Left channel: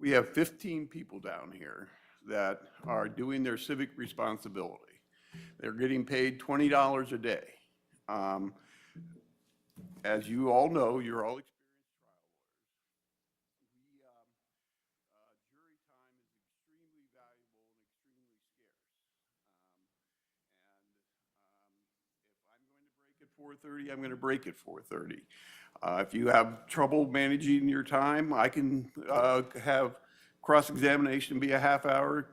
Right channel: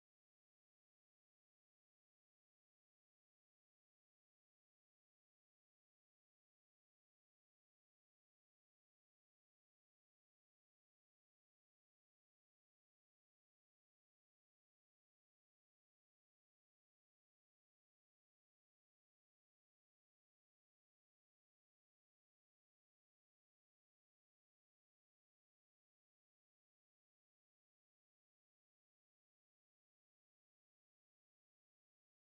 We have 15 people down here that are doing their civic responsibility. They're getting paid $20 a day. Um, As you all know, you're all experienced trial lawyers. We, jury time is extremely valuable and extremely scarce. If I'm going to break at 4:30, if you have trouble managing your time, I can have cross-examination be a half hour,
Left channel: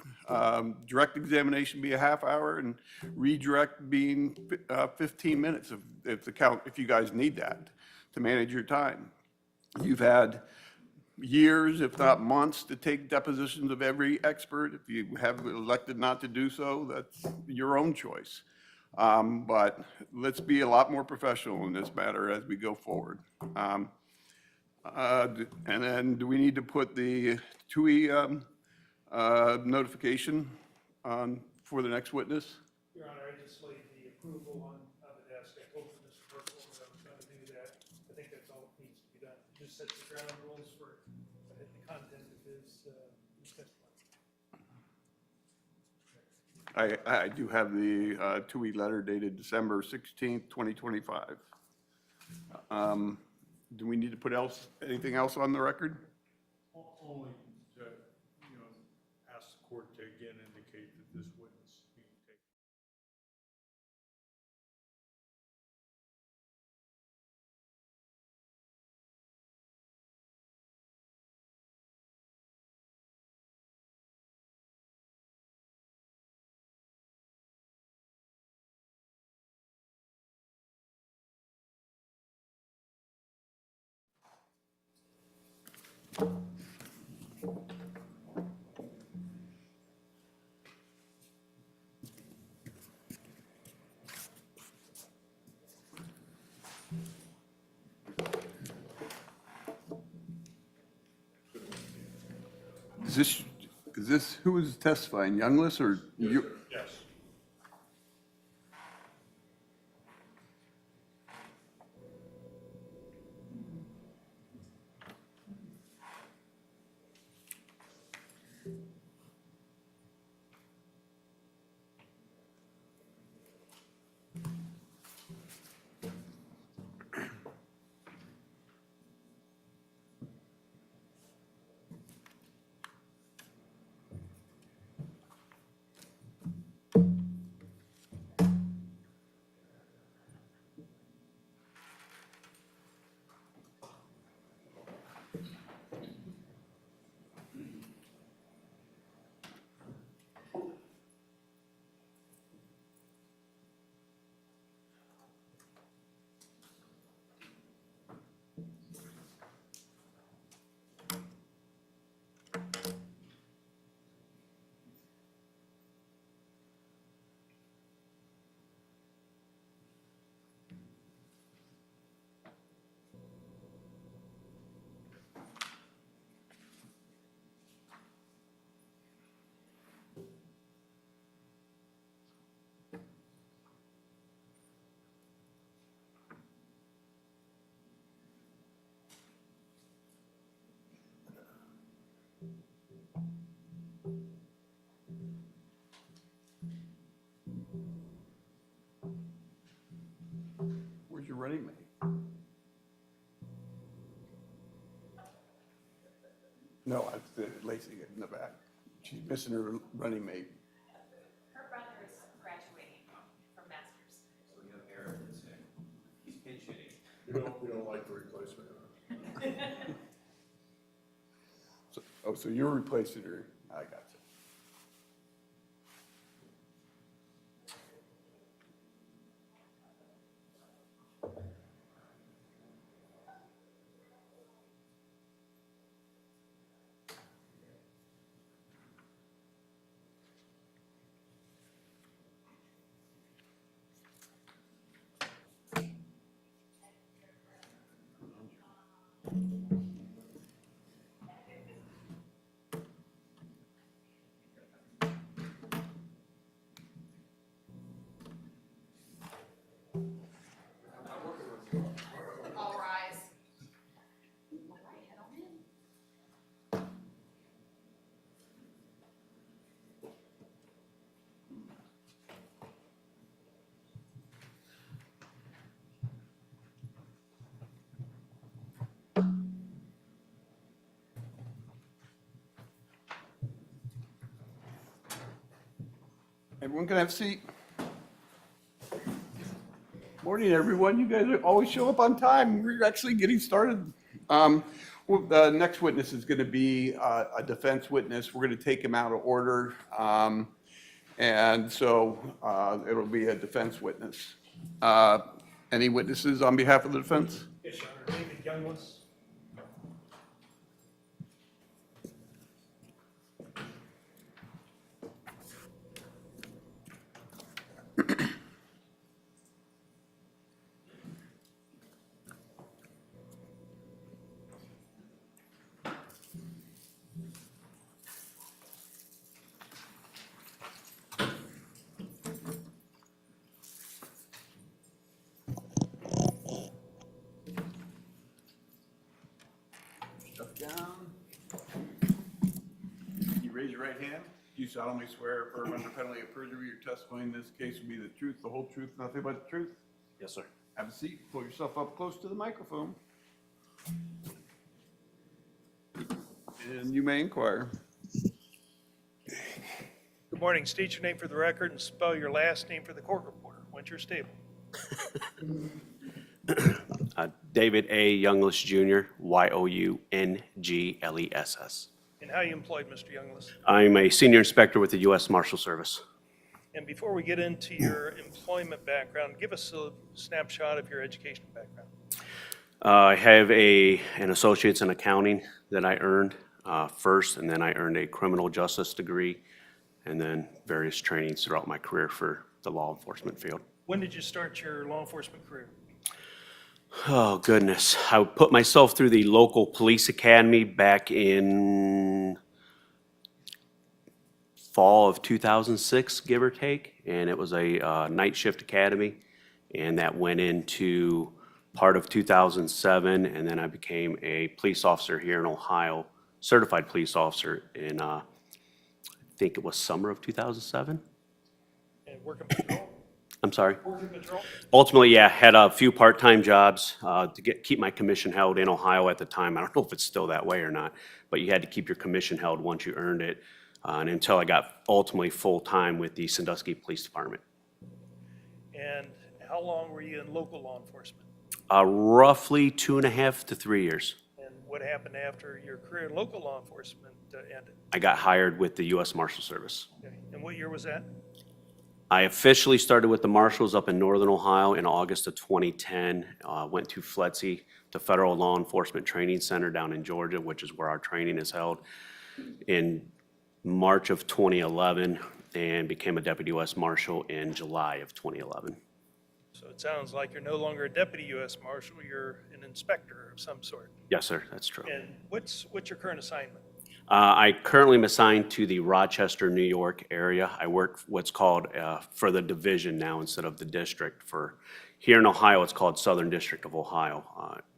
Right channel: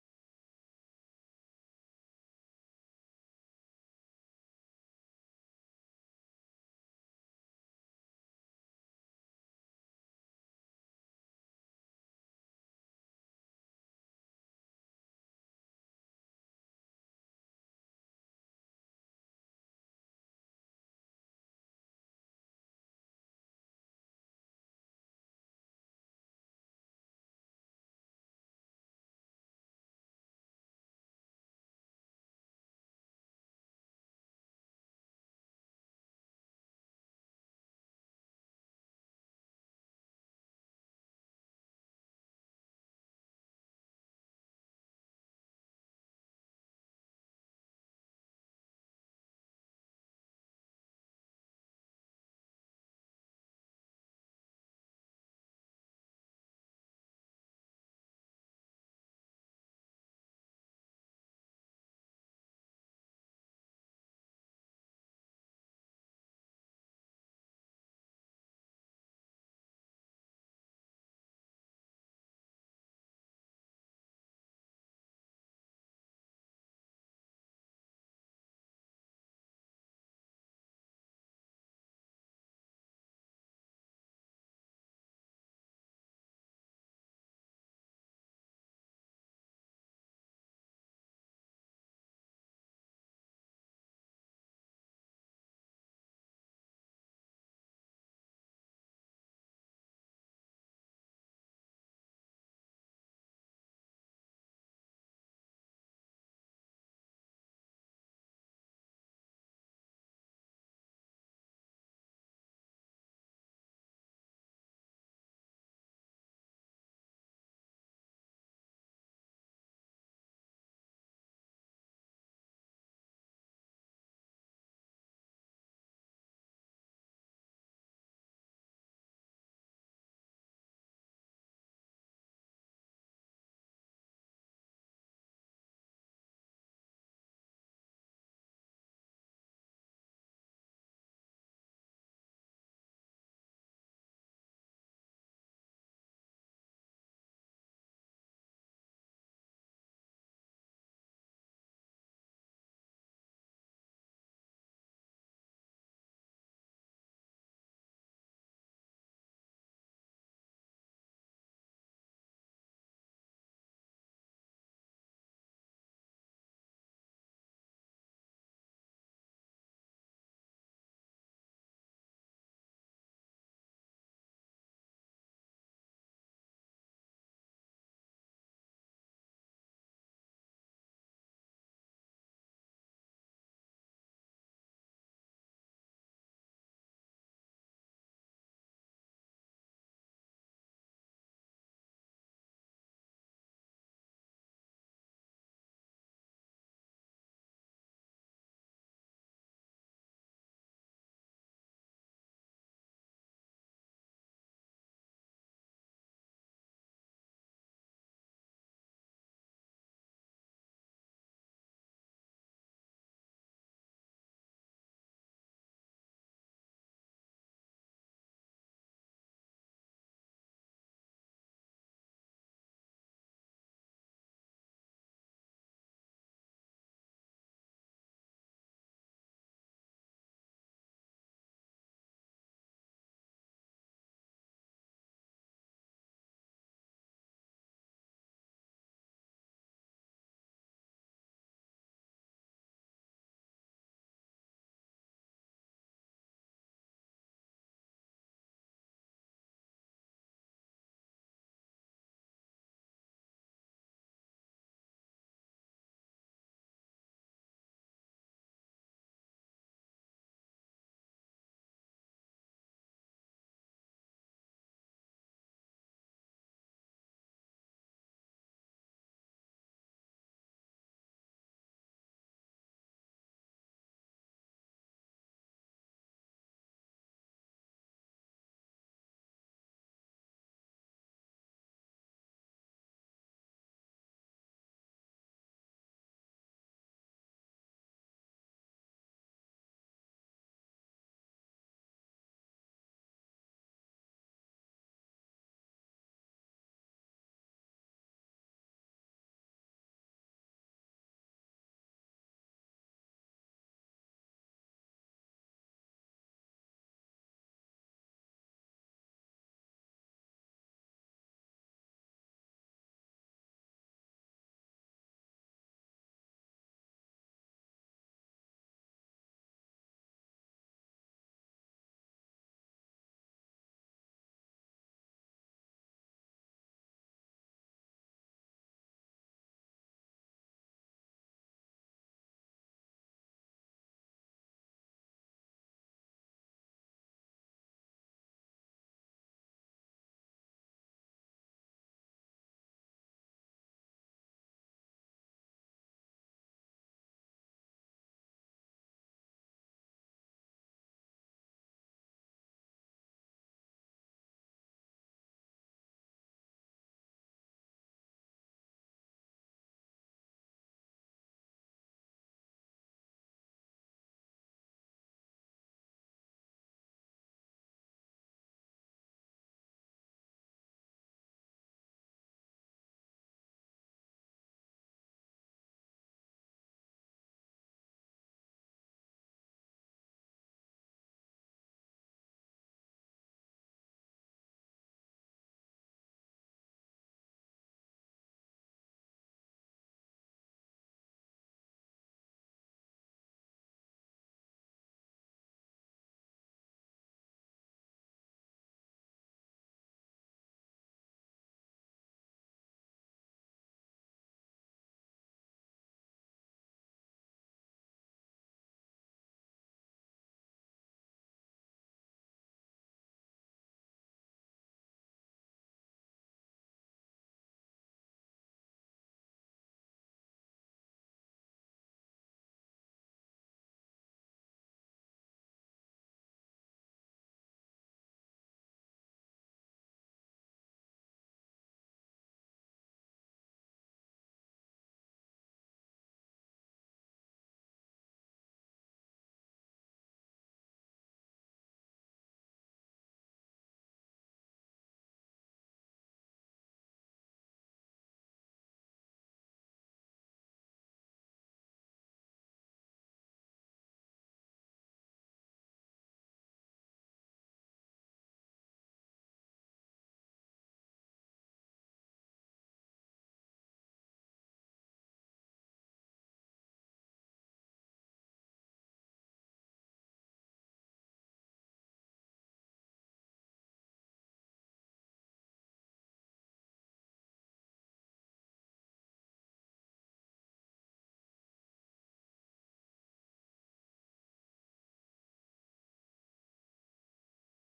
direct examination be a half hour, and redirect being 15 minutes if you guys need that to manage your time. You've had years, if not months, to take depositions of every expert. If you have elected not to do so, that's your own choice. But let's be a lot more professional in this matter as we go forward. And then do we need to put the TUI notification on for the next witness? Your Honor, I just laid the approval on the desk. I told Mr. Burkle that I was going to do that. I think that's all that needs to be done. Just set the ground rules for the content of his testimony. I do have the TUI letter dated December 16th, 2025. Do we need to put anything else on the record? Only to, ask the court to again indicate that this witness is being taken. Is this who is testifying, Youngless or you? Yes. Where's your running mate? No, it's Lacey in the back. She's missing her running mate. Her brother is graduating from master's. So we have Eric instead. He's pinch hitting. We don't like the replacement. So you're replacing her. I got you. Everyone can have a seat. Morning, everyone. You guys always show up on time. We're actually getting started. Well, the next witness is going to be a defense witness. We're going to take him out of order. And so it'll be a defense witness. Any witnesses on behalf of the defense? Yes, Your Honor. David Youngless. Stuff down. You raise your right hand. You solemnly swear affirm under penalty of perjury your testimony in this case will be the truth, the whole truth, nothing but the truth. Yes, sir. Have a seat. Pull yourself up close to the microphone. And you may inquire. Good morning. State your name for the record and spell your last name for the court reporter. When's your stable? David A. Youngless Jr., Younggless. And how you employed, Mr. Youngless? I'm a senior inspector with the U.S. Marshal Service. And before we get into your employment background, give us a snapshot of your educational background. I have an associate's in accounting that I earned first, and then I earned a criminal justice degree, and then various trainings throughout my career for the law enforcement field. When did you start your law enforcement career? Oh, goodness. I put myself through the local police academy back in fall of 2006, give or take, and it was a night shift academy, and that went into part of 2007, and then I became a police officer here in Ohio, certified police officer in, I think it was summer of 2007. And working patrol? I'm sorry. Working patrol? Ultimately, yeah, had a few part-time jobs to keep my commission held in Ohio at the time. I don't know if it's still that way or not, but you had to keep your commission held once you earned it, and until I got ultimately full-time with the Sandusky Police Department. And how long were you in local law enforcement? Roughly 2.5 to 3 years. And what happened after your career in local law enforcement ended? I got hired with the U.S. Marshal Service. Okay. And what year was that? I officially started with the Marshals up in Northern Ohio in August of 2010. Went to FLETC, the Federal Law Enforcement Training Center down in Georgia, which is where our training is held, in March of 2011, and became a Deputy U.S. Marshal in July of 2011. So it sounds like you're no longer a deputy U.S. Marshal, you're an inspector of some sort. Yes, sir, that's true. And what's your current assignment? I currently am assigned to the Rochester, New York area. I work what's called for the division now instead of the district. For here in Ohio, it's called Southern District of Ohio.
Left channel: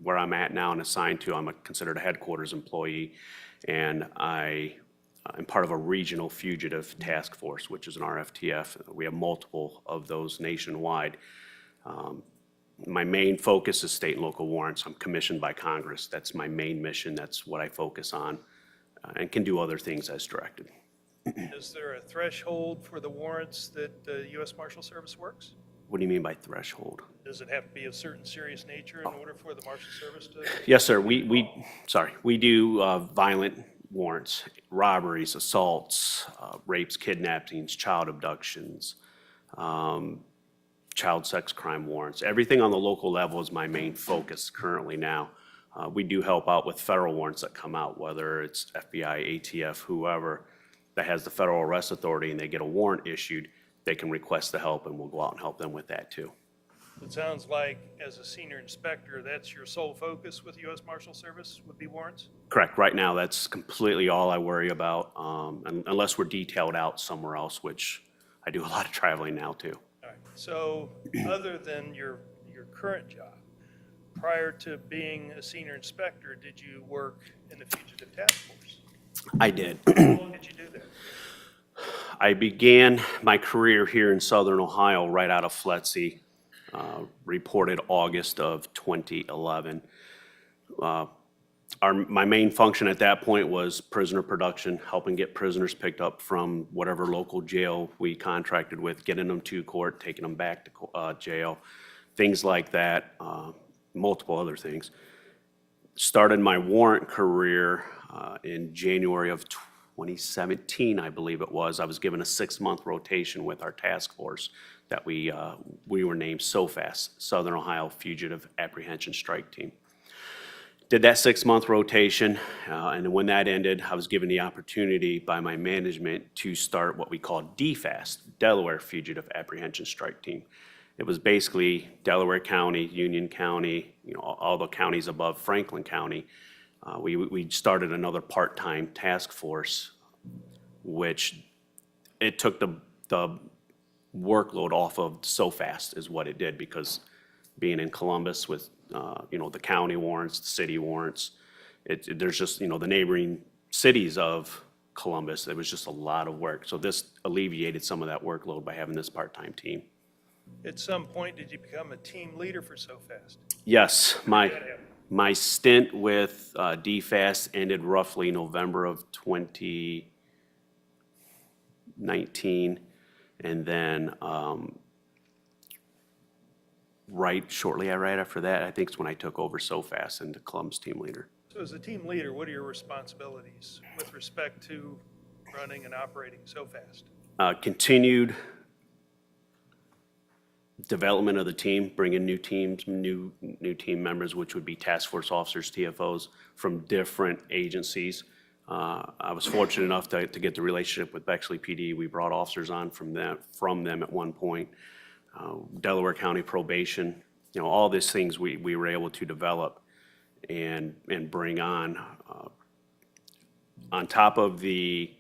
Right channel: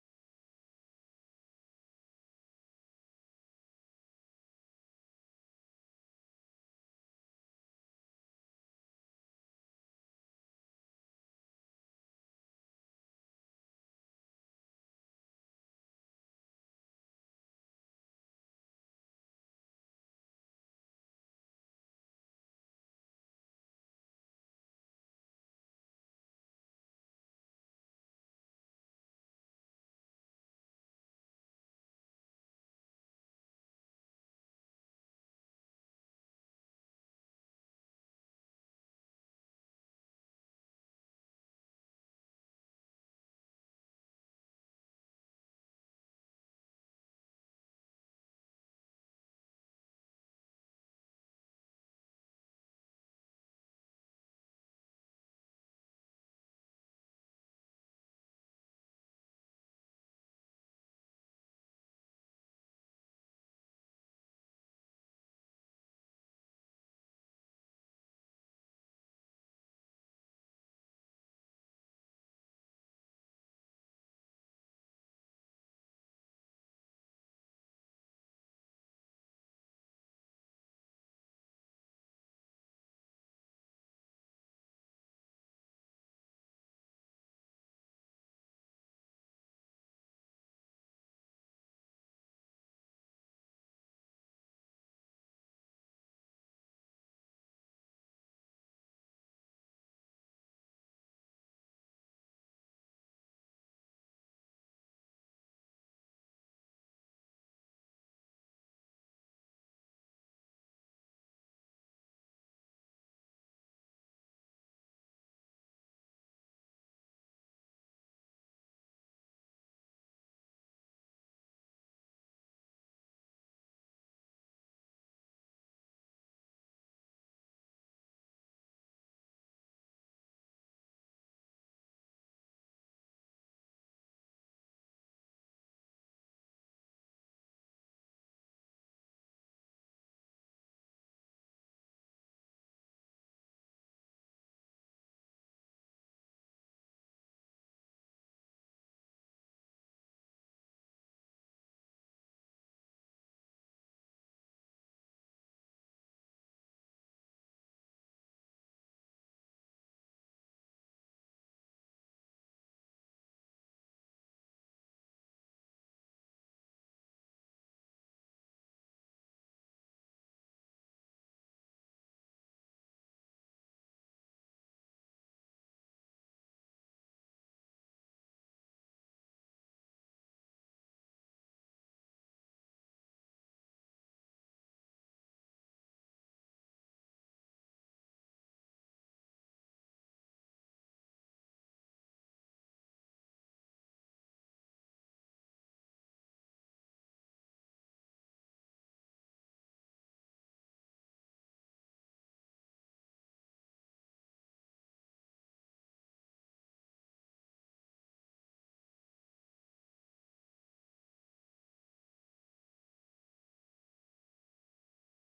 Where I'm at now and assigned to, I'm considered a headquarters employee, and I am part of a regional fugitive task force, which is an RFTF. We have multiple of those nationwide. My main focus is state and local warrants. I'm commissioned by Congress. That's my main mission. That's what I focus on. And can do other things as directed. Is there a threshold for the warrants that the U.S. Marshal Service works? What do you mean by threshold? Does it have to be of certain serious nature in order for the Marshal Service to? Yes, sir. We do violent warrants, robberies, assaults, rapes, kidnappings, child abductions, child sex crime warrants. Everything on the local level is my main focus currently now. We do help out with federal warrants that come out, whether it's FBI, ATF, whoever that has the federal arrest authority and they get a warrant issued, they can request the help and we'll go out and help them with that too. It sounds like as a senior inspector, that's your sole focus with U.S. Marshal Service would be warrants? Correct. Right now, that's completely all I worry about, unless we're detailed out somewhere else, which I do a lot of traveling now too. All right. So other than your current job, prior to being a senior inspector, did you work in the fugitive task force? I did. How long did you do that? I began my career here in Southern Ohio right out of FLETC, reported August of 2011. My main function at that point was prisoner production, helping get prisoners picked up from whatever local jail we contracted with, getting them to court, taking them back to jail, things like that, multiple other things. Started my warrant career in January of 2017, I believe it was. I was given a 6-month rotation with our task force that we were named SOFAS, Southern Ohio Fugitive Apprehension Strike Team. Did that 6-month rotation, and when that ended, I was given the opportunity by my management to start what we call DFAST, Delaware Fugitive Apprehension Strike Team. It was basically Delaware County, Union County, all the counties above Franklin County. We started another part-time task force, which it took the workload off of SOFAST is what it did, because being in Columbus with the county warrants, the city warrants, there's just, the neighboring cities of Columbus, it was just a lot of work. So this alleviated some of that workload by having this part-time team. At some point, did you become a team leader for SOFAST? Yes, my stint with DFAST ended roughly November of 2019, and then right after that, I think it's when I took over SOFAS and the Columbus team leader. So as a team leader, what are your responsibilities with respect to running and operating SOFAST? Continued development of the team, bringing new teams, new team members, which would be task force officers, TFOs from different agencies. I was fortunate enough to get the relationship with Bexley PD. We brought officers on from them at one point. Delaware County probation, all these things we were able to develop and bring on top of the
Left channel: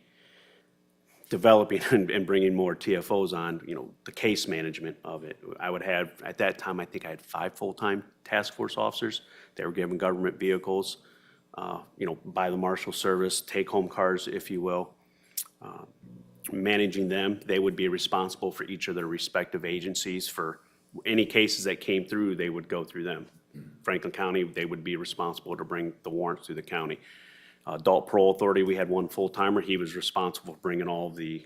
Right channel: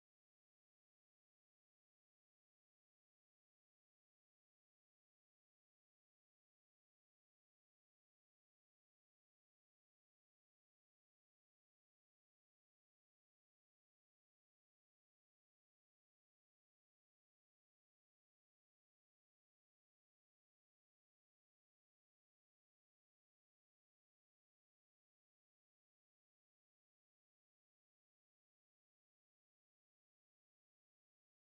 developing and bringing more TFOs on, the case management of it. I would have, at that time, I think I had 5 full-time task force officers. They were given government vehicles, by the Marshal Service, take-home cars, if you will. Managing them, they would be responsible for each of their respective agencies. For any cases that came through, they would go through them. Franklin County, they would be responsible to bring the warrants through the county. Adult Parole Authority, we had one full-timer. He was responsible for bringing all the,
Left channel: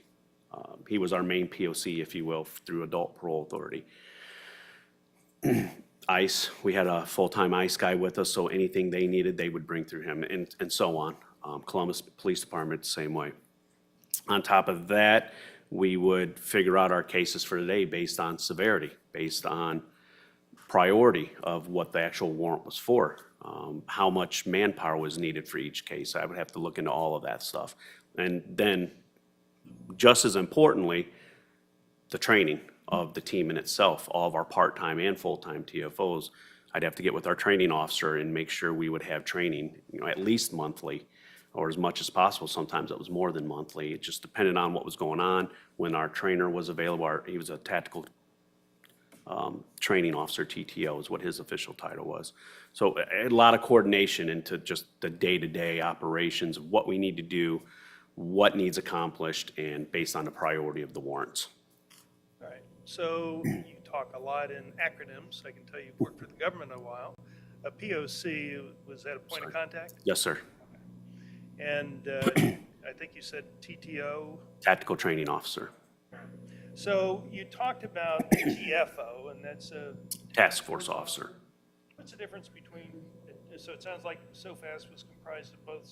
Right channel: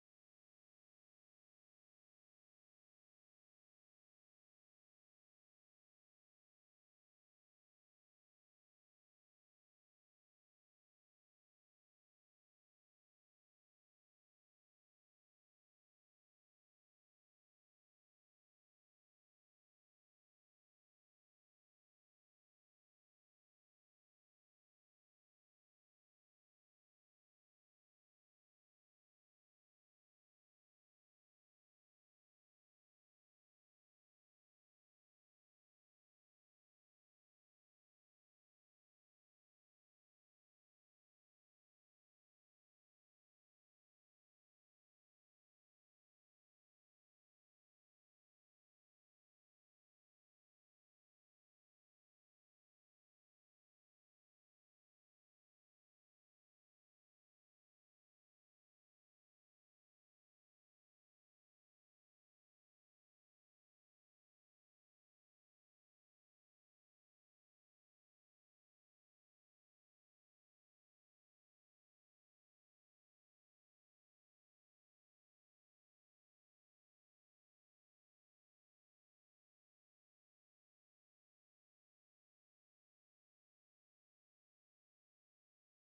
he was our main POC, if you will, through Adult Parole Authority. ICE, we had a full-time ICE guy with us, so anything they needed, they would bring through him, and so on. Columbus Police Department, the same way. On top of that, we would figure out our cases for the day based on severity, based on priority of what the actual warrant was for, how much manpower was needed for each case. I would have to look into all of that stuff. And then, just as importantly, the training of the team in itself, all of our part-time and full-time TFOs. I'd have to get with our training officer and make sure we would have training, at least monthly, or as much as possible. Sometimes it was more than monthly. It just depended on what was going on. When our trainer was available, he was a tactical training officer, TTO is what his official title was. So a lot of coordination into just the day-to-day operations, what we need to do, what needs accomplished, and based on the priority of the warrants. All right, so you talk a lot in acronyms. I can tell you've worked for the government a while. A POC, was that a point of contact? Yes, sir. And I think you said TTO? Tactical training officer. So you talked about TFO, and that's a Task force officer. What's the difference between, so it sounds like SOFAS was comprised of both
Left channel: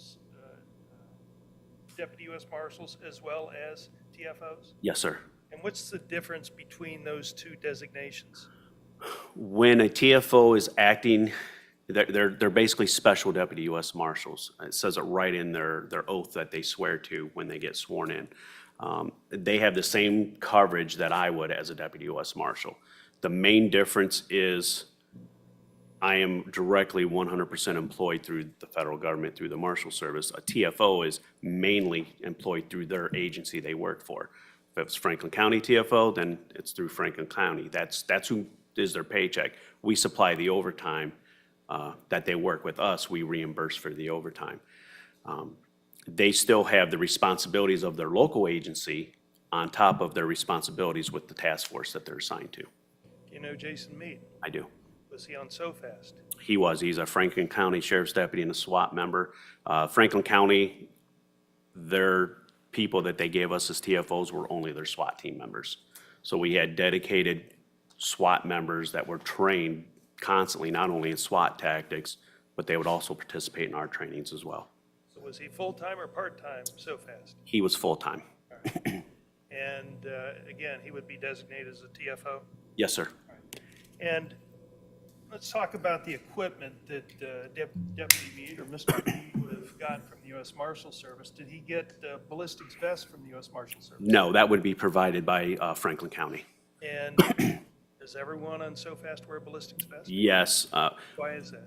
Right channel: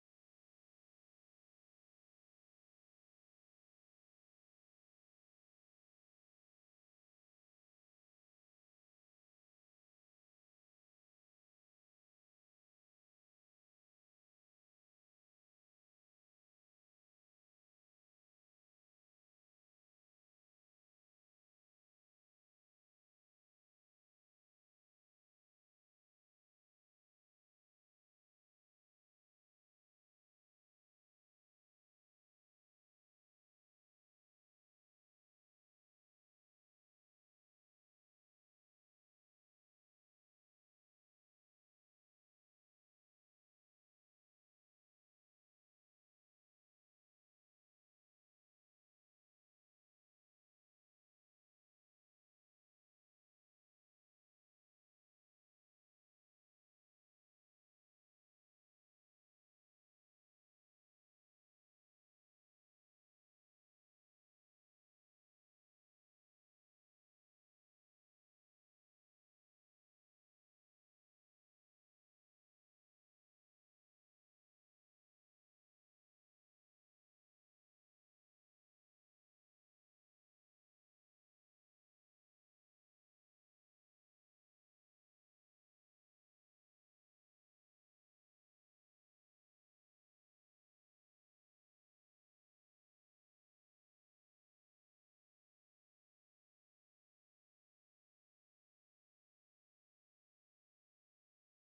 Deputy U.S. Marshals as well as TFOs? Yes, sir. And what's the difference between those two designations? When a TFO is acting, they're basically special Deputy U.S. Marshals. It says it right in their oath that they swear to when they get sworn in. They have the same coverage that I would as a Deputy U.S. Marshal. The main difference is I am directly 100% employed through the federal government, through the Marshal Service. A TFO is mainly employed through their agency they work for. If it's Franklin County TFO, then it's through Franklin County. That's who is their paycheck. We supply the overtime that they work with us. We reimburse for the overtime. They still have the responsibilities of their local agency on top of their responsibilities with the task force that they're assigned to. You know Jason Meade? I do. Was he on SOFAST? He was. He's a Franklin County Sheriff's Deputy and a SWAT member. Franklin County, their people that they gave us as TFOs were only their SWAT team members. So we had dedicated SWAT members that were trained constantly, not only in SWAT tactics, but they would also participate in our trainings as well. So was he full-time or part-time SOFAST? He was full-time. And again, he would be designated as a TFO? Yes, sir. And let's talk about the equipment that Deputy Meade or Mr. Meade would have gotten from the U.S. Marshal Service. Did he get ballistics vests from the U.S. Marshal Service? No, that would be provided by Franklin County. And does everyone on SOFAST wear ballistics vests? Yes. Why is that?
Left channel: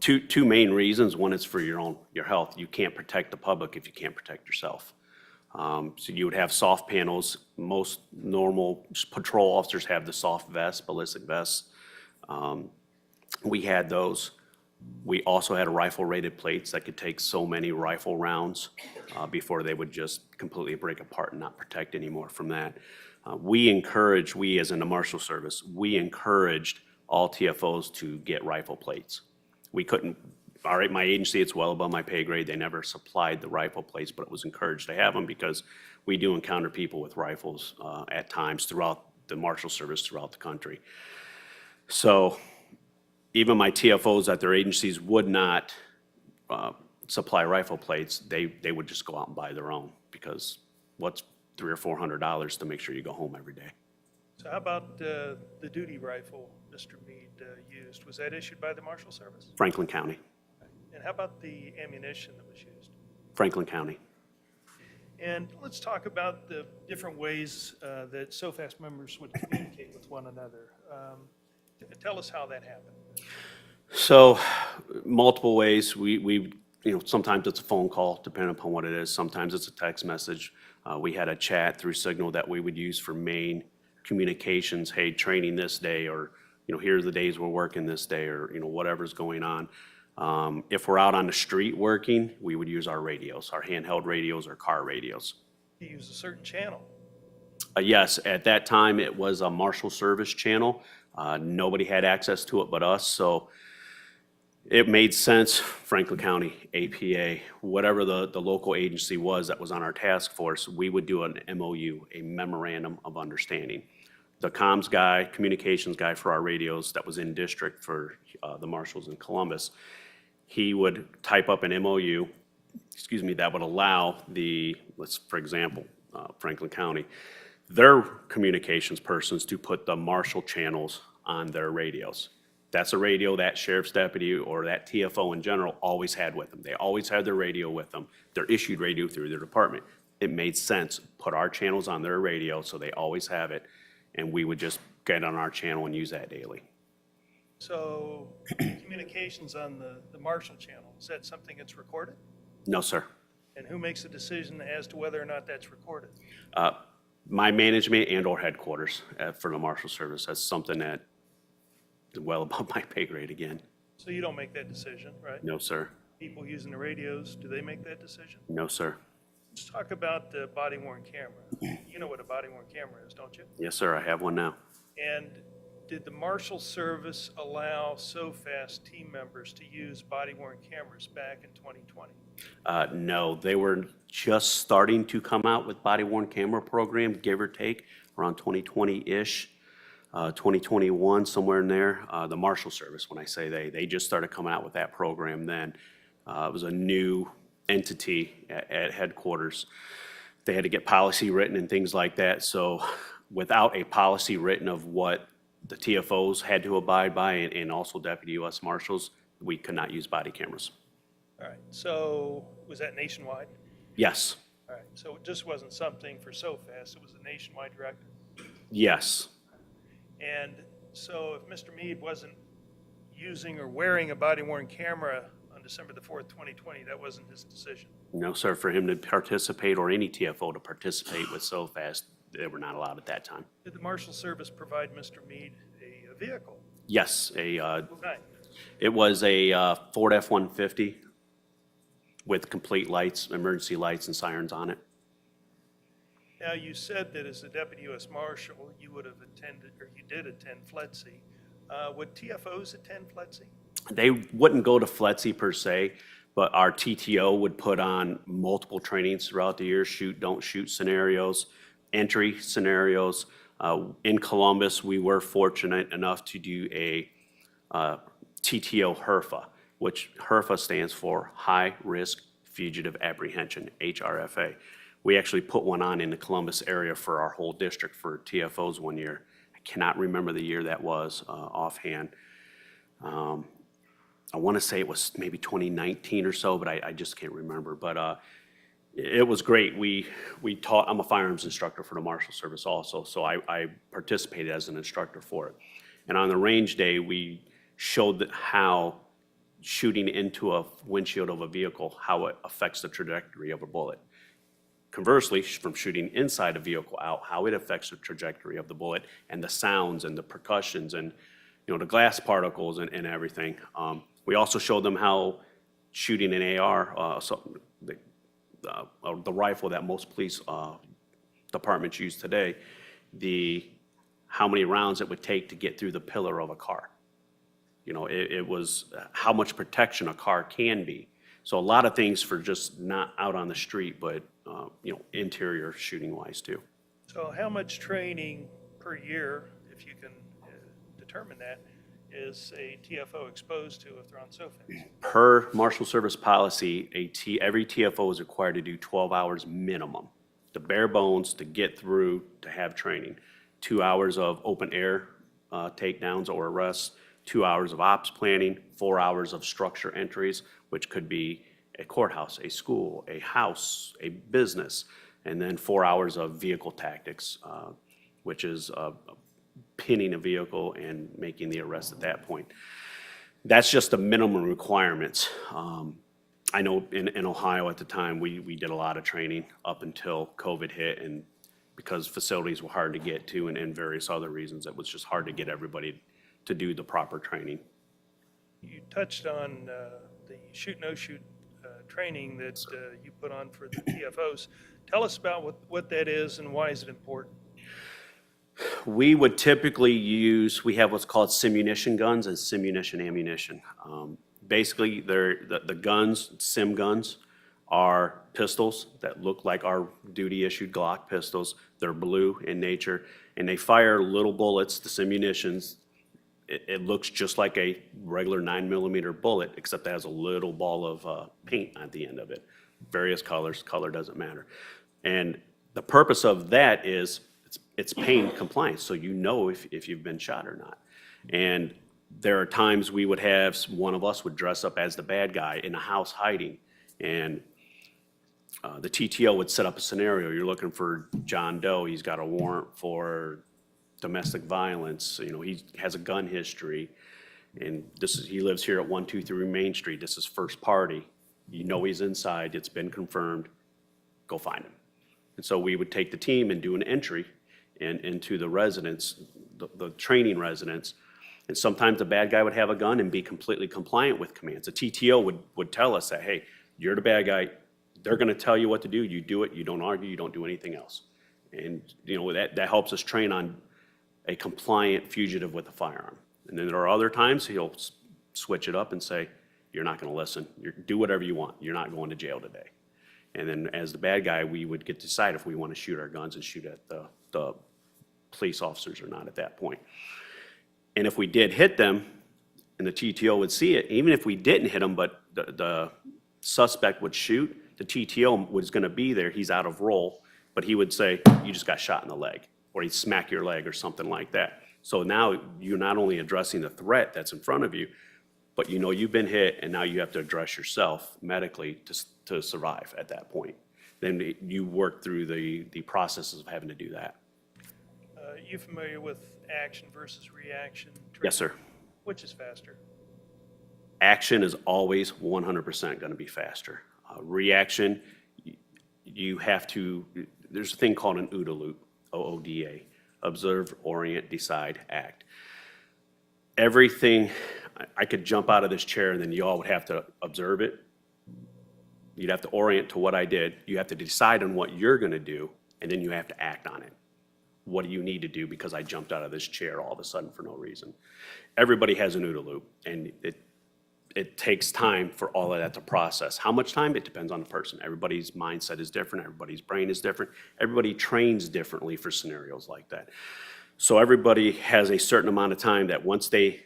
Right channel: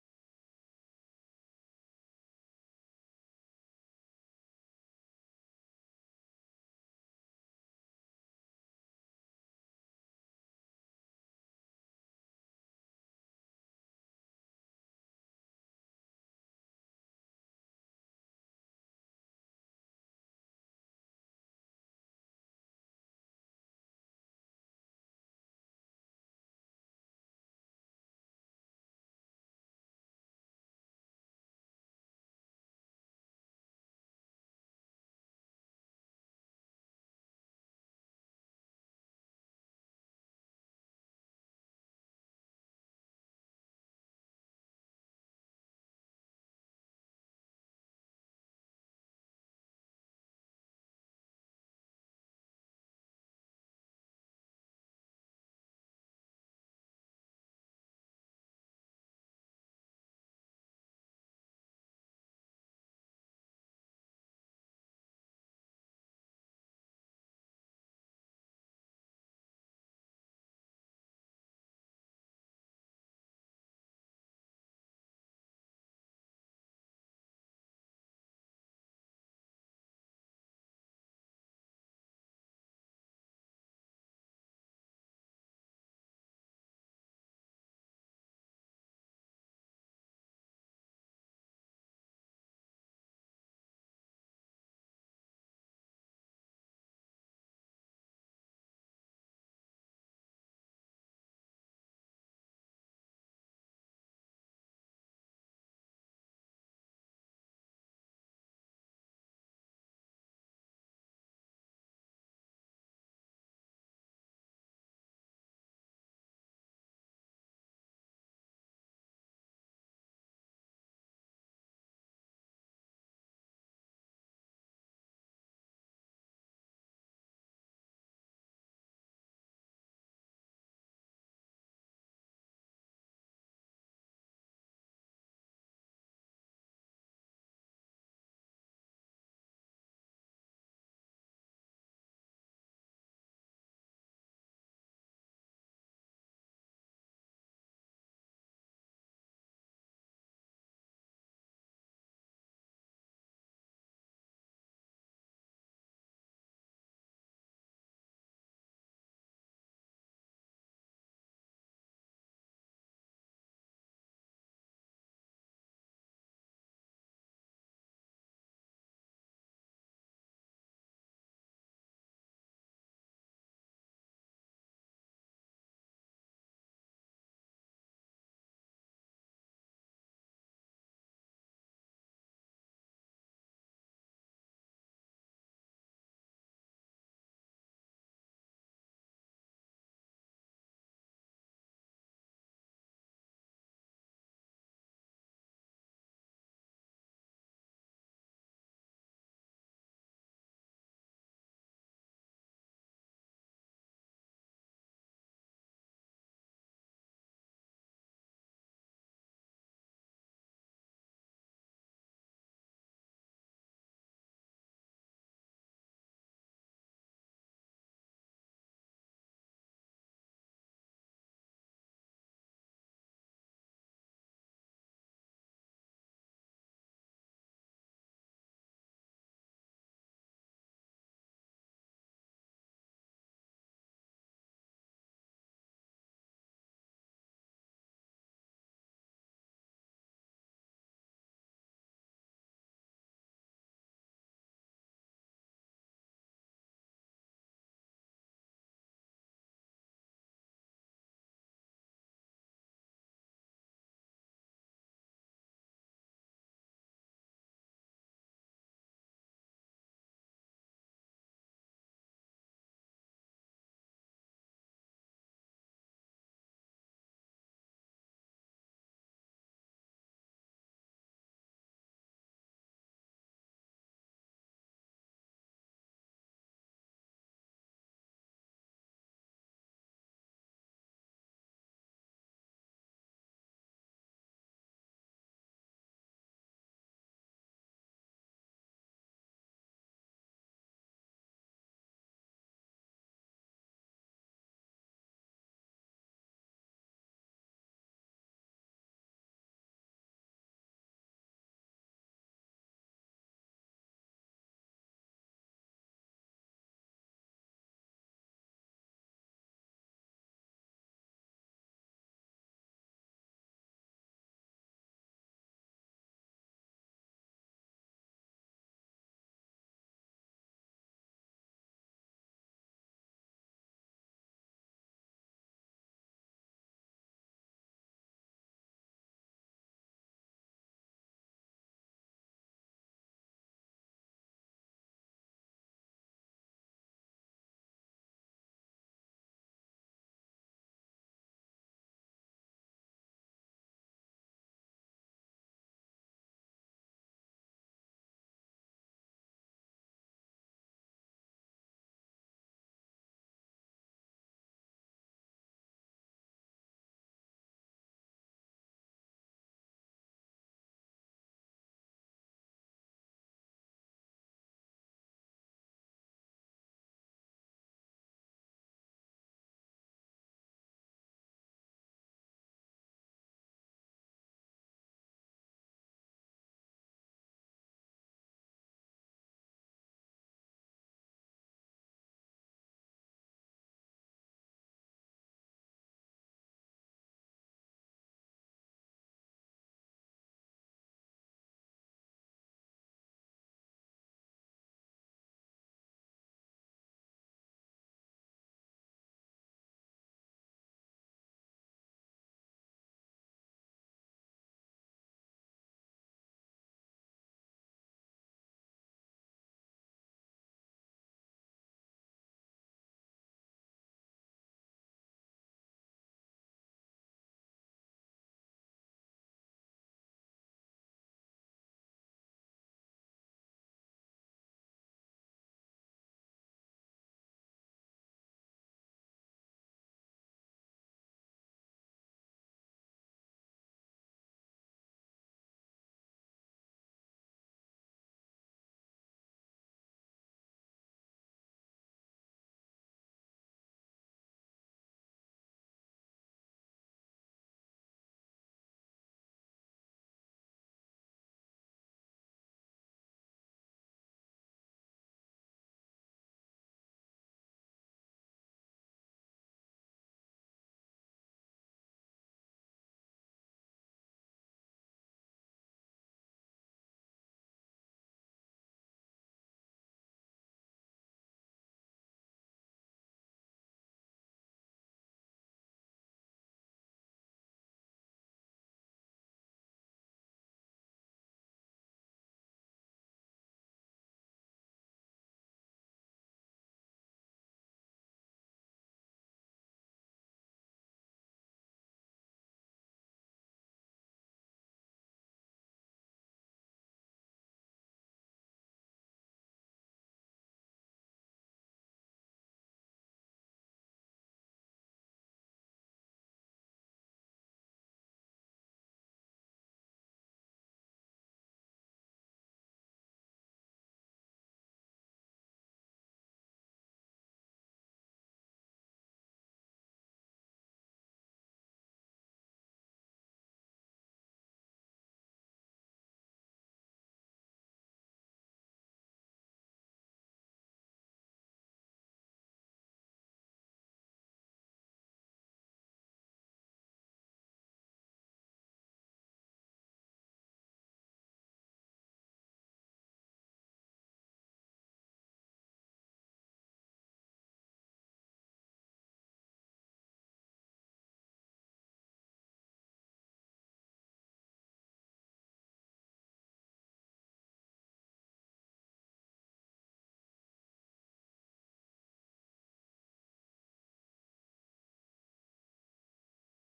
Two main reasons. One is for your health. You can't protect the public if you can't protect yourself. So you would have soft panels. Most normal patrol officers have the soft vests, ballistic vests. We had those. We also had rifle-rated plates that could take so many rifle rounds before they would just completely break apart and not protect anymore from that. We as in the Marshal Service, we encouraged all TFOs to get rifle plates. We couldn't, all right, my agency, it's well above my pay grade. They never supplied the rifle plates, but it was encouraged to have them because we do encounter people with rifles at times throughout the Marshal Service throughout the country. So even my TFOs at their agencies would not supply rifle plates. They would just go out and buy their own because what's $300 or $400 to make sure you go home every day. So how about the duty rifle Mr. Meade used? Was that issued by the Marshal Service? Franklin County. And how about the ammunition that was used? Franklin County. And let's talk about the different ways that SOFAST members would communicate with one another. Tell us how that happened. So multiple ways. We sometimes it's a phone call, depending upon what it is. Sometimes it's a text message. We had a chat through Signal that we would use for main communications. Hey, training this day, or here's the days we're working this day, or whatever's going on. If we're out on the street working, we would use our radios, our handheld radios or car radios. You use a certain channel. Yes, at that time it was a Marshal Service channel. Nobody had access to it but us, so it made sense. Franklin County, APA, whatever the local agency was that was on our task force, we would do an MOU, a memorandum of understanding. The comms guy, communications guy for our radios that was in district for the marshals in Columbus, he would type up an MOU, that would allow for example, Franklin County, their communications persons to put the marshal channels on their radios. That's a radio that sheriff's deputy or that TFO in general always had with them. They always had their radio with them. They're issued radio through their department. It made sense, put our channels on their radio so they always have it, and we would just get on our channel and use that daily. So communications on the Marshal channel, is that something that's recorded? No, sir. And who makes the decision as to whether or not that's recorded? My management and or headquarters for the Marshal Service. That's something that is well above my pay grade again. So you don't make that decision, right? No, sir. People using the radios, do they make that decision? No, sir. Let's talk about the body-worn camera. You know what a body-worn camera is, don't you? Yes, sir. I have one now. And did the Marshal Service allow SOFAST team members to use body-worn cameras back in 2020? No, they were just starting to come out with body-worn camera program, give or take, around 2020-ish, 2021, somewhere in there. The Marshal Service, when I say they just started coming out with that program then. It was a new entity at headquarters. They had to get policy written and things like that. So without a policy written of what the TFOs had to abide by and also Deputy U.S. Marshals, we could not use body cameras. All right, so was that nationwide? Yes. All right, so it just wasn't something for SOFAST, it was a nationwide directive? Yes. And so if Mr. Meade wasn't using or wearing a body-worn camera on December the 4th, 2020, that wasn't his decision? No, sir. For him to participate or any TFO to participate with SOFAST, they were not allowed at that time. Did the Marshal Service provide Mr. Meade a vehicle? Yes, What kind? it was a Ford F-150 with complete lights, emergency lights and sirens on it. Now, you said that as a Deputy U.S. Marshal, you would have attended, or you did attend FLEDC. Would TFOs attend FLETC? They wouldn't go to FLETC per se, but our TTO would put on multiple trainings throughout the year, shoot, don't shoot scenarios, entry scenarios. In Columbus, we were fortunate enough to do a TTO HRFA, which HRFA stands for High Risk Fugitive Apprehension, HRFA. We actually put one on in the Columbus area for our whole district for TFOs one year. I cannot remember the year that was offhand. I want to say it was maybe 2019 or so, but I just can't remember. But it was great. We taught, I'm a firearms instructor for the Marshal Service also, so I participated as an instructor for it. And on the range day, we showed how shooting into a windshield of a vehicle, how it affects the trajectory of a bullet. Conversely, from shooting inside a vehicle out, how it affects the trajectory of the bullet and the sounds and the percussions and the glass particles and everything. We also showed them how shooting an AR, the rifle that most police departments use today, how many rounds it would take to get through the pillar of a car. It was how much protection a car can be. So a lot of things for just not out on the street, but interior shooting wise too. So how much training per year, if you can determine that, is a TFO exposed to if they're on SOFINs? Per Marshal Service policy, every TFO is required to do 12 hours minimum, the bare bones to get through to have training. 2 hours of open air takedowns or arrests, 2 hours of ops planning, 4 hours of structure entries, which could be a courthouse, a school, a house, a business, and then 4 hours of vehicle tactics, which is pinning a vehicle and making the arrest at that point. That's just the minimum requirements. I know in Ohio at the time, we did a lot of training up until COVID hit, and because facilities were hard to get to and various other reasons, it was just hard to get everybody to do the proper training. You touched on the shoot-no-shoot training that you put on for the TFOs. Tell us about what that is and why is it important? We would typically we have what's called simunition guns and simunition ammunition. Basically, the guns, sim guns, are pistols that look like our duty-issued Glock pistols. They're blue in nature, and they fire little bullets, the simunitions. It looks just like a regular 9mm bullet, except it has a little ball of paint at the end of it. Various colors, color doesn't matter. And the purpose of that is it's pain compliance, so you know if you've been shot or not. And there are times we would have, one of us would dress up as the bad guy in a house hiding, and the TTO would set up a scenario. You're looking for John Doe, he's got a warrant for domestic violence, he has a gun history, and he lives here at 123 Main Street, this is first party, he's inside, it's been confirmed, go find him. And so we would take the team and do an entry into the residence, the training residence, and sometimes the bad guy would have a gun and be completely compliant with commands. The TTO would tell us that, hey, you're the bad guy, they're gonna tell you what to do, you do it, you don't argue, you don't do anything else. And that helps us train on a compliant fugitive with a firearm. And then there are other times he'll switch it up and say, you're not gonna listen, do whatever you want, you're not going to jail today. And then as the bad guy, we would get to decide if we want to shoot our guns and shoot at the police officers or not at that point. And if we did hit them, and the TTO would see it, even if we didn't hit them, but the suspect would shoot, the TTO was gonna be there, he's out of role, but he would say, you just got shot in the leg, or he'd smack your leg or something like that. So now you're not only addressing the threat that's in front of you, but you've been hit, and now you have to address yourself medically to survive at that point. Then you work through the processes of having to do that. You familiar with action versus reaction training? Yes, sir. Which is faster? Action is always 100% gonna be faster. Reaction, there's a thing called an OODA loop, OODA, observe, orient, decide, act. Everything, I could jump out of this chair and then you all would have to observe it. You'd have to orient to what I did. You have to decide on what you're gonna do, and then you have to act on it. What do you need to do because I jumped out of this chair all of a sudden for no reason? everybody has an OODA loop, and it takes time for all of that to process. How much time? It depends on the person. Everybody's mindset is different, everybody's brain is different, everybody trains differently for scenarios like that. So everybody has a certain amount of time that once they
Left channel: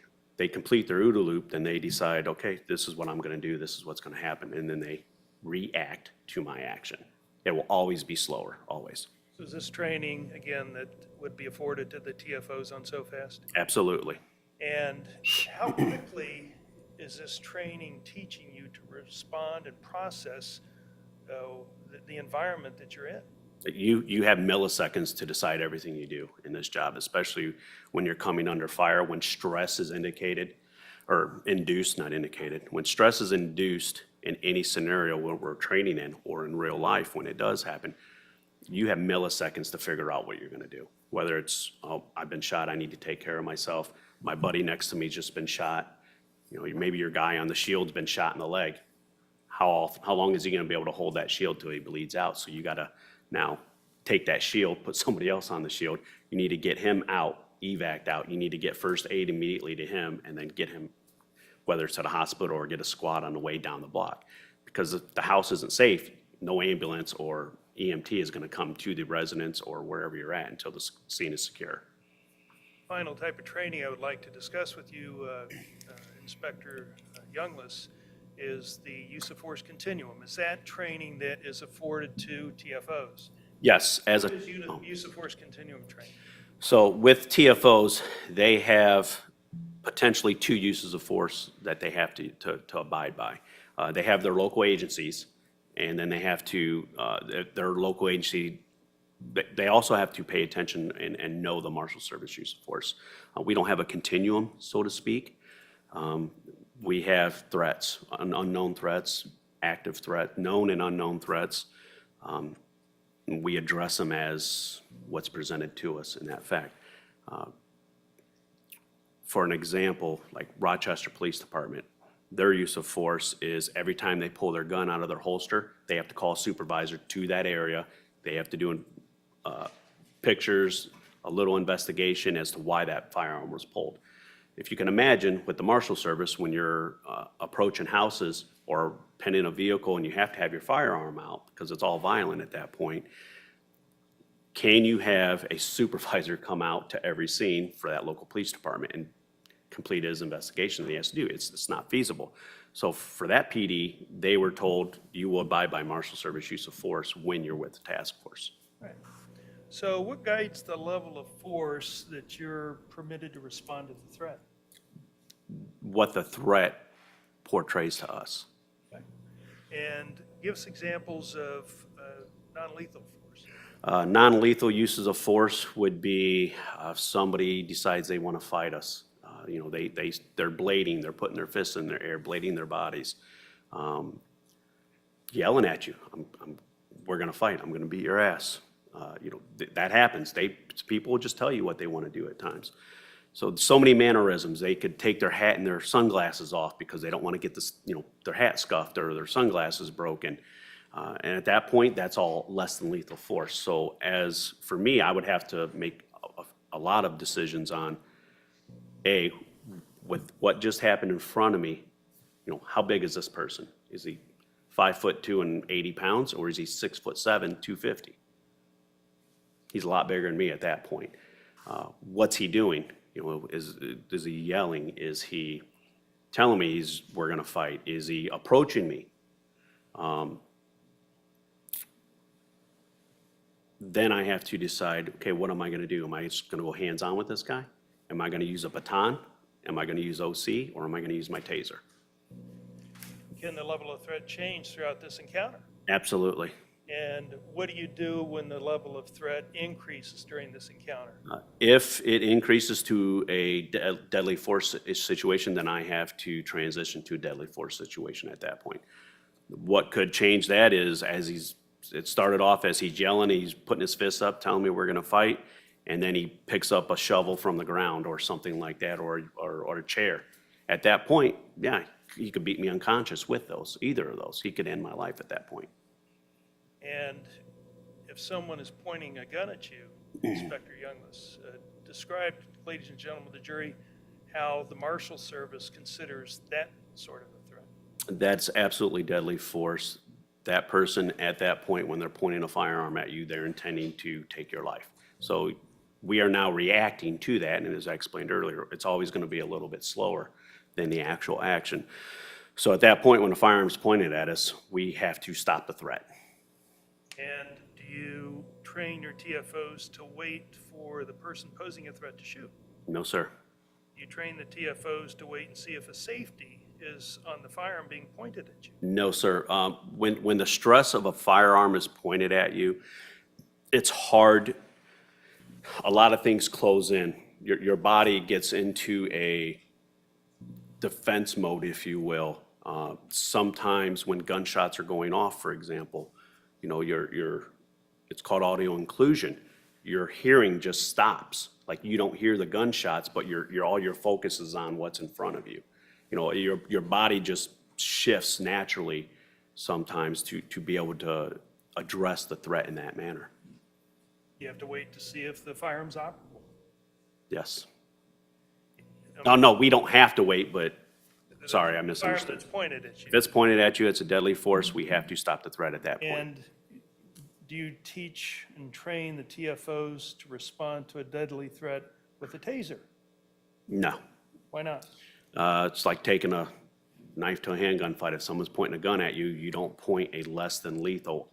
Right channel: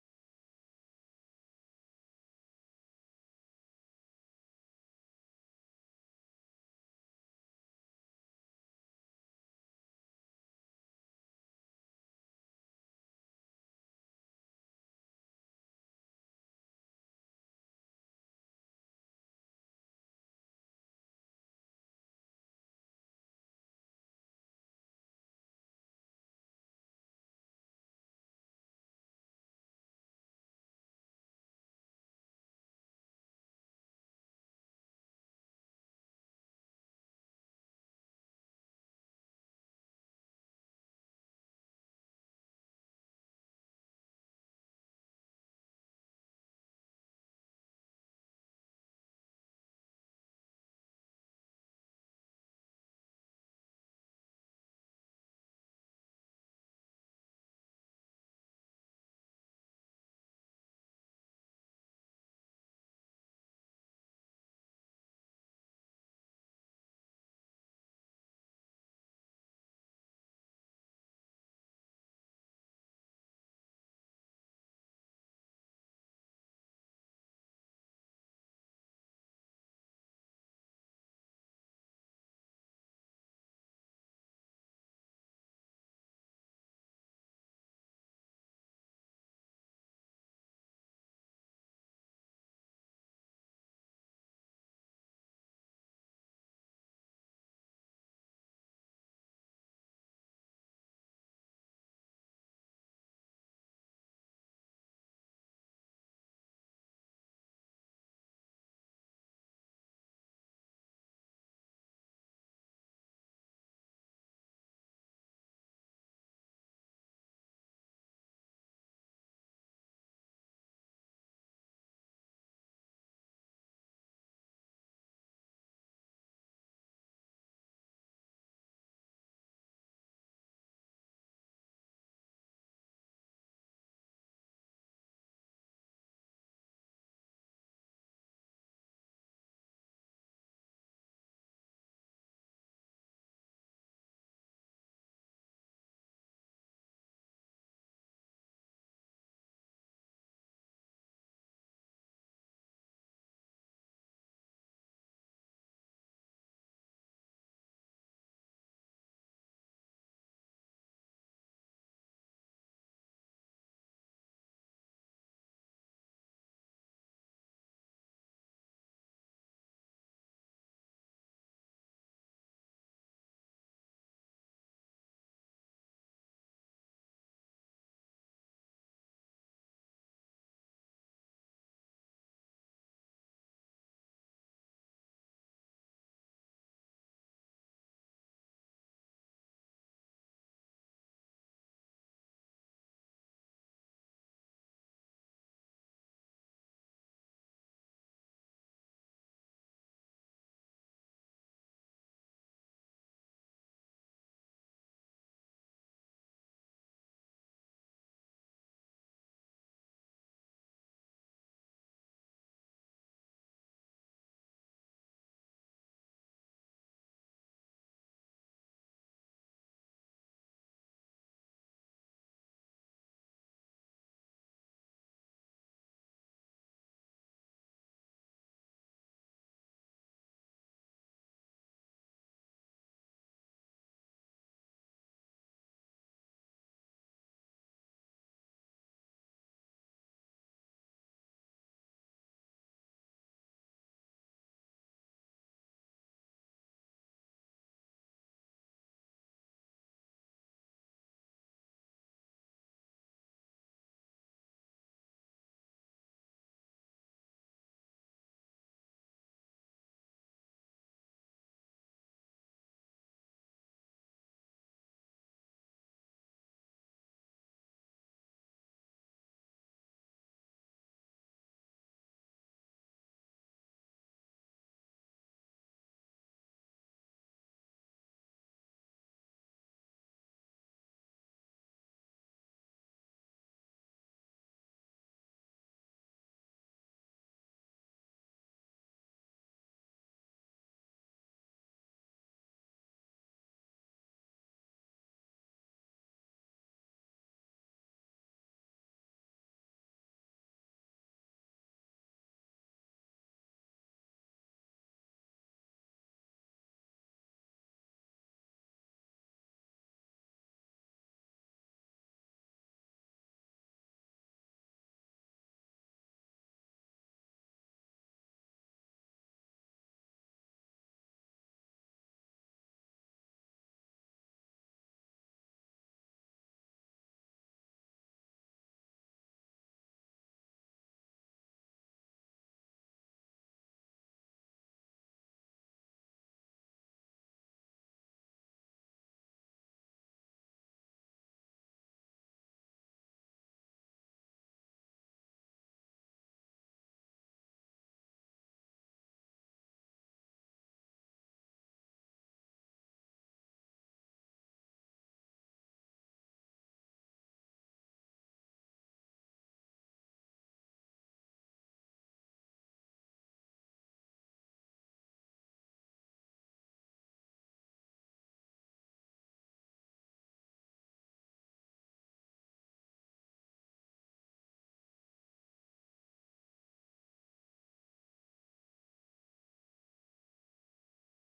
complete their OODA loop, then they decide, okay, this is what I'm gonna do, this is what's gonna happen, and then they react to my action. It will always be slower, always. So is this training, again, that would be afforded to the TFOs on SoFast? Absolutely. And how quickly is this training teaching you to respond and process the environment that you're in? You have milliseconds to decide everything you do in this job, especially when you're coming under fire, when stress is indicated, or induced, not indicated. When stress is induced in any scenario where we're training in or in real life, when it does happen, you have milliseconds to figure out what you're gonna do. Whether it's, oh, I've been shot, I need to take care of myself. My buddy next to me's just been shot. You know, maybe your guy on the shield's been shot in the leg. How long is he gonna be able to hold that shield till he bleeds out? So you gotta now take that shield, put somebody else on the shield. You need to get him out, evac out. You need to get first aid immediately to him and then get him, whether it's at a hospital or get a squad on the way down the block. Because if the house isn't safe, no ambulance or EMT is gonna come to the residence or wherever you're at until the scene is secure. Final type of training I would like to discuss with you, Inspector Youngless, is the use of force continuum. Is that training that is afforded to TFOs? Yes, as a. What is use of force continuum training? So with TFOs, they have potentially two uses of force that they have to abide by. They have their local agencies, and then they have to, their local agency, they also have to pay attention and know the Marshal Service use of force. We don't have a continuum, so to speak. We have threats, unknown threats, active threat, known and unknown threats. We address them as what's presented to us in that fact. For an example, like Rochester Police Department, their use of force is every time they pull their gun out of their holster, they have to call a supervisor to that area. They have to do pictures, a little investigation as to why that firearm was pulled. If you can imagine with the Marshal Service, when you're approaching houses or penning a vehicle and you have to have your firearm out because it's all violent at that point, can you have a supervisor come out to every scene for that local police department and complete his investigation that he has to do? It's not feasible. So for that PD, they were told you will abide by Marshal Service use of force when you're with the task force. Right. So what guides the level of force that you're permitted to respond to the threat? What the threat portrays to us. Okay. And give us examples of non-lethal force. Non-lethal uses of force would be if somebody decides they want to fight us. You know, they're blading, they're putting their fists in their air, blading their bodies, yelling at you. We're gonna fight, I'm gonna beat your ass. You know, that happens. People will just tell you what they want to do at times. So many mannerisms. They could take their hat and their sunglasses off because they don't want to get this, you know, their hat scuffed or their sunglasses broken. And at that point, that's all less than lethal force. So as for me, I would have to make a lot of decisions on, with what just happened in front of me, you know, how big is this person? Is he 5'2" and 80 pounds, or is he 6'7", 250? He's a lot bigger than me at that point. What's he doing? You know, is he yelling? Is he telling me we're gonna fight? Is he approaching me? Then I have to decide, okay, what am I gonna do? Am I just gonna go hands-on with this guy? Am I gonna use a baton? Am I gonna use OC, or am I gonna use my taser? Can the level of threat change throughout this encounter? Absolutely. And what do you do when the level of threat increases during this encounter? If it increases to a deadly force situation, then I have to transition to a deadly force situation at that point. What could change that is it started off as he's yelling, he's putting his fists up, telling me we're gonna fight, and then he picks up a shovel from the ground or something like that, or a chair. At that point, yeah, he could beat me unconscious with either of those. He could end my life at that point. And if someone is pointing a gun at you, Inspector Youngless, describe, ladies and gentlemen of the jury, how the Marshal Service considers that sort of a threat. That's absolutely deadly force. That person at that point, when they're pointing a firearm at you, they're intending to take your life. So we are now reacting to that, and as I explained earlier, it's always going to be a little bit slower than the actual action. So at that point, when the firearm's pointed at us, we have to stop the threat. And do you train your TFOs to wait for the person posing a threat to shoot? No, sir. You train the TFOs to wait and see if a safety is on the firearm being pointed at you? No, sir. When the stress of a firearm is pointed at you, it's hard. A lot of things close in. Your body gets into a defense mode, if you will. Sometimes when gunshots are going off, for example, you know, it's called audio inclusion. Your hearing just stops. Like you don't hear the gunshots, but all your focus is on what's in front of you. You know, your body just shifts naturally sometimes to be able to address the threat in that manner. You have to wait to see if the firearm's operable. Yes. No, we don't have to wait, but, sorry, I The misunderstood. firearm that's pointed at you. If it's pointed at you, it's a deadly force, we have to stop the threat at that point. And do you teach and train the TFOs to respond to a deadly threat with a taser? No. Why not? It's like taking a knife to a handgun fight. If someone's pointing a gun at you, you don't point a less than lethal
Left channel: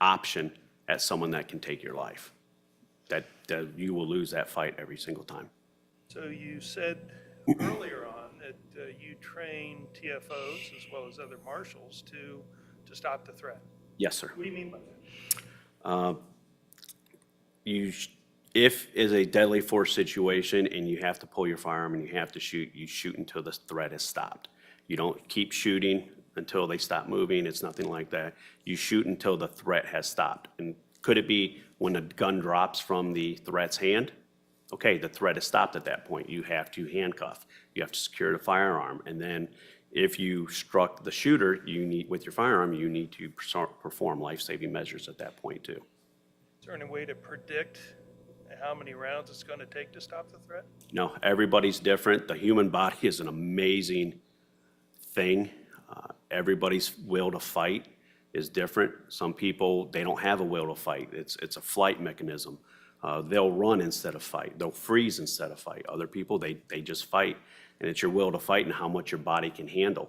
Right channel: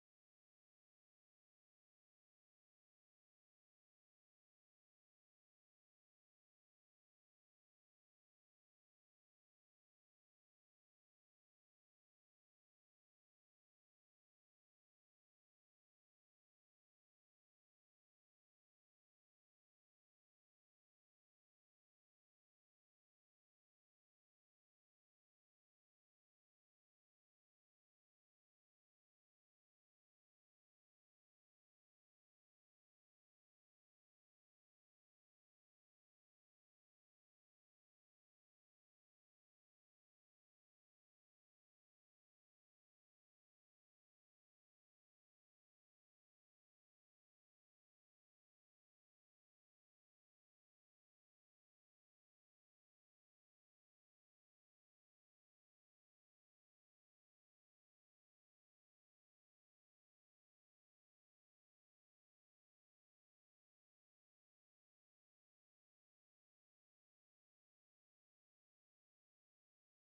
option at someone that can take your life. That you will lose that fight every single time. So you said earlier on that you train TFOs as well as other marshals to stop the threat. Yes, sir. What do you mean by that? If is a deadly force situation and you have to pull your firearm and you have to shoot, you shoot until the threat is stopped. You don't keep shooting until they stop moving. It's nothing like that. You shoot until the threat has stopped. And could it be when a gun drops from the threat's hand? Okay, the threat is stopped at that point. You have to handcuff. You have to secure the firearm. And then if you struck the shooter, with your firearm, you need to perform life-saving measures at that point too. Is there any way to predict how many rounds it's going to take to stop the threat? No, everybody's different. The human body is an amazing thing. Everybody's will to fight is different. Some people, they don't have a will to fight. It's a flight mechanism. They'll run instead of fight. They'll freeze instead of fight. Other people, they just fight. And it's your will to fight and how much your body can handle.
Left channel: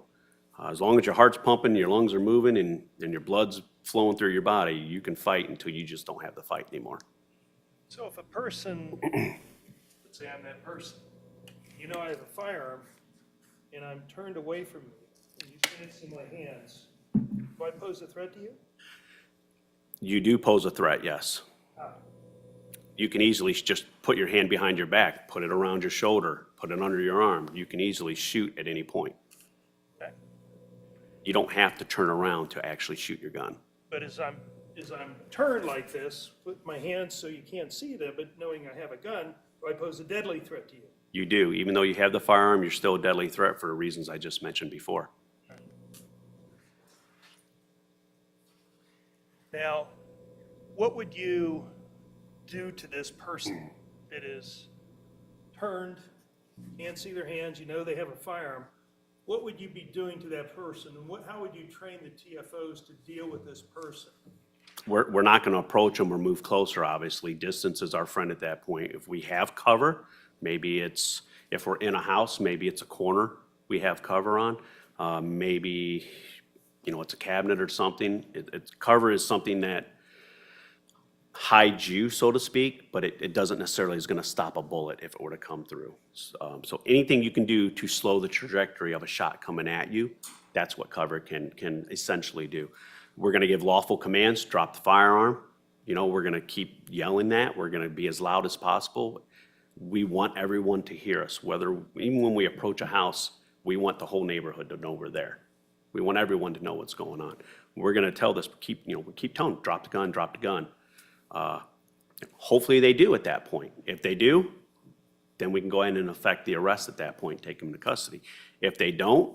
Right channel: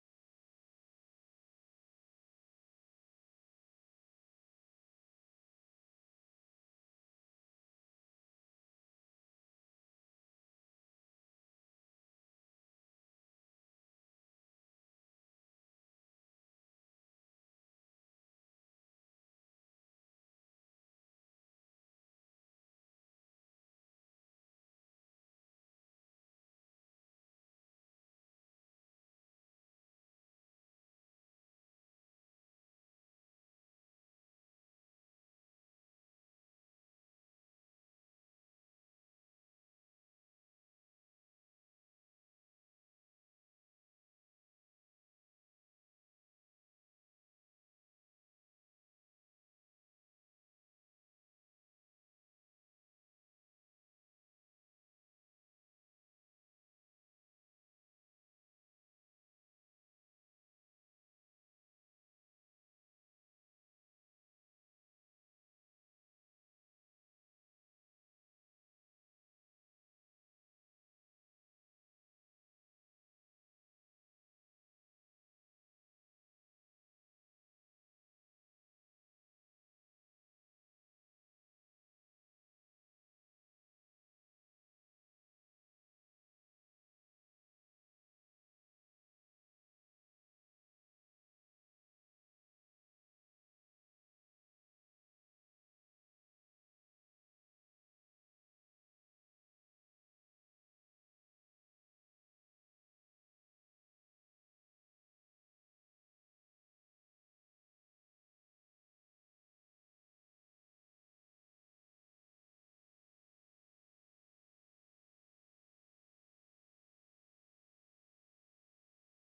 As long as your heart's pumping, your lungs are moving, and your blood's flowing through your body, you can fight until you just don't have the fight anymore. So if a person, let's say I'm that person, you know I have a firearm, and I'm turned away from you, and you can't see my hands, do I pose a threat to you? You do pose a threat, yes. How? You can easily just put your hand behind your back, put it around your shoulder, put it under your arm. You can easily shoot at any point. Okay. You don't have to turn around to actually shoot your gun. But as I'm turned like this, with my hands so you can't see them, but knowing I have a gun, do I pose a deadly threat to you? You do. Even though you have the firearm, you're still a deadly threat for the reasons I just mentioned before. Now, what would you do to this person that is turned, can't see their hands, you know they have a firearm? What would you be doing to that person, and how would you train the TFOs to deal with this person? We're not going to approach them or move closer, obviously. Distance is our friend at that point. If we have cover, maybe if we're in a house, maybe it's a corner we have cover on. Maybe, it's a cabinet or something. Cover is something that hides you, so to speak, but it doesn't necessarily is going to stop a bullet if it were to come through. So anything you can do to slow the trajectory of a shot coming at you, that's what cover can essentially do. We're going to give lawful commands, drop the firearm. We're going to keep yelling that. We're going to be as loud as possible. We want everyone to hear us. Even when we approach a house, we want the whole neighborhood to know we're there. We want everyone to know what's going on. We're going to tell this, we keep telling them, drop the gun, drop the gun. Hopefully they do at that point. If they do, then we can go ahead and effect the arrest at that point, take them into custody. If they don't,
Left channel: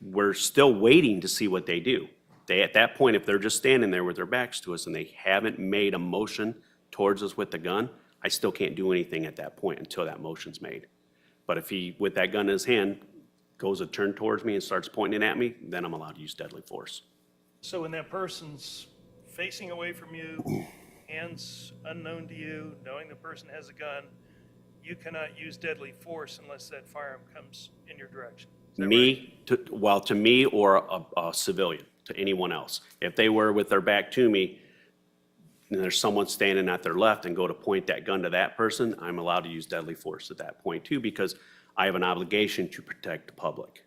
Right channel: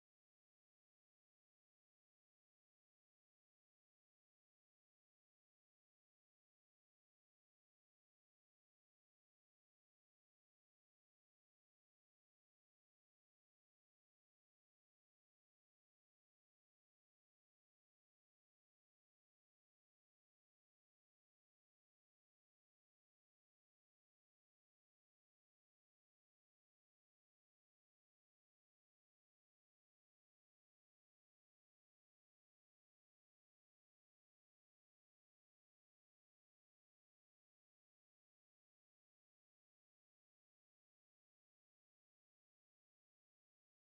we're still waiting to see what they do. At that point, if they're just standing there with their backs to us and they haven't made a motion towards us with the gun, I still can't do anything at that point until that motion's made. But if he, with that gun in his hand, goes a turn towards me and starts pointing it at me, then I'm allowed to use deadly force. So when that person's facing away from you, hands unknown to you, knowing the person has a gun, you cannot use deadly force unless that firearm comes in your direction. Is that right? To me or a civilian, to anyone else. If they were with their back to me, and there's someone standing at their left and go to point that gun to that person, I'm allowed to use deadly force at that point too, because I have an obligation to protect the public.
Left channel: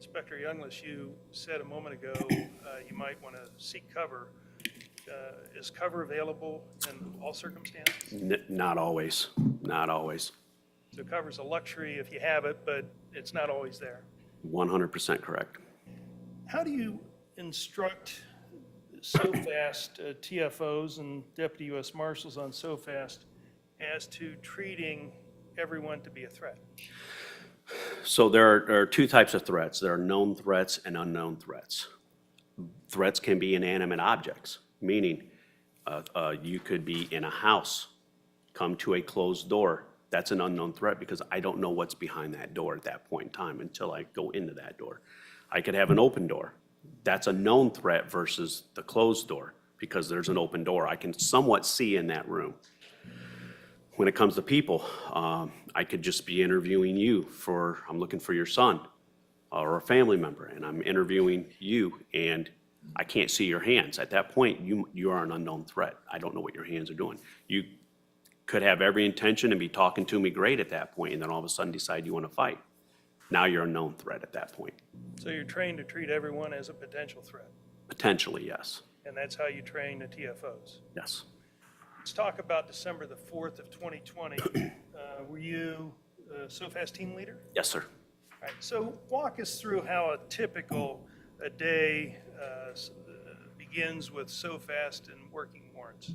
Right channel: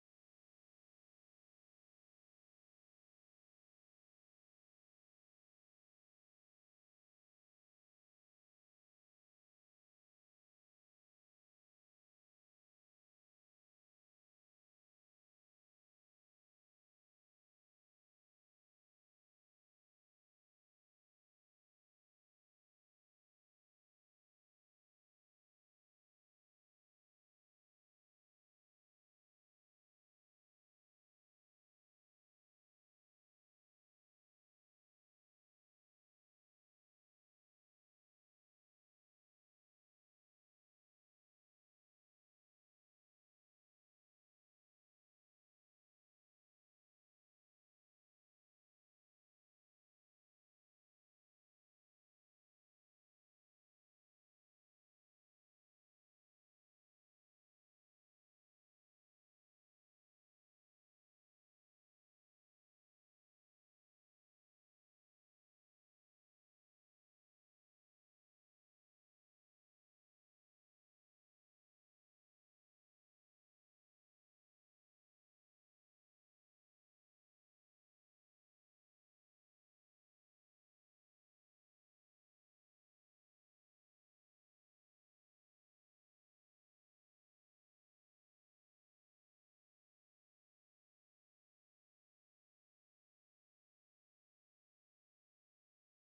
Inspector Youngless, you said a moment ago you might want to seek cover. Is cover available in all circumstances? Not always, not always. So cover's a luxury if you have it, but it's not always there. 100% correct. How do you instruct SOFAST TFOs and Deputy U.S. Marshals on SOFAST as to treating everyone to be a threat? So there are two types of threats. There are known threats and unknown threats. Threats can be inanimate objects, meaning you could be in a house, come to a closed door. That's an unknown threat because I don't know what's behind that door at that point in time until I go into that door. I could have an open door. That's a known threat versus the closed door because there's an open door. I can somewhat see in that room. When it comes to people, I could just be interviewing you I'm looking for your son or a family member, and I'm interviewing you, and I can't see your hands. At that point, you are an unknown threat. I don't know what your hands are doing. You could have every intention and be talking to me great at that point, and then all of a sudden decide you want to fight. Now you're a known threat at that point. So you're trained to treat everyone as a potential threat, Potentially, yes. and that's how you train the TFOs. Yes. Let's talk about December the 4th of 2020. Were you SOFAST team leader? Yes, sir. All right, so walk us through how a typical day begins with SOFAST and working warrants.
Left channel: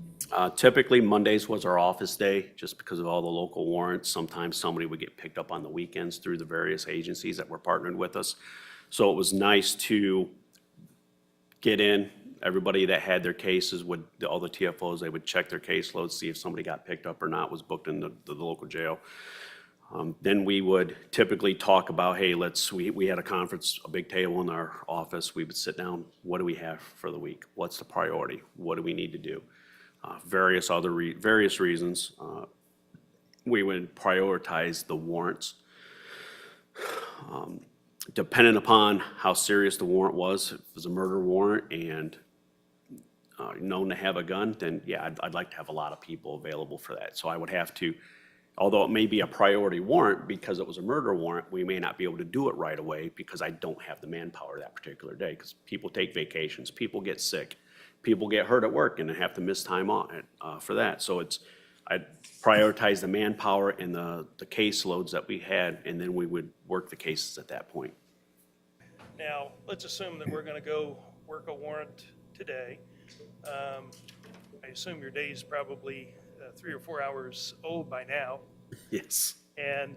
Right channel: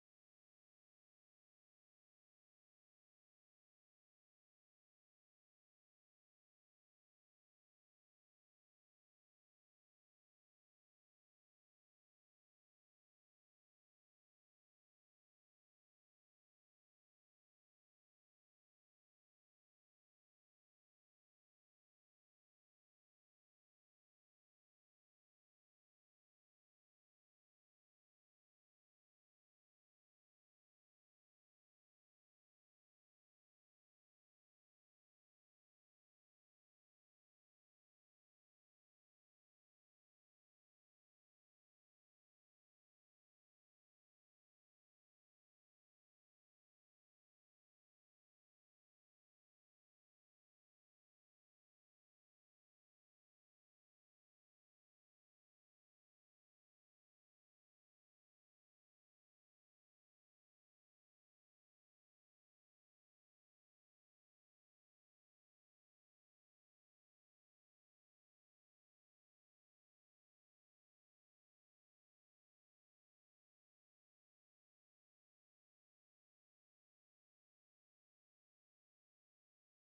Typically, Mondays was our office day, just because of all the local warrants. Sometimes somebody would get picked up on the weekends through the various agencies that were partnered with us. So it was nice to get in. Everybody that had their cases all the TFOs, they would check their caseloads, see if somebody got picked up or not, was booked in the local jail. Then we would typically talk about, hey, we had a conference, a big table in our office. We would sit down. What do we have for the week? What's the priority? What do we need to do? Various reasons. We would prioritize the warrants. Depending upon how serious the warrant was, if it was a murder warrant and known to have a gun, then yeah, I'd like to have a lot of people available for that. So I would have to, although it may be a priority warrant because it was a murder warrant, we may not be able to do it right away because I don't have the manpower that particular day, because people take vacations, people get sick, people get hurt at work and they have to miss time on it for that. So I'd prioritize the manpower and the caseloads that we had, and then we would work the cases at that point. Now, let's assume that we're going to go work a warrant today. I assume your day is probably 3 or 4 hours old by now. Yes. And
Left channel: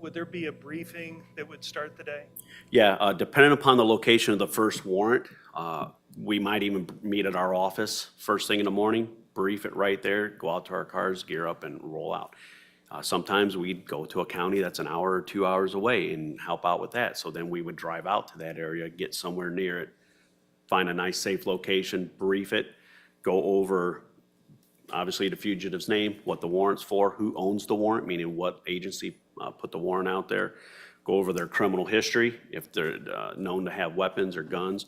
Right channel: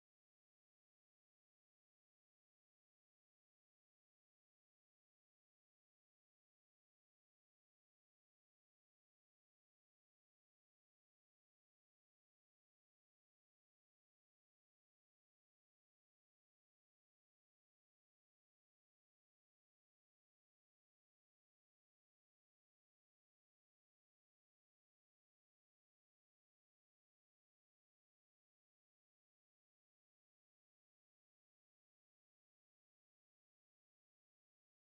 would there be a briefing that would start the day? Yeah, depending upon the location of the first warrant, we might even meet at our office first thing in the morning, brief it right there, go out to our cars, gear up, and roll out. Sometimes we'd go to a county that's an hour or 2 hours away and help out with that. So then we would drive out to that area, get somewhere near it, find a nice safe location, brief it, go over obviously the fugitive's name, what the warrant's for, who owns the warrant, meaning what agency put the warrant out there, go over their criminal history, if they're known to have weapons or guns.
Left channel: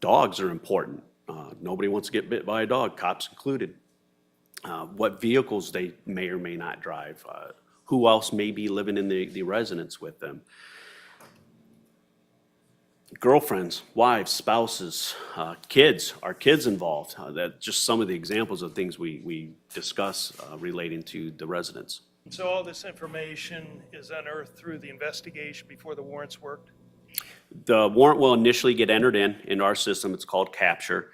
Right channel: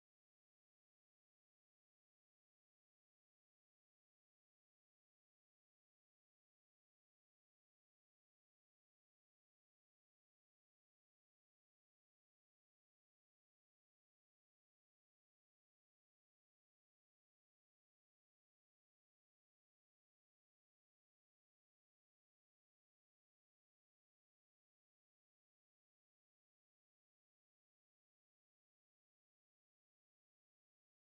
Dogs are important. Nobody wants to get bit by a dog, cops included. What vehicles they may or may not drive, who else may be living in the residence with them. Girlfriends, wives, spouses, kids, are kids involved? That's just some of the examples of things we discuss relating to the residents. So all this information is unearthed through the investigation before the warrants worked? The warrant will initially get entered into our system. It's called capture.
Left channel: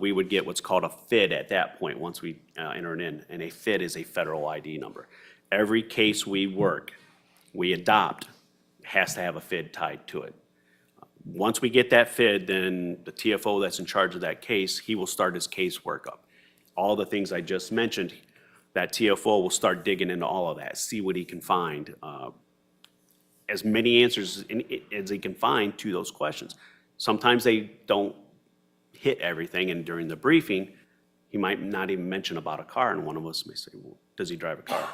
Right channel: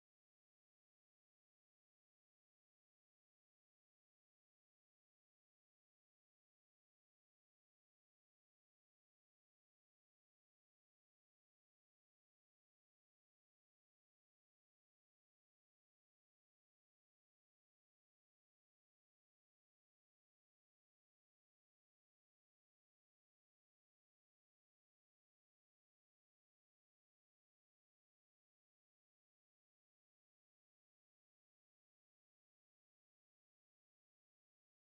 We would get what's called a FID at that point once we enter it in, and a FID is a federal ID number. Every case we work, we adopt, has to have a FID tied to it. Once we get that FID, then the TFO that's in charge of that case, he will start his case workup. All the things I just mentioned, that TFO will start digging into all of that, see what he can find. as many answers as he can find to those questions. Sometimes they don't hit everything, and during the briefing, he might not even mention about a car, and one of us may say, well, does he drive a car?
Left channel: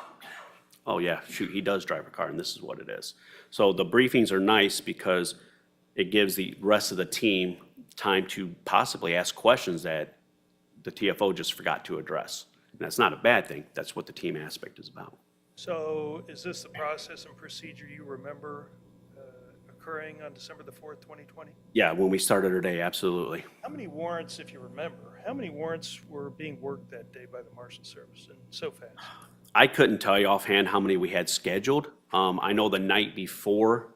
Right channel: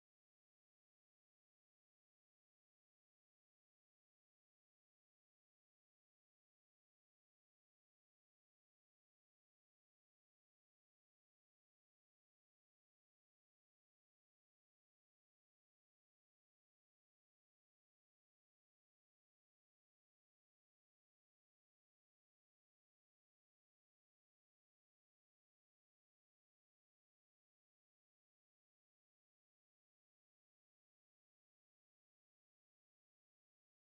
Oh yeah, shoot, he does drive a car, and this is what it is. So the briefings are nice because it gives the rest of the team time to possibly ask questions that the TFO just forgot to address. And that's not a bad thing. That's what the team aspect is about. So is this the process and procedure you remember occurring on December the 4th, 2020? Yeah, when we started our day, absolutely. How many warrants, if you remember, how many warrants were being worked that day by the Marshal Service, and so fast? I couldn't tell you offhand how many we had scheduled. I know the night before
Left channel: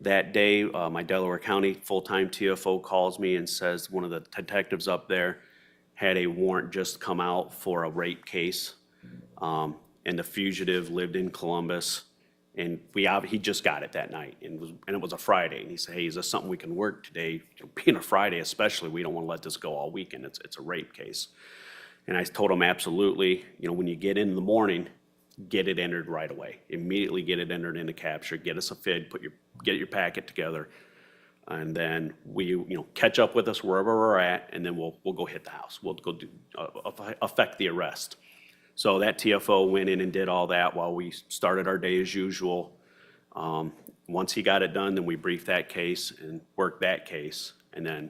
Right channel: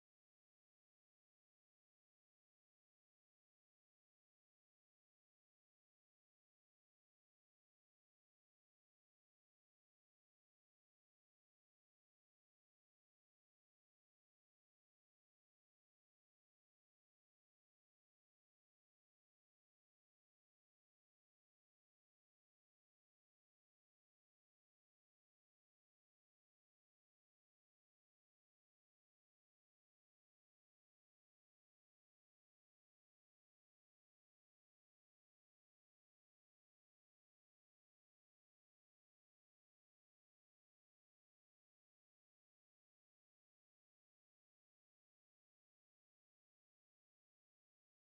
that day, my Delaware County full-time TFO calls me and says one of the detectives up there had a warrant just come out for a rape case. And the fugitive lived in Columbus, and he just got it that night, and it was a Friday, and he said, hey, is this something we can work today? Being a Friday especially, we don't want to let this go all weekend. It's a rape case. And I told him, absolutely, when you get in the morning, get it entered right away. Immediately get it entered into capture, get us a FID, get your packet together, and then catch up with us wherever we're at, and then we'll go hit the house. We'll go affect the arrest. So that TFO went in and did all that while we started our day as usual. Once he got it done, then we briefed that case and worked that case, and then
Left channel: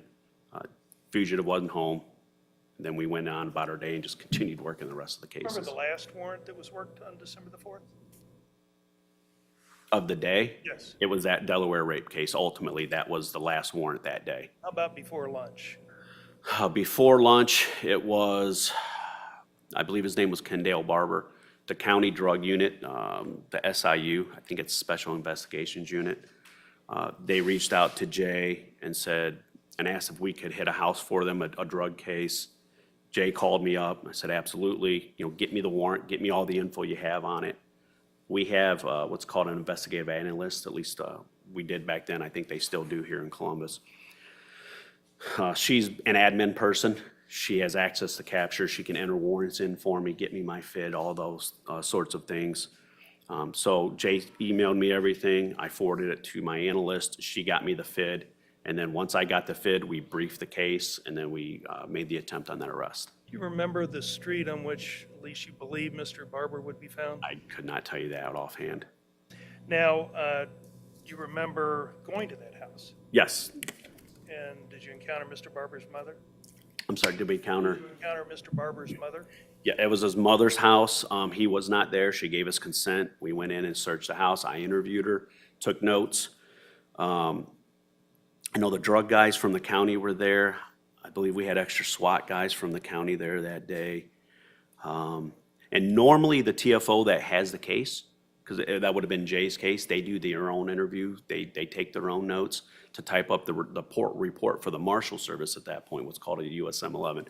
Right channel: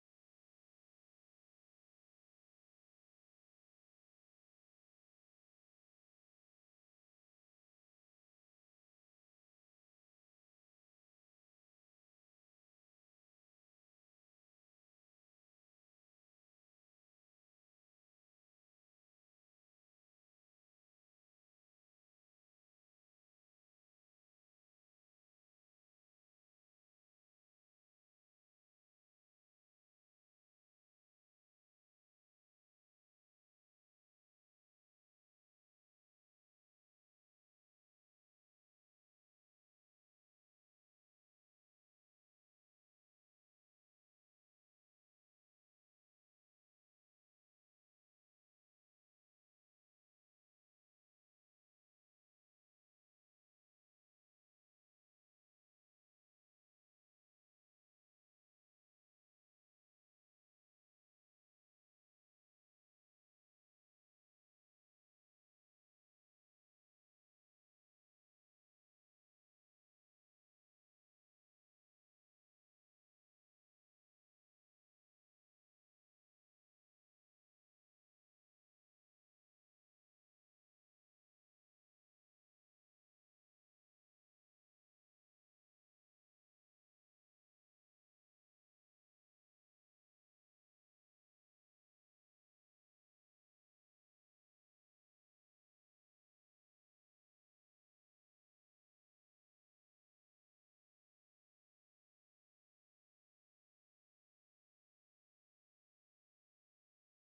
fugitive wasn't home. And then we went on about our day and just continued working the rest of the cases. Remember the last warrant that was worked on December the 4th? Of the day? Yes. It was that Delaware rape case. Ultimately, that was the last warrant that day. How about before lunch? Before lunch, it was, I believe his name was Kendale Barber, the county drug unit, the SIU, I think it's Special Investigations Unit. They reached out to Jay and asked if we could hit a house for them, a drug case. Jay called me up. I said, absolutely, get me the warrant, get me all the info you have on it. We have what's called an investigative analyst, at least we did back then. I think they still do here in Columbus. She's an admin person. She has access to capture. She can enter warrants in for me, get me my FID, all those sorts of things. So Jay emailed me everything. I forwarded it to my analyst. She got me the FID. And then once I got the FID, we briefed the case, and then we made the attempt on that arrest. Do you remember the street on which, at least you believe, Mr. Barber would be found? I could not tell you that offhand. Now, do you remember going to that house? Yes. And did you encounter Mr. Barber's mother? I'm sorry, did we encounter? Did you encounter Mr. Barber's mother? Yeah, it was his mother's house. He was not there. She gave us consent. We went in and searched the house. I interviewed her, took notes. I know the drug guys from the county were there. I believe we had extra SWAT guys from the county there that day. And normally the TFO that has the case, because that would have been Jay's case, they do their own interview. They take their own notes to type up the report for the Marshal Service at that point, what's called a USM 11.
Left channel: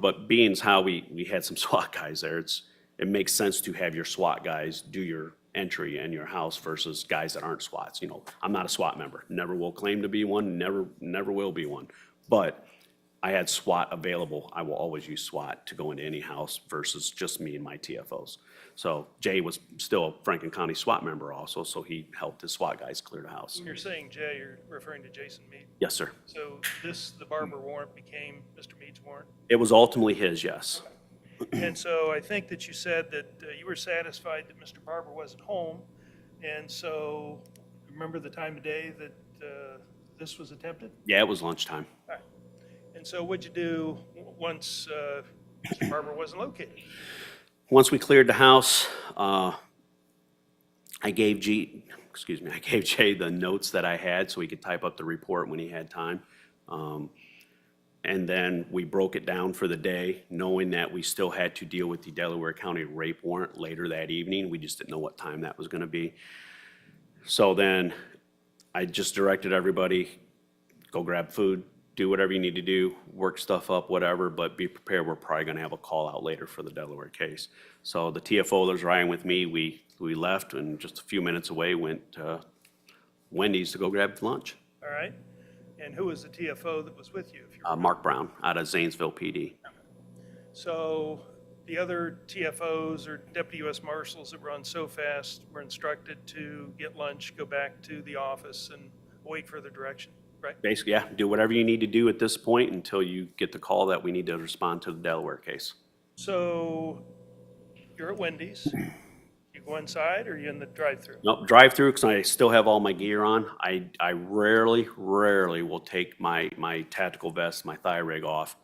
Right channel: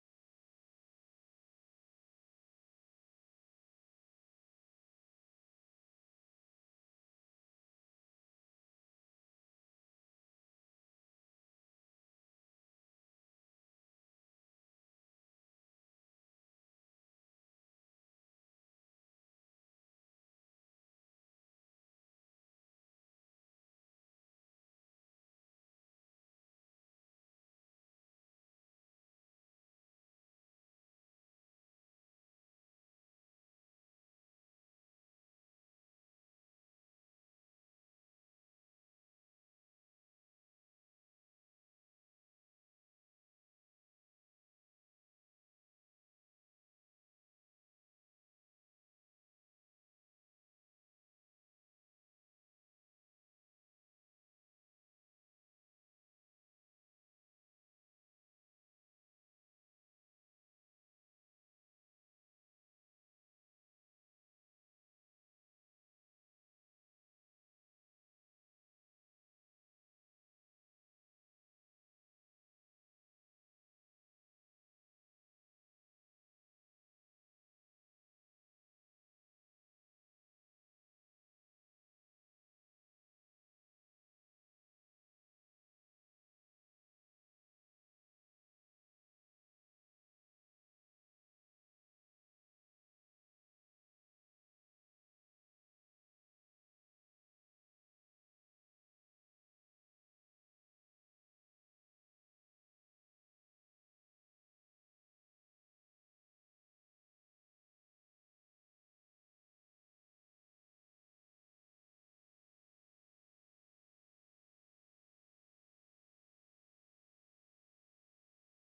But being as how we had some SWAT guys there, it makes sense to have your SWAT guys do your entry in your house versus guys that aren't SWATs. I'm not a SWAT member, never will claim to be one, never will be one. But I had SWAT available. I will always use SWAT to go into any house versus just me and my TFOs. So Jay was still a Franklin County SWAT member also, so he helped his SWAT guys clear the house. When you're saying Jay, you're referring to Jason Meade? Yes, sir. So the Barber warrant became Mr. Meade's warrant? It was ultimately his, yes. And so I think that you said that you were satisfied that Mr. Barber wasn't home, and so remember the time of day that this was attempted? Yeah, it was lunchtime. All right. And so what'd you do once Mr. Barber wasn't located? Once we cleared the house, I gave Jay the notes that I had so he could type up the report when he had time. And then we broke it down for the day, knowing that we still had to deal with the Delaware County rape warrant later that evening. We just didn't know what time that was gonna be. So then I just directed everybody, go grab food, do whatever you need to do, work stuff up, whatever, but be prepared. We're probably gonna have a call out later for the Delaware case. So the TFO that was riding with me, we left and just a few minutes away went to Wendy's to go grab lunch. All right. And who was the TFO that was with you? If you Mark Brown out of Zanesville PD. So the other TFOs or deputy U.S. marshals that run so fast were instructed to get lunch, go back to the office, and await further direction, right? Basically, yeah, do whatever you need to do at this point until you get the call that we need to respond to the Delaware case. So you're at Wendy's. You go inside, or you in the drive-through? Nope, drive-through, because I still have all my gear on. I rarely will take my tactical vest, my thigh rig off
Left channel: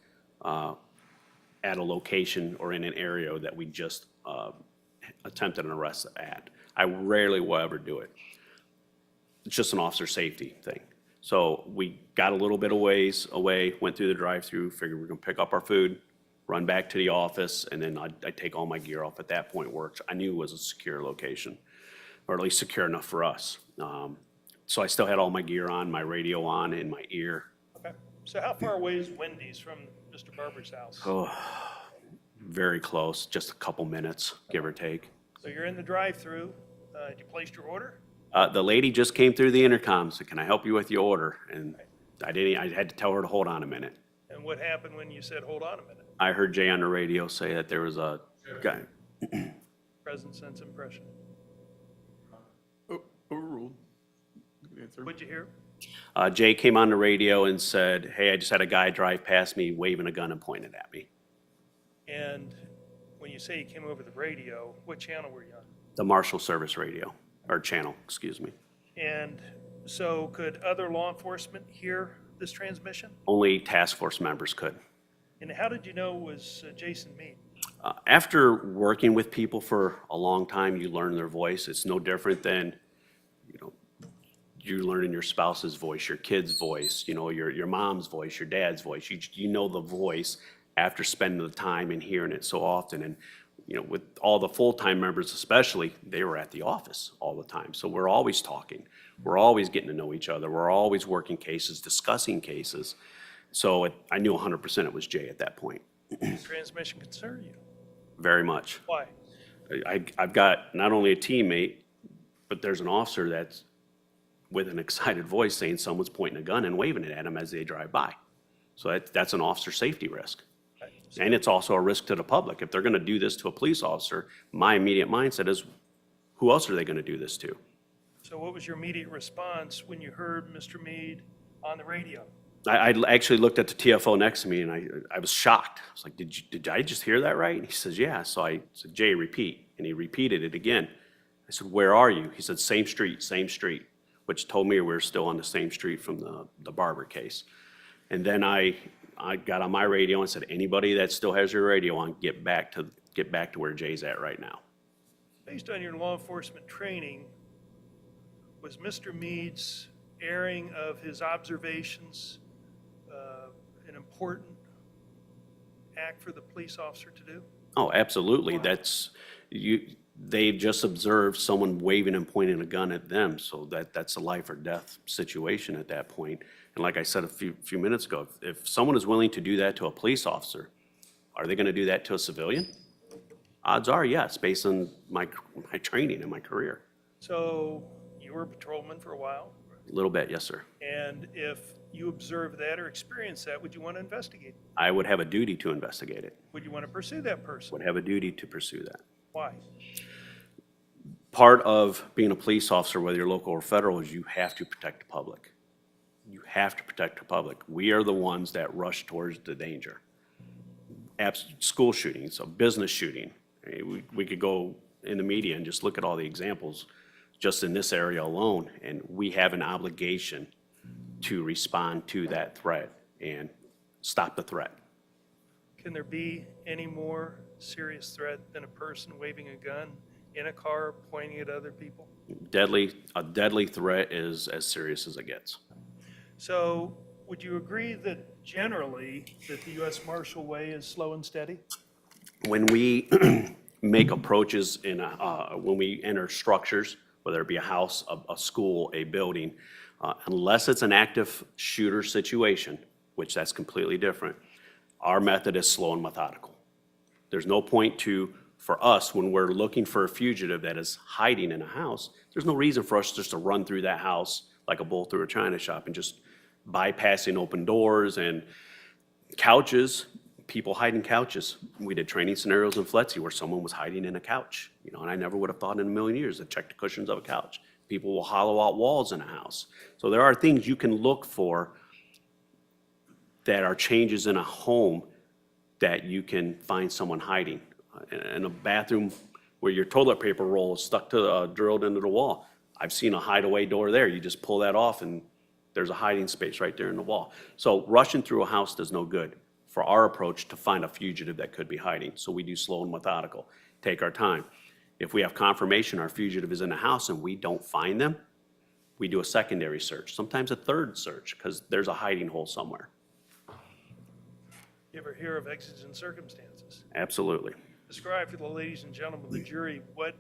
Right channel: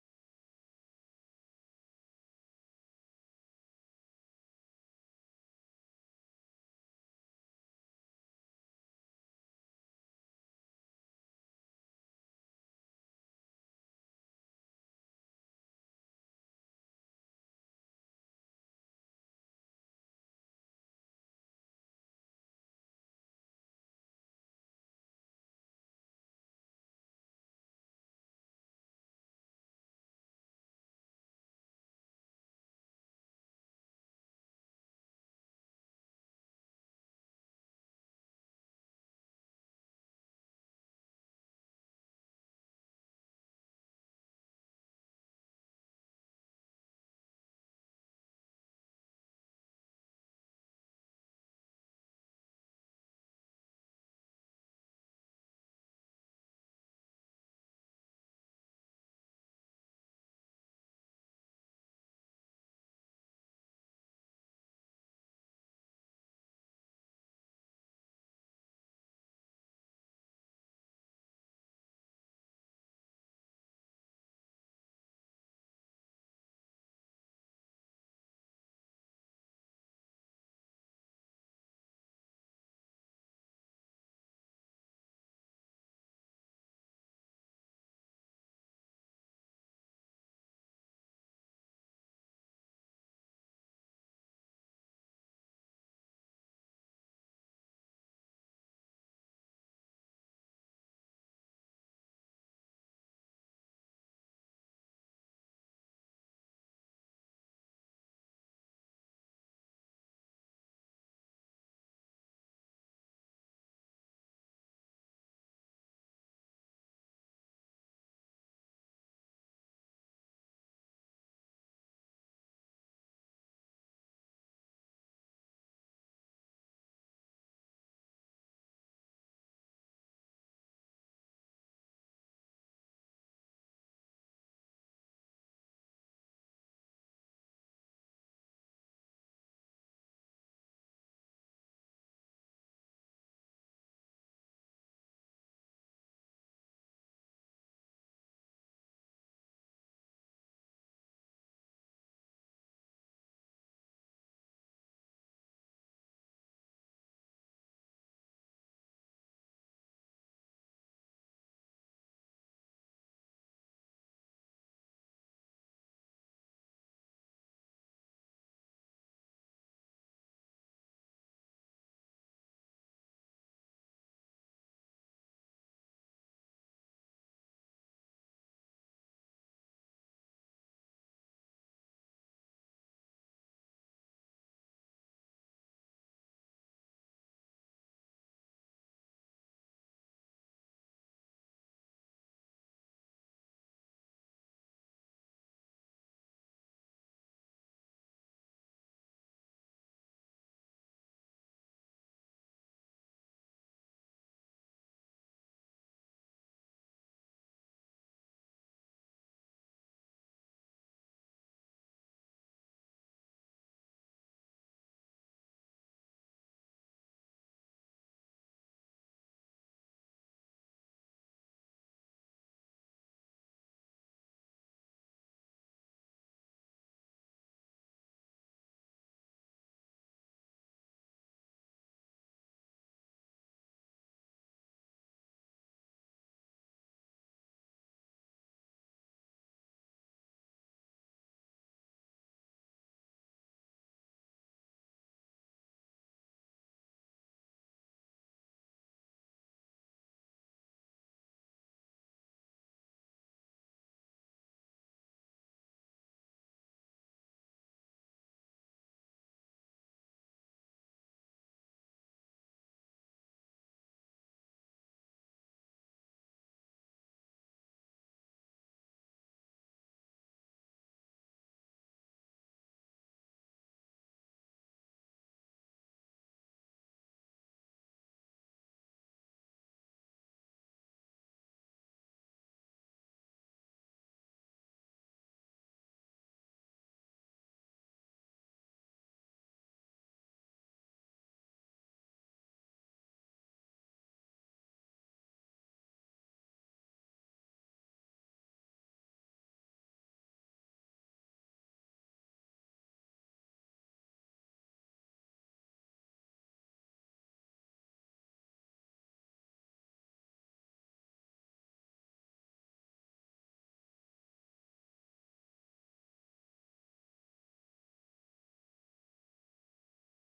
at a location or in an area that we just attempted an arrest at. I rarely will ever do it. It's just an officer safety thing. So we got a little bit of ways away, went through the drive-through, figured we we're gonna pick up our food, run back to the office, and then I'd take all my gear off at that point, which I knew was a secure location, or at least secure enough for us. So I still had all my gear on, my radio on, in my ear. Okay. So how far away is Wendy's from Mr. Barber's house? Oh, very close, just a couple minutes, give or take. So you're in the drive-through. You placed your order? The lady just came through the intercom, said, "Can I help you with your order?" And I had to tell her to hold on a minute. And what happened when you said, hold on a minute? I heard Jay on the radio say that there was a guy. Present sense impression. Overruled. Good answer. What'd you hear? Jay came on the radio and said, "Hey, I just had a guy drive past me waving a gun and pointing at me." And when you say you came over the radio, what channel were you on? The Marshal Service radio, or channel, excuse me. And so could other law enforcement hear this transmission? Only task force members could. And how did you know it was Jason Meade? After working with people for a long time, you learn their voice. It's no different than, you learning your spouse's voice, your kid's voice, your mom's voice, your dad's voice. You know the voice after spending the time and hearing it so often. And, with all the full-time members especially, they were at the office all the time. So we're always talking. We're always getting to know each other. We're always working cases, discussing cases. So I knew 100% it was Jay at that point. Does transmission concern you? Very much. Why? I've got not only a teammate, but there's an officer that's with an excited voice saying someone's pointing a gun and waving it at him as they drive by. So that's an officer safety risk. And it's also a risk to the public. If they're gonna do this to a police officer, my immediate mindset is, who else are they gonna do this to? So what was your immediate response when you heard Mr. Meade on the radio? I actually looked at the TFO next to me and I was shocked. I was like, did I just hear that right? And he says, yeah. So I said, Jay, repeat. And he repeated it again. I said, where are you? He said, same street, which told me we were still on the same street from the Barber case. And then I got on my radio and said, anybody that still has your radio on, get back to where Jay's at right now. Based on your law enforcement training, was Mr. Meade's airing of his observations an important act for the police officer to do? Oh, absolutely. They've just observed someone waving and pointing a gun at them, so that's a life or death situation at that point. And like I said a few minutes ago, if someone is willing to do that to a police officer, are they gonna do that to a civilian? Odds are yes, based on my training and my career. So you were a patrolman for a while, A little bit, yes, sir. and if you observed that or experienced that, would you want to investigate? I would have a duty to investigate it, Would you want to pursue that person? would have a duty to pursue that. Why? Part of being a police officer, whether you're local or federal, is you have to protect the public. You have to protect the public. We are the ones that rush towards the danger. School shootings, a business shooting. We could go in the media and just look at all the examples just in this area alone, and we have an obligation to respond to that threat and stop the threat. Can there be any more serious threat than a person waving a gun in a car pointing at other people? A deadly threat is as serious as it gets. So would you agree that generally that the U.S. Marshal way is slow and steady? When we make approaches when we enter structures, whether it be a house, a school, a building, unless it's an active shooter situation, which that's completely different, our method is slow and methodical. There's no point for us, when we're looking for a fugitive that is hiding in a house, there's no reason for us just to run through that house like a bull through a china shop and just bypassing open doors and couches, people hiding couches. We did training scenarios in FLETC where someone was hiding in a couch, you know, and I never would have thought in a million years to check the cushions of a couch. People will hollow out walls in a house. So there are things you can look for that are changes in a home that you can find someone hiding. In a bathroom where your toilet paper roll is stuck to, drilled into the wall. I've seen a hideaway door there. You just pull that off and there's a hiding space right there in the wall. So rushing through a house does no good for our approach to find a fugitive that could be hiding. So we do slow and methodical, take our time. If we have confirmation our fugitive is in the house and we don't find them, we do a secondary search, sometimes a third search, because there's a hiding hole somewhere. You ever hear of exigent circumstances? Absolutely. Describe for the ladies and gentlemen of the jury what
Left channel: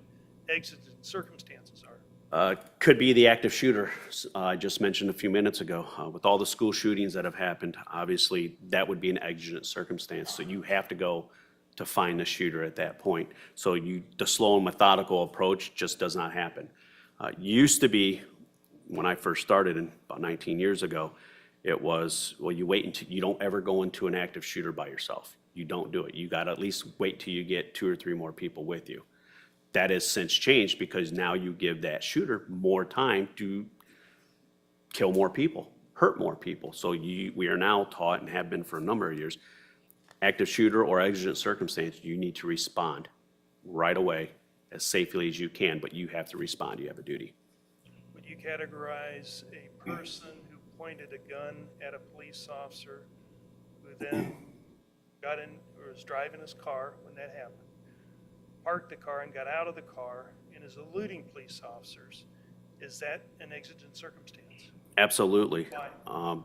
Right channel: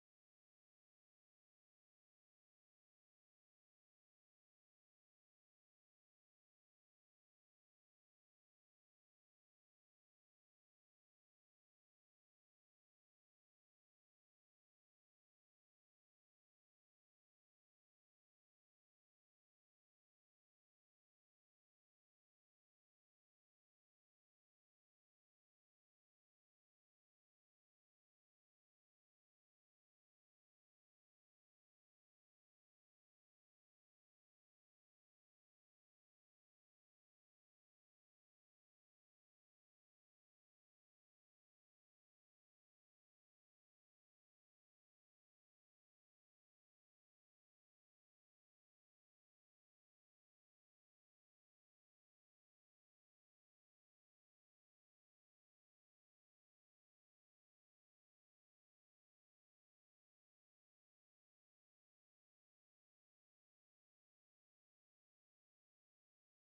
exigent circumstances are. Could be the active shooter I just mentioned a few minutes ago. With all the school shootings that have happened, obviously that would be an exigent circumstance. So you have to go to find the shooter at that point. So the slow and methodical approach just does not happen. Used to be, when I first started about 19 years ago, it was, well, you wait until, you don't ever go into an active shooter by yourself. You don't do it. You got to at least wait till you get 2 or 3 more people with you. That has since changed because now you give that shooter more time to kill more people, hurt more people. So we are now taught and have been for a number of years, active shooter or exigent circumstance, you need to respond right away as safely as you can, but you have to respond. You have a duty. Would you categorize a person who pointed a gun at a police officer who then got in or was driving his car when that happened, parked the car and got out of the car and is eluding police officers, is that an exigent circumstance? Absolutely. Why?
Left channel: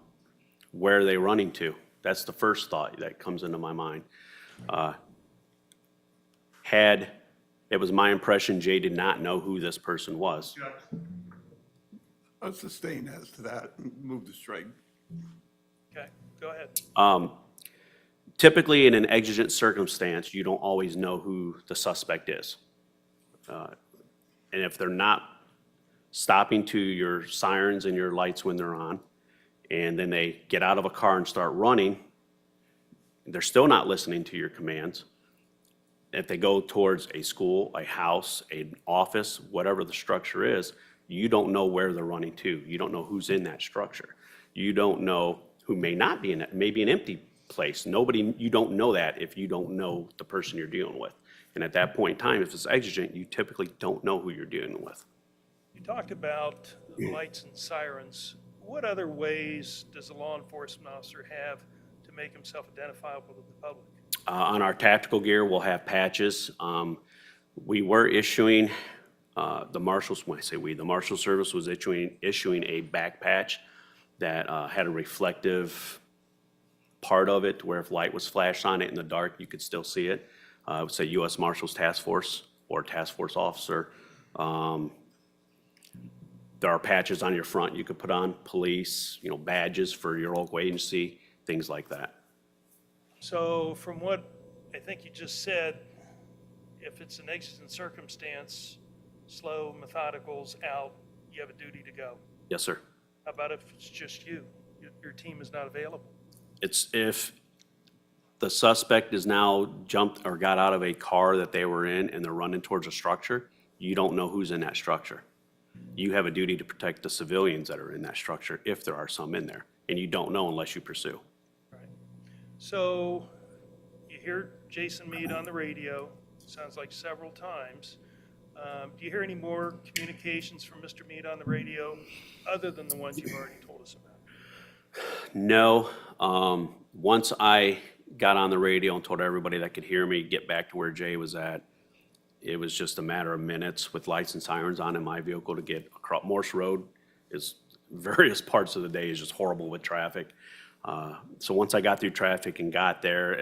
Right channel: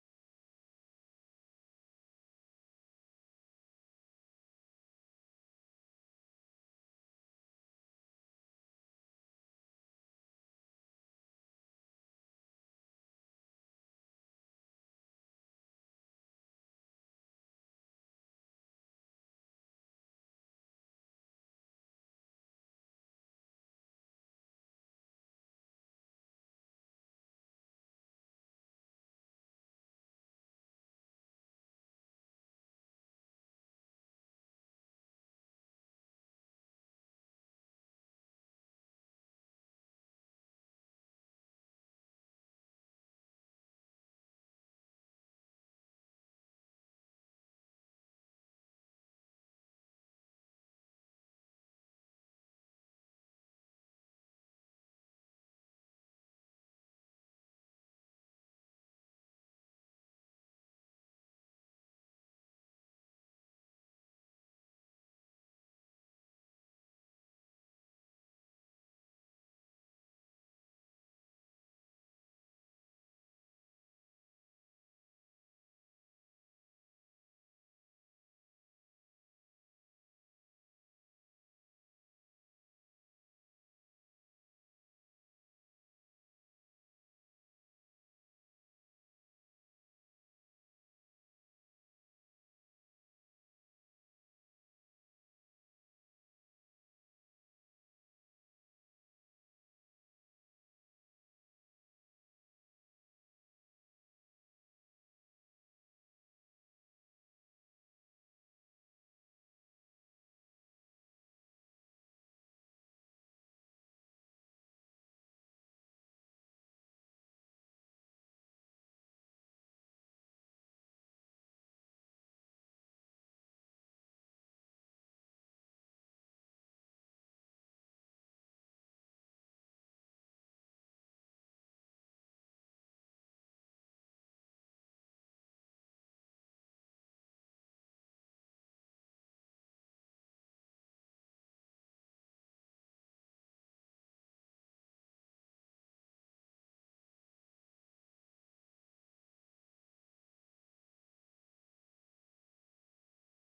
Where are they running to? That's the first thought that comes into my mind. It was my impression Jay did not know who this person was. I'll sustain as to that and move the strike. Okay, go ahead. Typically, in an exigent circumstance, you don't always know who the suspect is. And if they're not stopping to your sirens and your lights when they're on, and then they get out of a car and start running, they're still not listening to your commands. If they go towards a school, a house, an office, whatever the structure is, you don't know where they're running to. You don't know who's in that structure. You don't know who may not be in it, maybe an empty place. You don't know that if you don't know the person you're dealing with. And at that point in time, if it's exigent, you typically don't know who you're dealing with. You talked about lights and sirens. What other ways does a law enforcement officer have to make himself identifiable to the public? On our tactical gear, we'll have patches. We were issuing, the marshals, when I say we, the Marshal Service was issuing a back patch that had a reflective part of it where if light was flashed on it in the dark, you could still see it. I would say U.S. Marshals Task Force or Task Force Officer. There are patches on your front you could put on, police, badges for your local agency, things like that. So from what I think you just said, if it's an exigent circumstance, slow, methodical's out, you have a duty to go. Yes, sir. How about if it's just you? Your team is not available. It's if the suspect is now jumped or got out of a car that they were in and they're running towards a structure, you don't know who's in that structure. You have a duty to protect the civilians that are in that structure if there are some in there, and you don't know unless you pursue. Right. So you hear Jason Meade on the radio, sounds like several times. Do you hear any more communications from Mr. Meade on the radio other than the ones you've already told us about? No. Once I got on the radio and told everybody that could hear me get back to where Jay was at, it was just a matter of minutes with lights and sirens on in my vehicle to get across. Morse Road is various parts of the day is just horrible with traffic. So once I got through traffic and got there,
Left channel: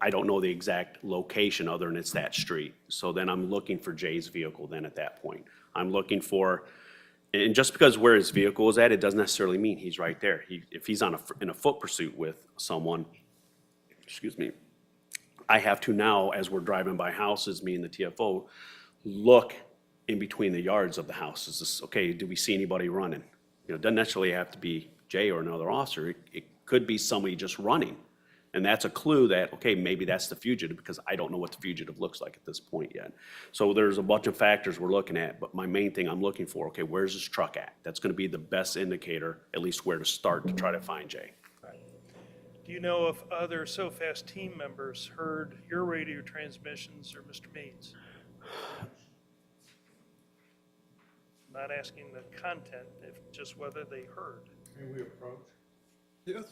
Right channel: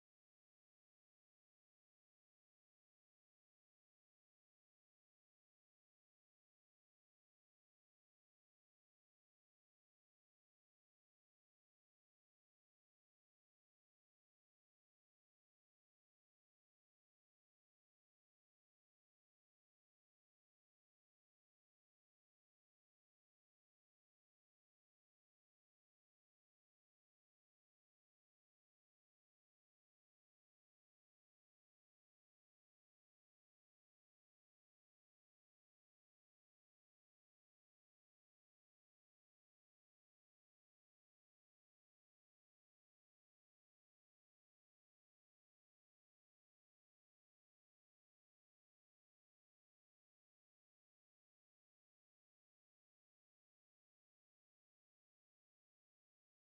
I don't know the exact location other than it's that street. So then I'm looking for Jay's vehicle then at that point. I'm looking for, and just because where his vehicle is at, it doesn't necessarily mean he's right there. If he's in a foot pursuit with someone, excuse me, I have to now, as we're driving by houses, me and the TFO, look in between the yards of the house. Is this, okay, do we see anybody running? It doesn't necessarily have to be Jay or another officer. It could be somebody just running. And that's a clue that, okay, maybe that's the fugitive, because I don't know what the fugitive looks like at this point yet. So there's a bunch of factors we're looking at, but my main thing I'm looking for, okay, where's this truck at? That's gonna be the best indicator, at least where to start to try to find Jay. Do you know if other SOFAST team members heard your radio transmissions or Mr. Meade's? Not asking the content, if just whether they heard. May we approach? Yes.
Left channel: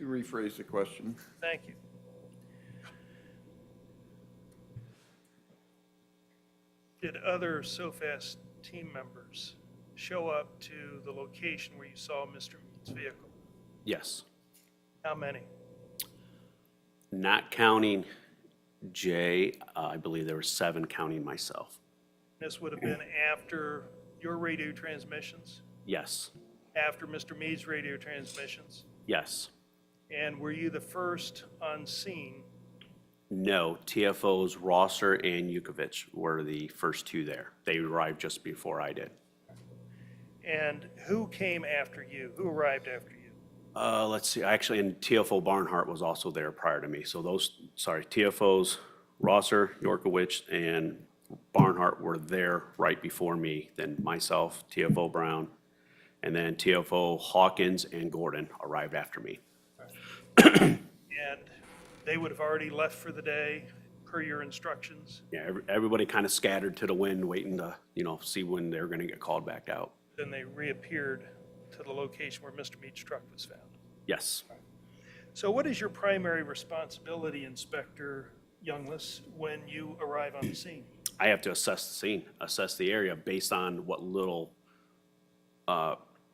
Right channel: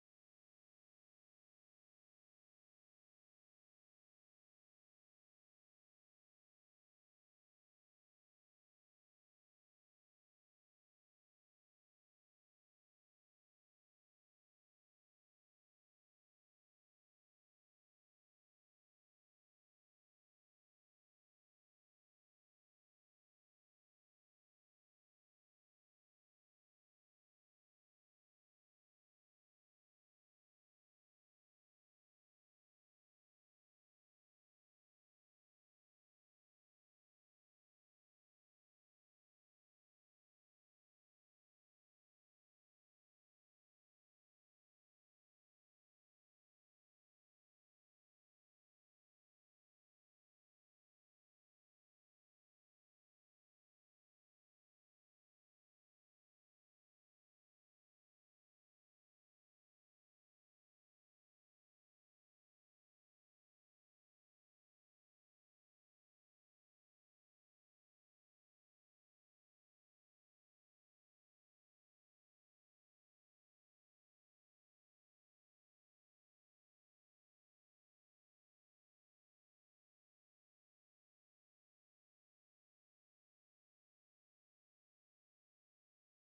To rephrase the question. Thank you. Did other SOFAST team members show up to the location where you saw Mr. Meade's vehicle? Yes. How many? Not counting Jay, I believe there were 7 counting myself. This would have been after your radio transmissions, Yes, after Mr. Meade's radio transmissions? yes. And were you the first on scene? No, TFOs Rosser and Yukovich were the first 2 there. They arrived just before I did. And who came after you? Who arrived after you? Let's see, actually, and TFO Barnhart was also there prior to me. So TFOs Rosser, Yorkowicz, and Barnhart were there right before me. Then myself, TFO Brown, and then TFO Hawkins and Gordon arrived after me. And they would have already left for the day per your instructions? Yeah, everybody kind of scattered to the wind, waiting to, see when they're gonna get called back out. Then they reappeared to the location where Mr. Meade's truck was found. Yes. So what is your primary responsibility, Inspector Youngless, when you arrive on the scene? I have to assess the scene, assess the area based on what little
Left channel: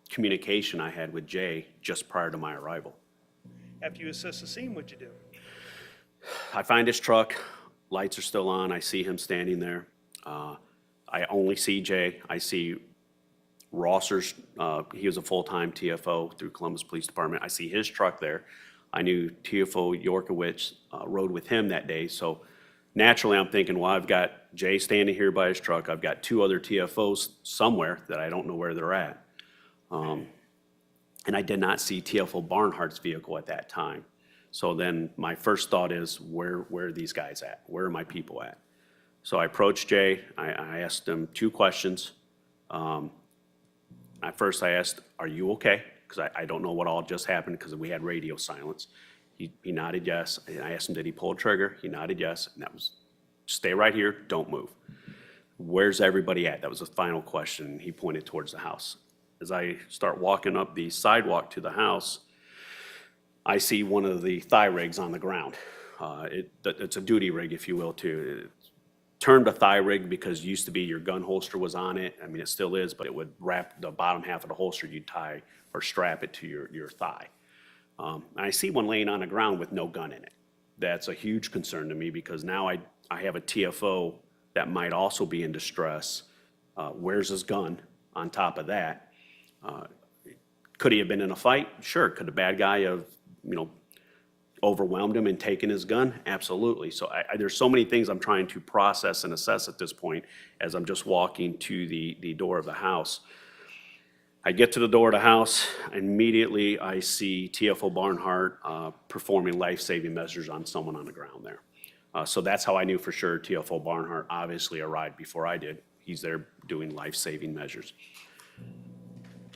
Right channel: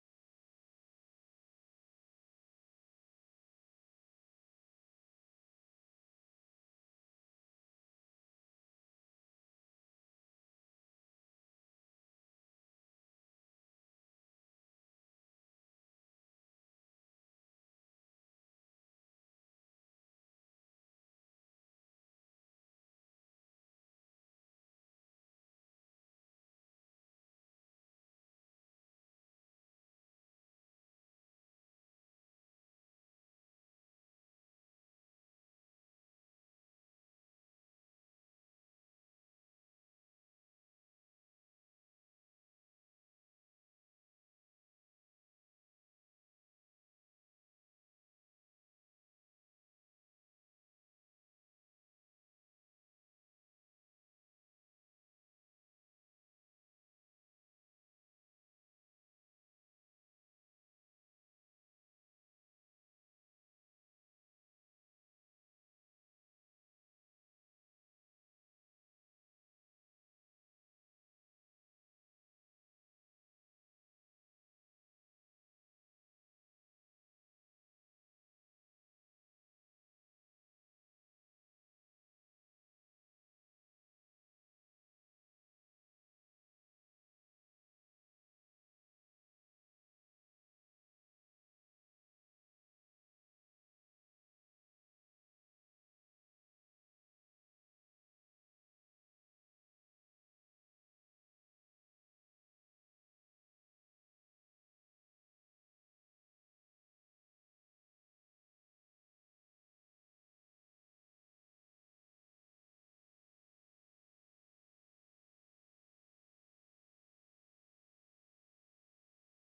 communication I had with Jay just prior to my arrival. After you assess the scene, what'd you do? I find his truck, lights are still on, I see him standing there. I only see Jay, I see Rosser's, he was a full-time TFO through Columbus Police Department. I see his truck there. I knew TFO Yorkowicz rode with him that day, so naturally I'm thinking, well, I've got Jay standing here by his truck. I've got 2 other TFOs somewhere that I don't know where they're at. And I did not see TFO Barnhart's vehicle at that time. So then my first thought is, where are these guys at? Where are my people at? So I approached Jay. I asked him 2 questions. At first I asked, are you okay? Because I don't know what all just happened because we had radio silence. He nodded yes. And I asked him, did he pull a trigger? He nodded yes. And that was, stay right here, don't move. Where's everybody at? That was the final question. He pointed towards the house. As I start walking up the sidewalk to the house, I see one of the thigh rigs on the ground. It's a duty rig, if you will, too. It's termed a thigh rig because it used to be your gun holster was on it. I mean, it still is, but it would wrap the bottom half of the holster, you'd tie or strap it to your thigh. And I see one laying on the ground with no gun in it. That's a huge concern to me because now I have a TFO that might also be in distress. Where's his gun on top of that? Could he have been in a fight? Sure. Could the bad guy have, overwhelmed him and taken his gun? Absolutely. So there's so many things I'm trying to process and assess at this point as I'm just walking to the door of the house. I get to the door of the house, immediately I see TFO Barnhart performing life-saving measures on someone on the ground there. So that's how I knew for sure TFO Barnhart obviously arrived before I did. He's there doing life-saving measures.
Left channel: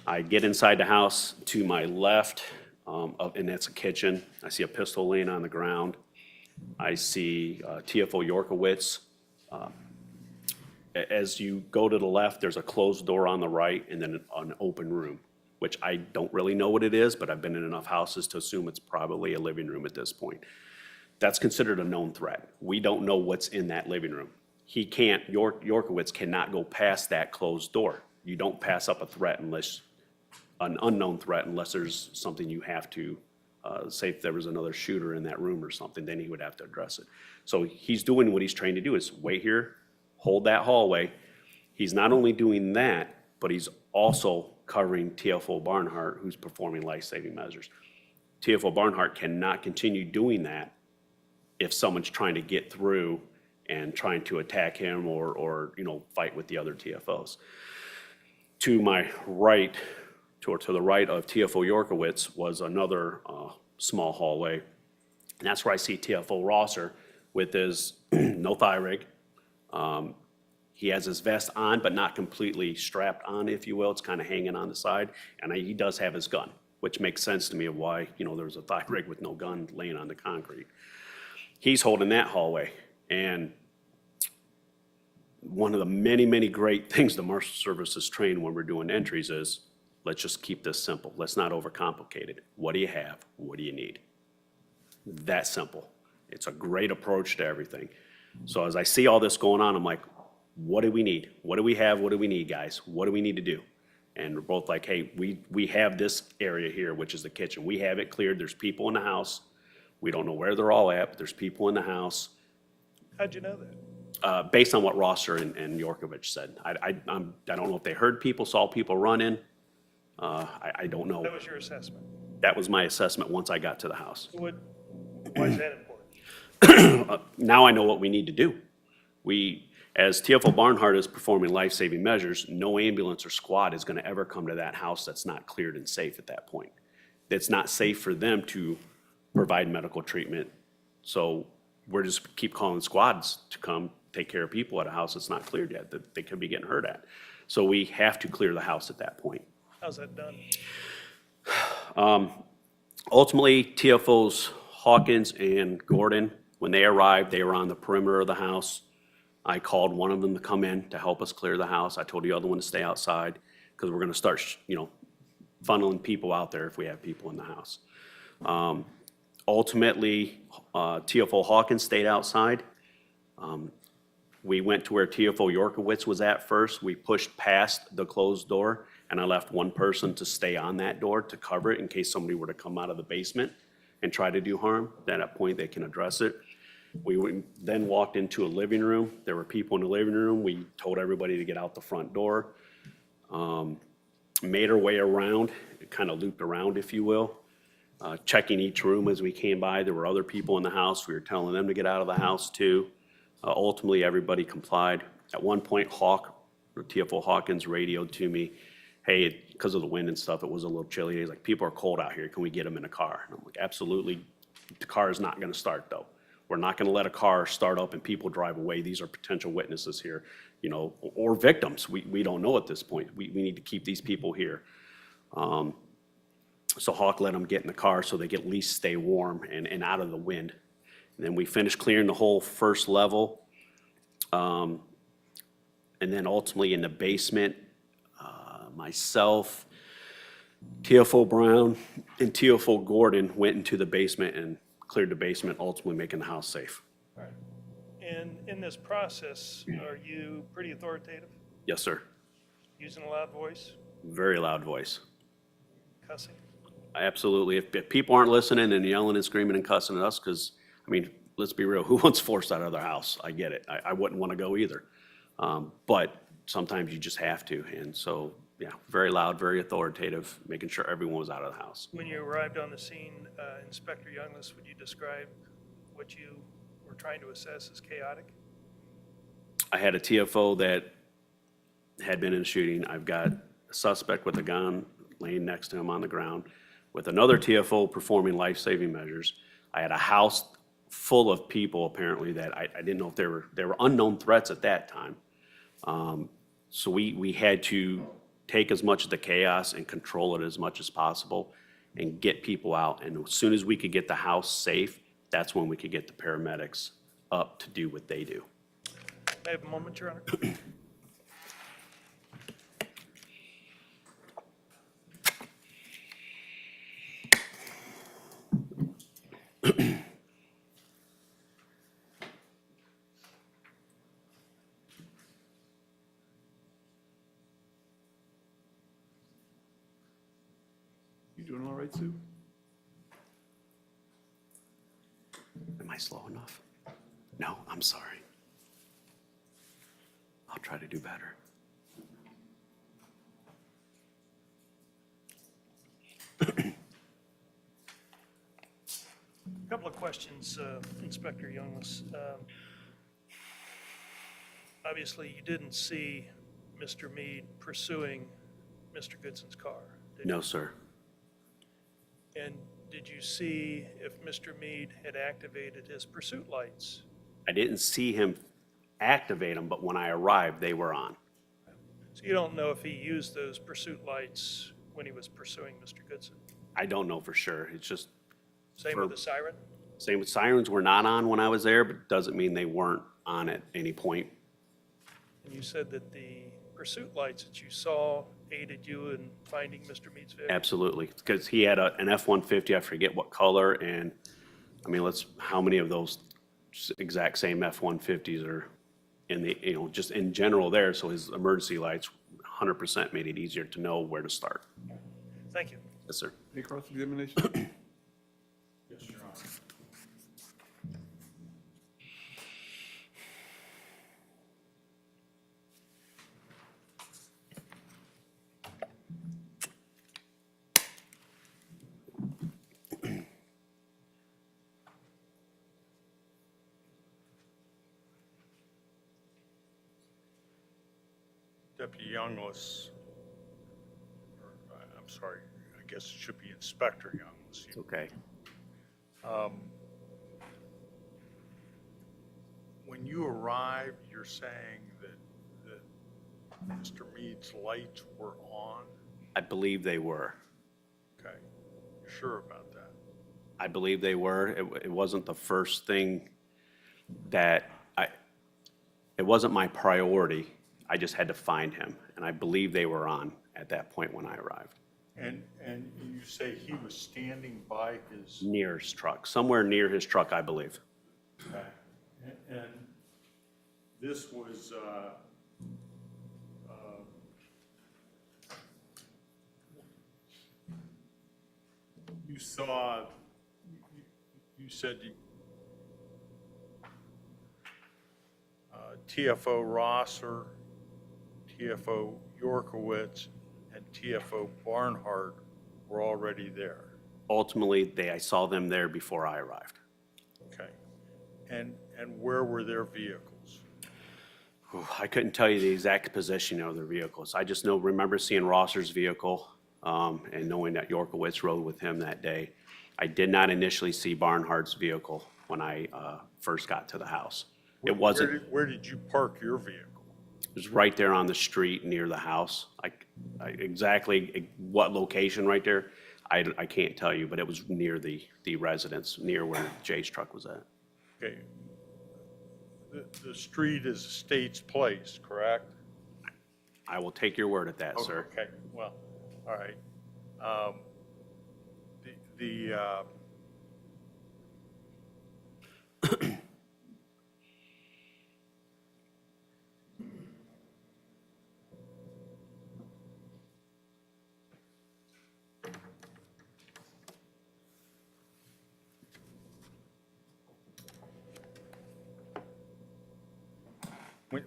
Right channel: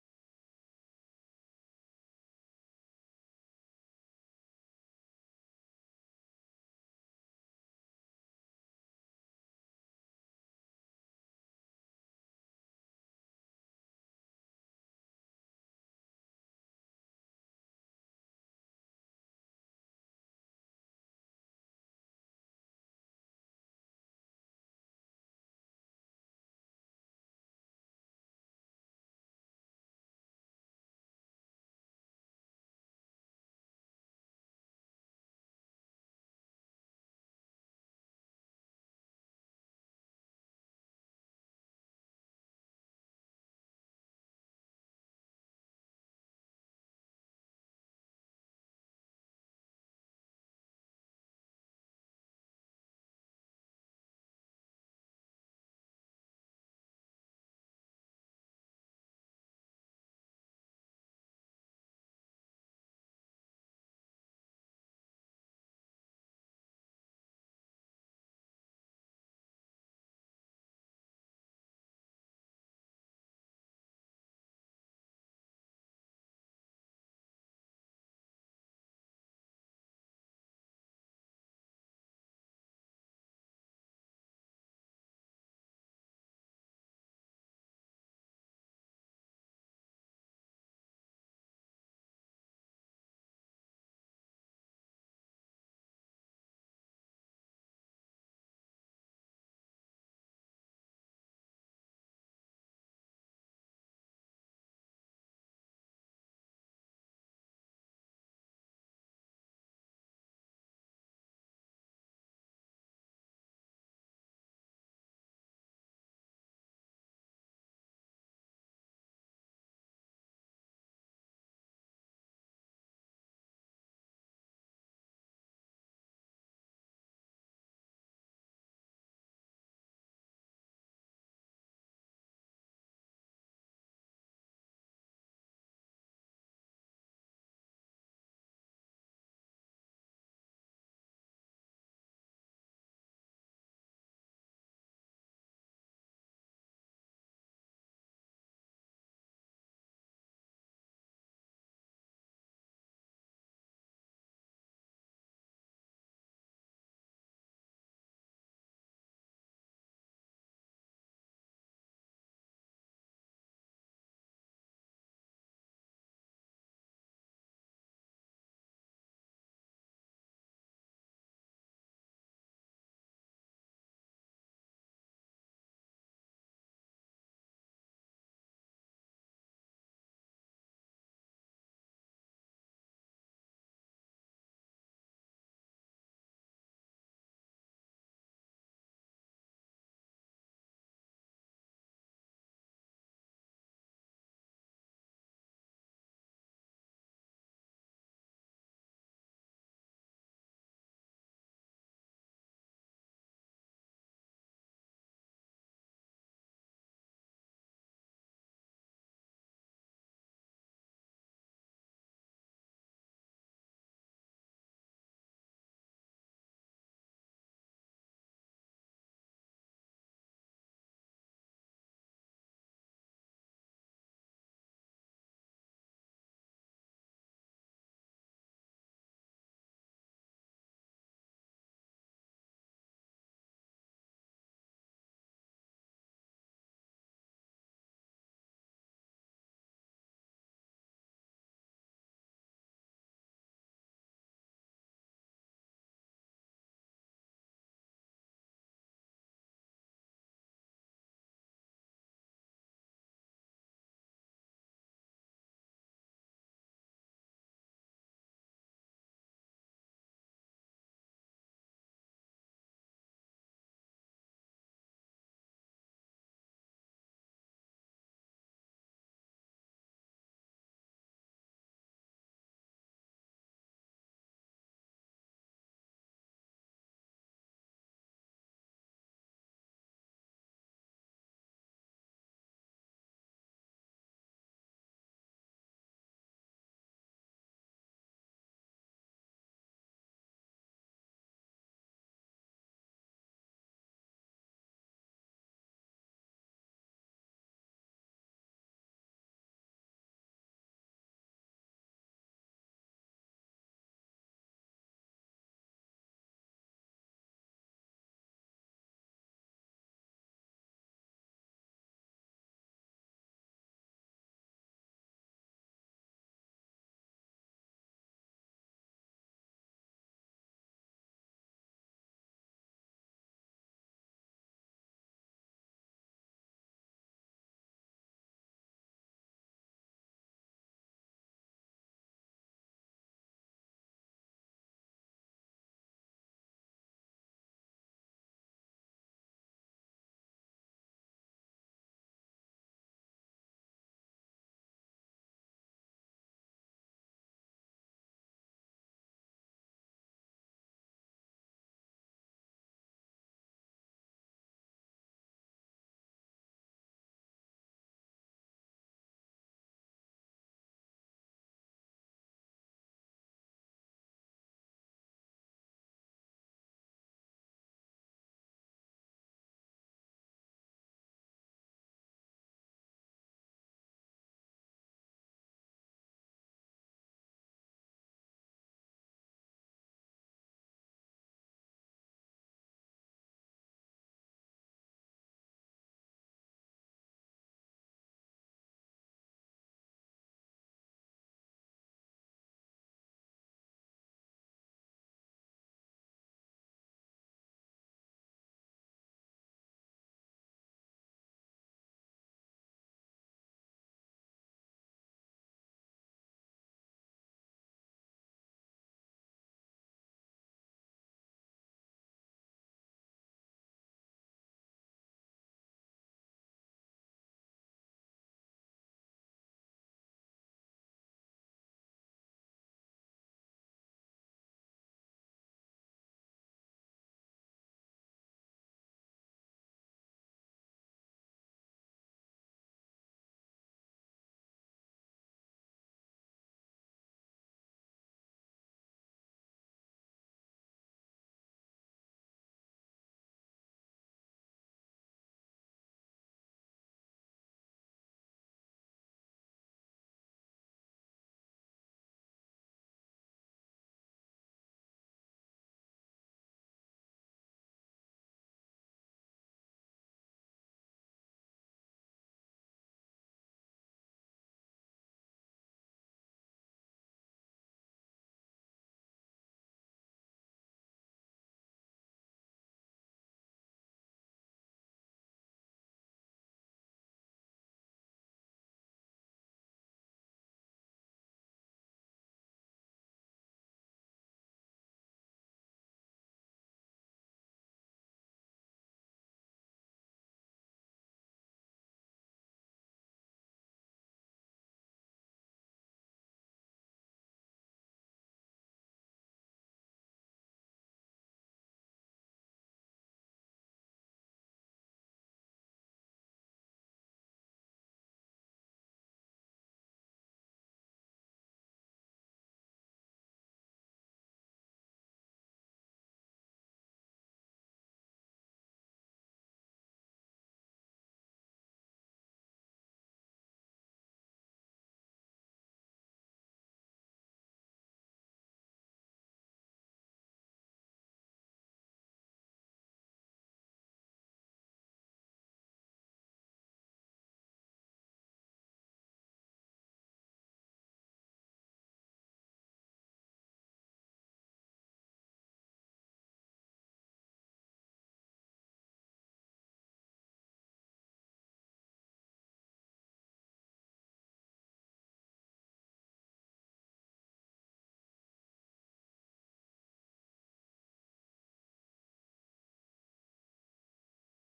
I get inside the house. To my left, and that's a kitchen. I see a pistol laying on the ground. I see TFO Yorkowitz. As you go to the left, there's a closed door on the right and then an open room, which I don't really know what it is, but I've been in enough houses to assume it's probably a living room at this point. That's considered a known threat. We don't know what's in that living room. He can't, Yorkowitz cannot go past that closed door. You don't pass up a threat unless, an unknown threat, unless there's something you have to, say if there was another shooter in that room or something, then he would have to address it. So he's doing what he's trained to do, is wait here, hold that hallway. He's not only doing that, but he's also covering TFO Barnhart, who's performing life-saving measures. TFO Barnhart cannot continue doing that if someone's trying to get through and trying to attack him or you know, fight with the other TFOs. To my right, to the right of TFO Yorkowitz was another small hallway. And that's where I see TFO Rosser with his no thigh rig. He has his vest on, but not completely strapped on, if you will. It's kind of hanging on the side. And he does have his gun, which makes sense to me of why, you know, there's a thigh rig with no gun laying on the concrete. He's holding that hallway. And one of the many, many great things the Marshal Service is trained when we're doing entries is, let's just keep this simple. Let's not overcomplicate it. What do you have? What do you need? That simple. It's a great approach to everything. So as I see all this going on, I'm like, what do we need? What do we have? What do we need, guys? What do we need to do? And we're both like, hey, we have this area here, which is the kitchen. We have it cleared. There's people in the house. We don't know where they're all at, but there's people in the house. How'd you know that? Based on what Rosser and Yorkovich said. I don't know if they heard people, saw people running. I don't know. That was your assessment. That was my assessment once I got to the house. So why is that important? Now I know what we need to do. As TFO Barnhart is performing life-saving measures, no ambulance or squad is going to ever come to that house that's not cleared and safe at that point. It's not safe for them to provide medical treatment. So we're just keep calling squads to come take care of people at a house that's not cleared yet, that they could be getting hurt at. So we have to clear the house at that point. How's that done? Ultimately, TFOs Hawkins and Gordon, when they arrived, they were on the perimeter of the house. I called one of them to come in to help us clear the house. I told the other one to stay outside because we're going to start, you know, funneling people out there if we have people in the house. Ultimately, TFO Hawkins stayed outside. We went to where TFO Yorkowitz was at first. We pushed past the closed door, and I left one person to stay on that door to cover it in case somebody were to come out of the basement and try to do harm. At that point, they can address it. We then walked into a living room. There were people in the living room. We told everybody to get out the front door. Made our way around, kind of looped around, if you will, checking each room as we came by. There were other people in the house. We were telling them to get out of the house too. Ultimately, everybody complied. At one point, TFO Hawkins radioed to me, hey, because of the wind and stuff, it was a little chilly. He's like, people are cold out here. Can we get them in a car? And I'm like, absolutely. The car is not going to start, though. We're not going to let a car start up and people drive away. These are potential witnesses here, you know, or victims. We don't know at this point. We need to keep these people here. So Hawk let them get in the car so they could at least stay warm and out of the wind. And then we finished clearing the whole first level. And then ultimately in the basement, myself, TFO Brown, and TFO Gordon went into the basement and cleared the basement, ultimately making the house safe. All right. And in this process, are you pretty authoritative? Yes, sir. Using a loud voice? Very loud voice. Cussing? Absolutely. If people aren't listening and yelling and screaming and cussing at us, because, I mean, let's be real, who wants forced out of their house? I get it. I wouldn't want to go either. But sometimes you just have to. And so, yeah, very loud, very authoritative, making sure everyone was out of the house. When you arrived on the scene, Inspector Youngless, would you describe what you were trying to assess as chaotic? I had a TFO that had been in a shooting. I've got a suspect with a gun laying next to him on the ground with another TFO performing life-saving measures. I had a house full of people apparently that I didn't know if they were unknown threats at that time. So we had to take as much of the chaos and control it as much as possible. and get people out. And as soon as we could get the house safe, that's when we could get the paramedics up to do what they do. May I have a moment, Your Honor? You doing all right, Sue? Am I slow enough? No, I'm sorry. I'll try to do better. A couple of questions, Inspector Youngless. Obviously, you didn't see Mr. Meade pursuing Mr. Goodson's car, did you? No, sir. And did you see if Mr. Meade had activated his pursuit lights? I didn't see him activate them, but when I arrived, they were on. So you don't know if he used those pursuit lights when he was pursuing Mr. Goodson? I don't know for sure. It's just, Same with the siren? same with sirens were not on when I was there, but doesn't mean they weren't on at any point. And you said that the pursuit lights that you saw aided you in finding Mr. Meade's vehicle? Absolutely, because he had an F-150, I forget what color, and, I mean, how many of those exact same F-150s are in the, just in general there, so his emergency lights 100% made it easier to know where to start. Thank you. Yes, sir. Any cross-examination? Yes, Your Honor. Deputy Youngless, I'm sorry, I guess it should be Inspector Youngless. It's okay. When you arrived, you're saying that Mr. Meade's lights were on? I believe they were. Okay, you're sure about that? I believe they were. It wasn't the first thing that it wasn't my priority. I just had to find him, and I believe they were on at that point when I arrived. And you say he was standing by his, Near his truck, somewhere near his truck, I believe. okay, and this was, you saw, you said TFO Rosser, TFO Yorkowitz, and TFO Barnhart were already there. Ultimately, I saw them there before I arrived. Okay. And where were their vehicles? I couldn't tell you the exact position of their vehicles. I just remember seeing Rosser's vehicle and knowing that Yorkowitz rode with him that day. I did not initially see Barnhart's vehicle when I first got to the house. It wasn't, Where did you park your vehicle? it was right there on the street near the house. Exactly what location right there, I can't tell you, but it was near the residence, near where Jay's truck was at. Okay. The street is States Place, correct? I will take your word at that, sir. Okay, well, all right.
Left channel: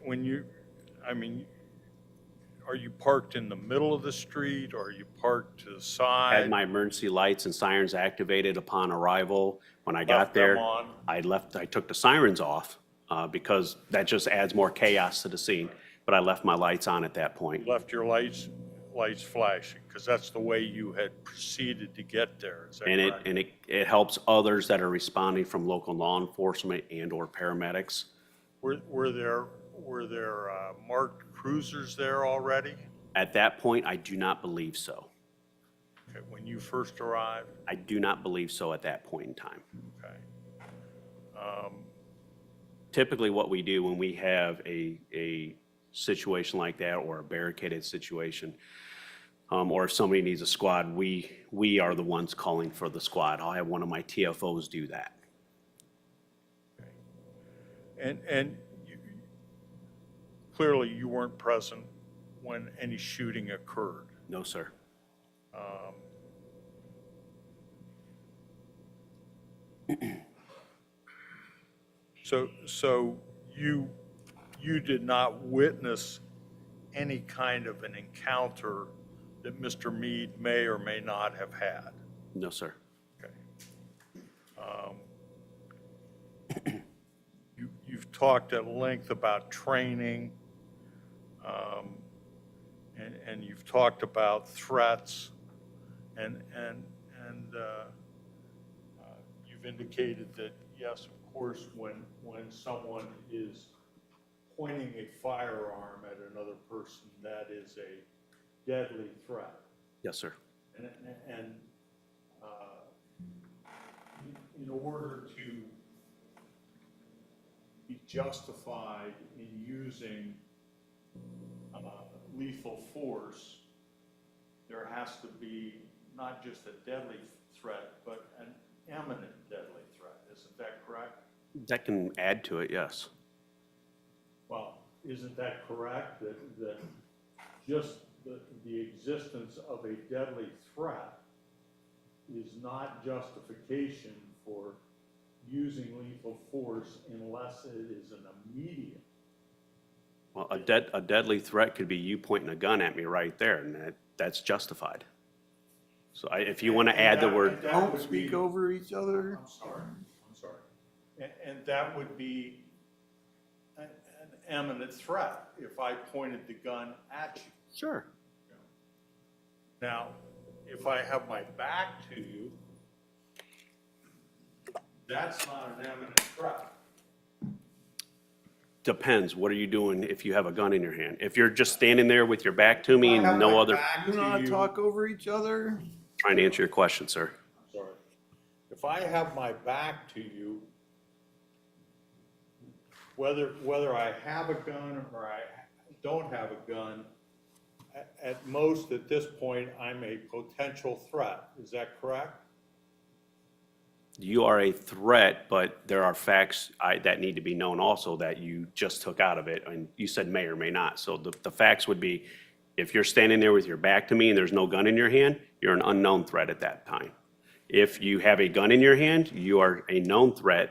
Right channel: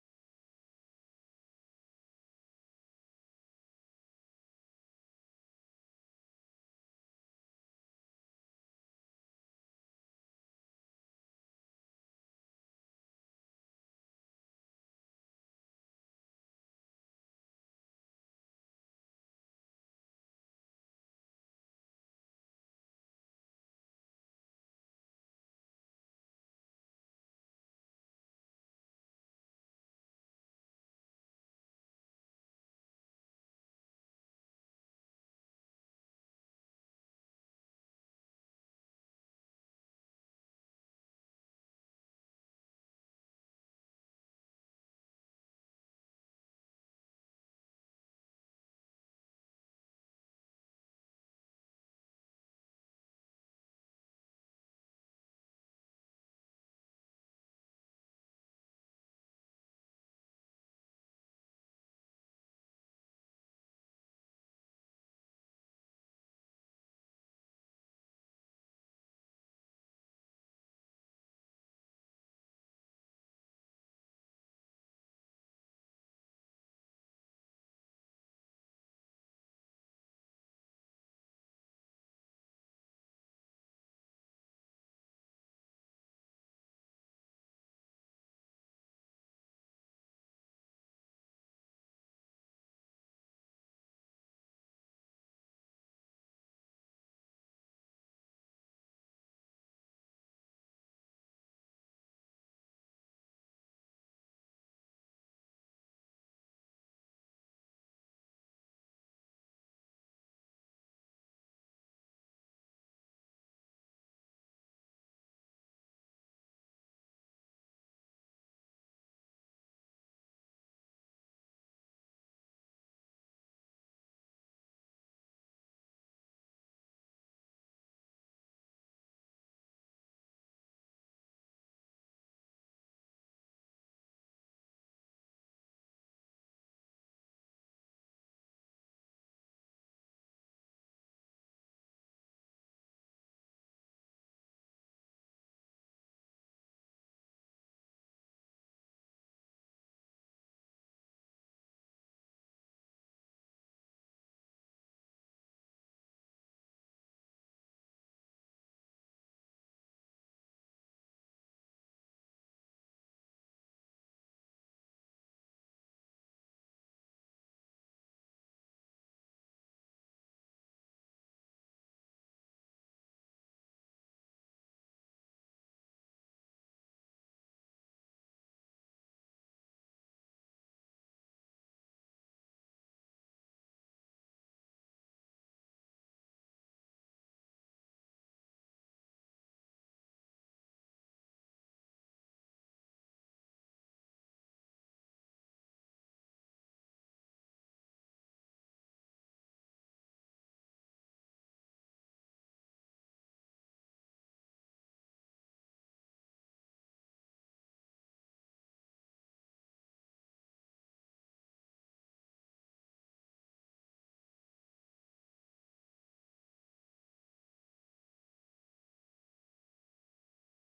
When you, I mean, are you parked in the middle of the street, or are you parked to the side? Had my emergency lights and sirens activated upon arrival. When I got Left them there, on? I took the sirens off because that just adds more chaos to the scene. But I left my lights on at that point. Left your lights flashing, because that's the way you had proceeded to get there, is that And correct? it helps others that are responding from local law enforcement and or paramedics. Were there marked cruisers there already? At that point, I do not believe so. Okay, when you first arrived? I do not believe so at that point in time. Okay. Typically, what we do when we have a situation like that, or a barricaded situation, or if somebody needs a squad, we are the ones calling for the squad. I'll have one of my TFOs do that. And clearly you weren't present when any shooting occurred. No, sir. So you did not witness any kind of an encounter that Mr. Meade may or may not have had? No, sir. Okay. You've talked at length about training, and you've talked about threats, and you've indicated that, yes, of course, when someone is pointing a firearm at another person, that is a deadly threat. Yes, sir. And in order to be justified in using lethal force, there has to be not just a deadly threat, but an imminent deadly threat. Isn't that correct? That can add to it, yes. Well, isn't that correct, that just the existence of a deadly threat is not justification for using lethal force unless it is an immediate? Well, a deadly threat could be you pointing a gun at me right there, and that's justified. So if you want to add the word, Don't speak over each other. I'm sorry. And that would be an imminent threat if I pointed the gun at you. sure. Now, if I have my back to you, that's not an imminent threat. Depends. What are you doing if you have a gun in your hand? If you're just standing there with your back to me and no other, Do not talk over each other. trying to answer your question, sir. Sorry. If I have my back to you, whether I have a gun or I don't have a gun, at most at this point, I'm a potential threat. Is that correct? You are a threat, but there are facts that need to be known also that you just took out of it, and you said may or may not. So the facts would be, if you're standing there with your back to me and there's no gun in your hand, you're an unknown threat at that time. If you have a gun in your hand, you are a known threat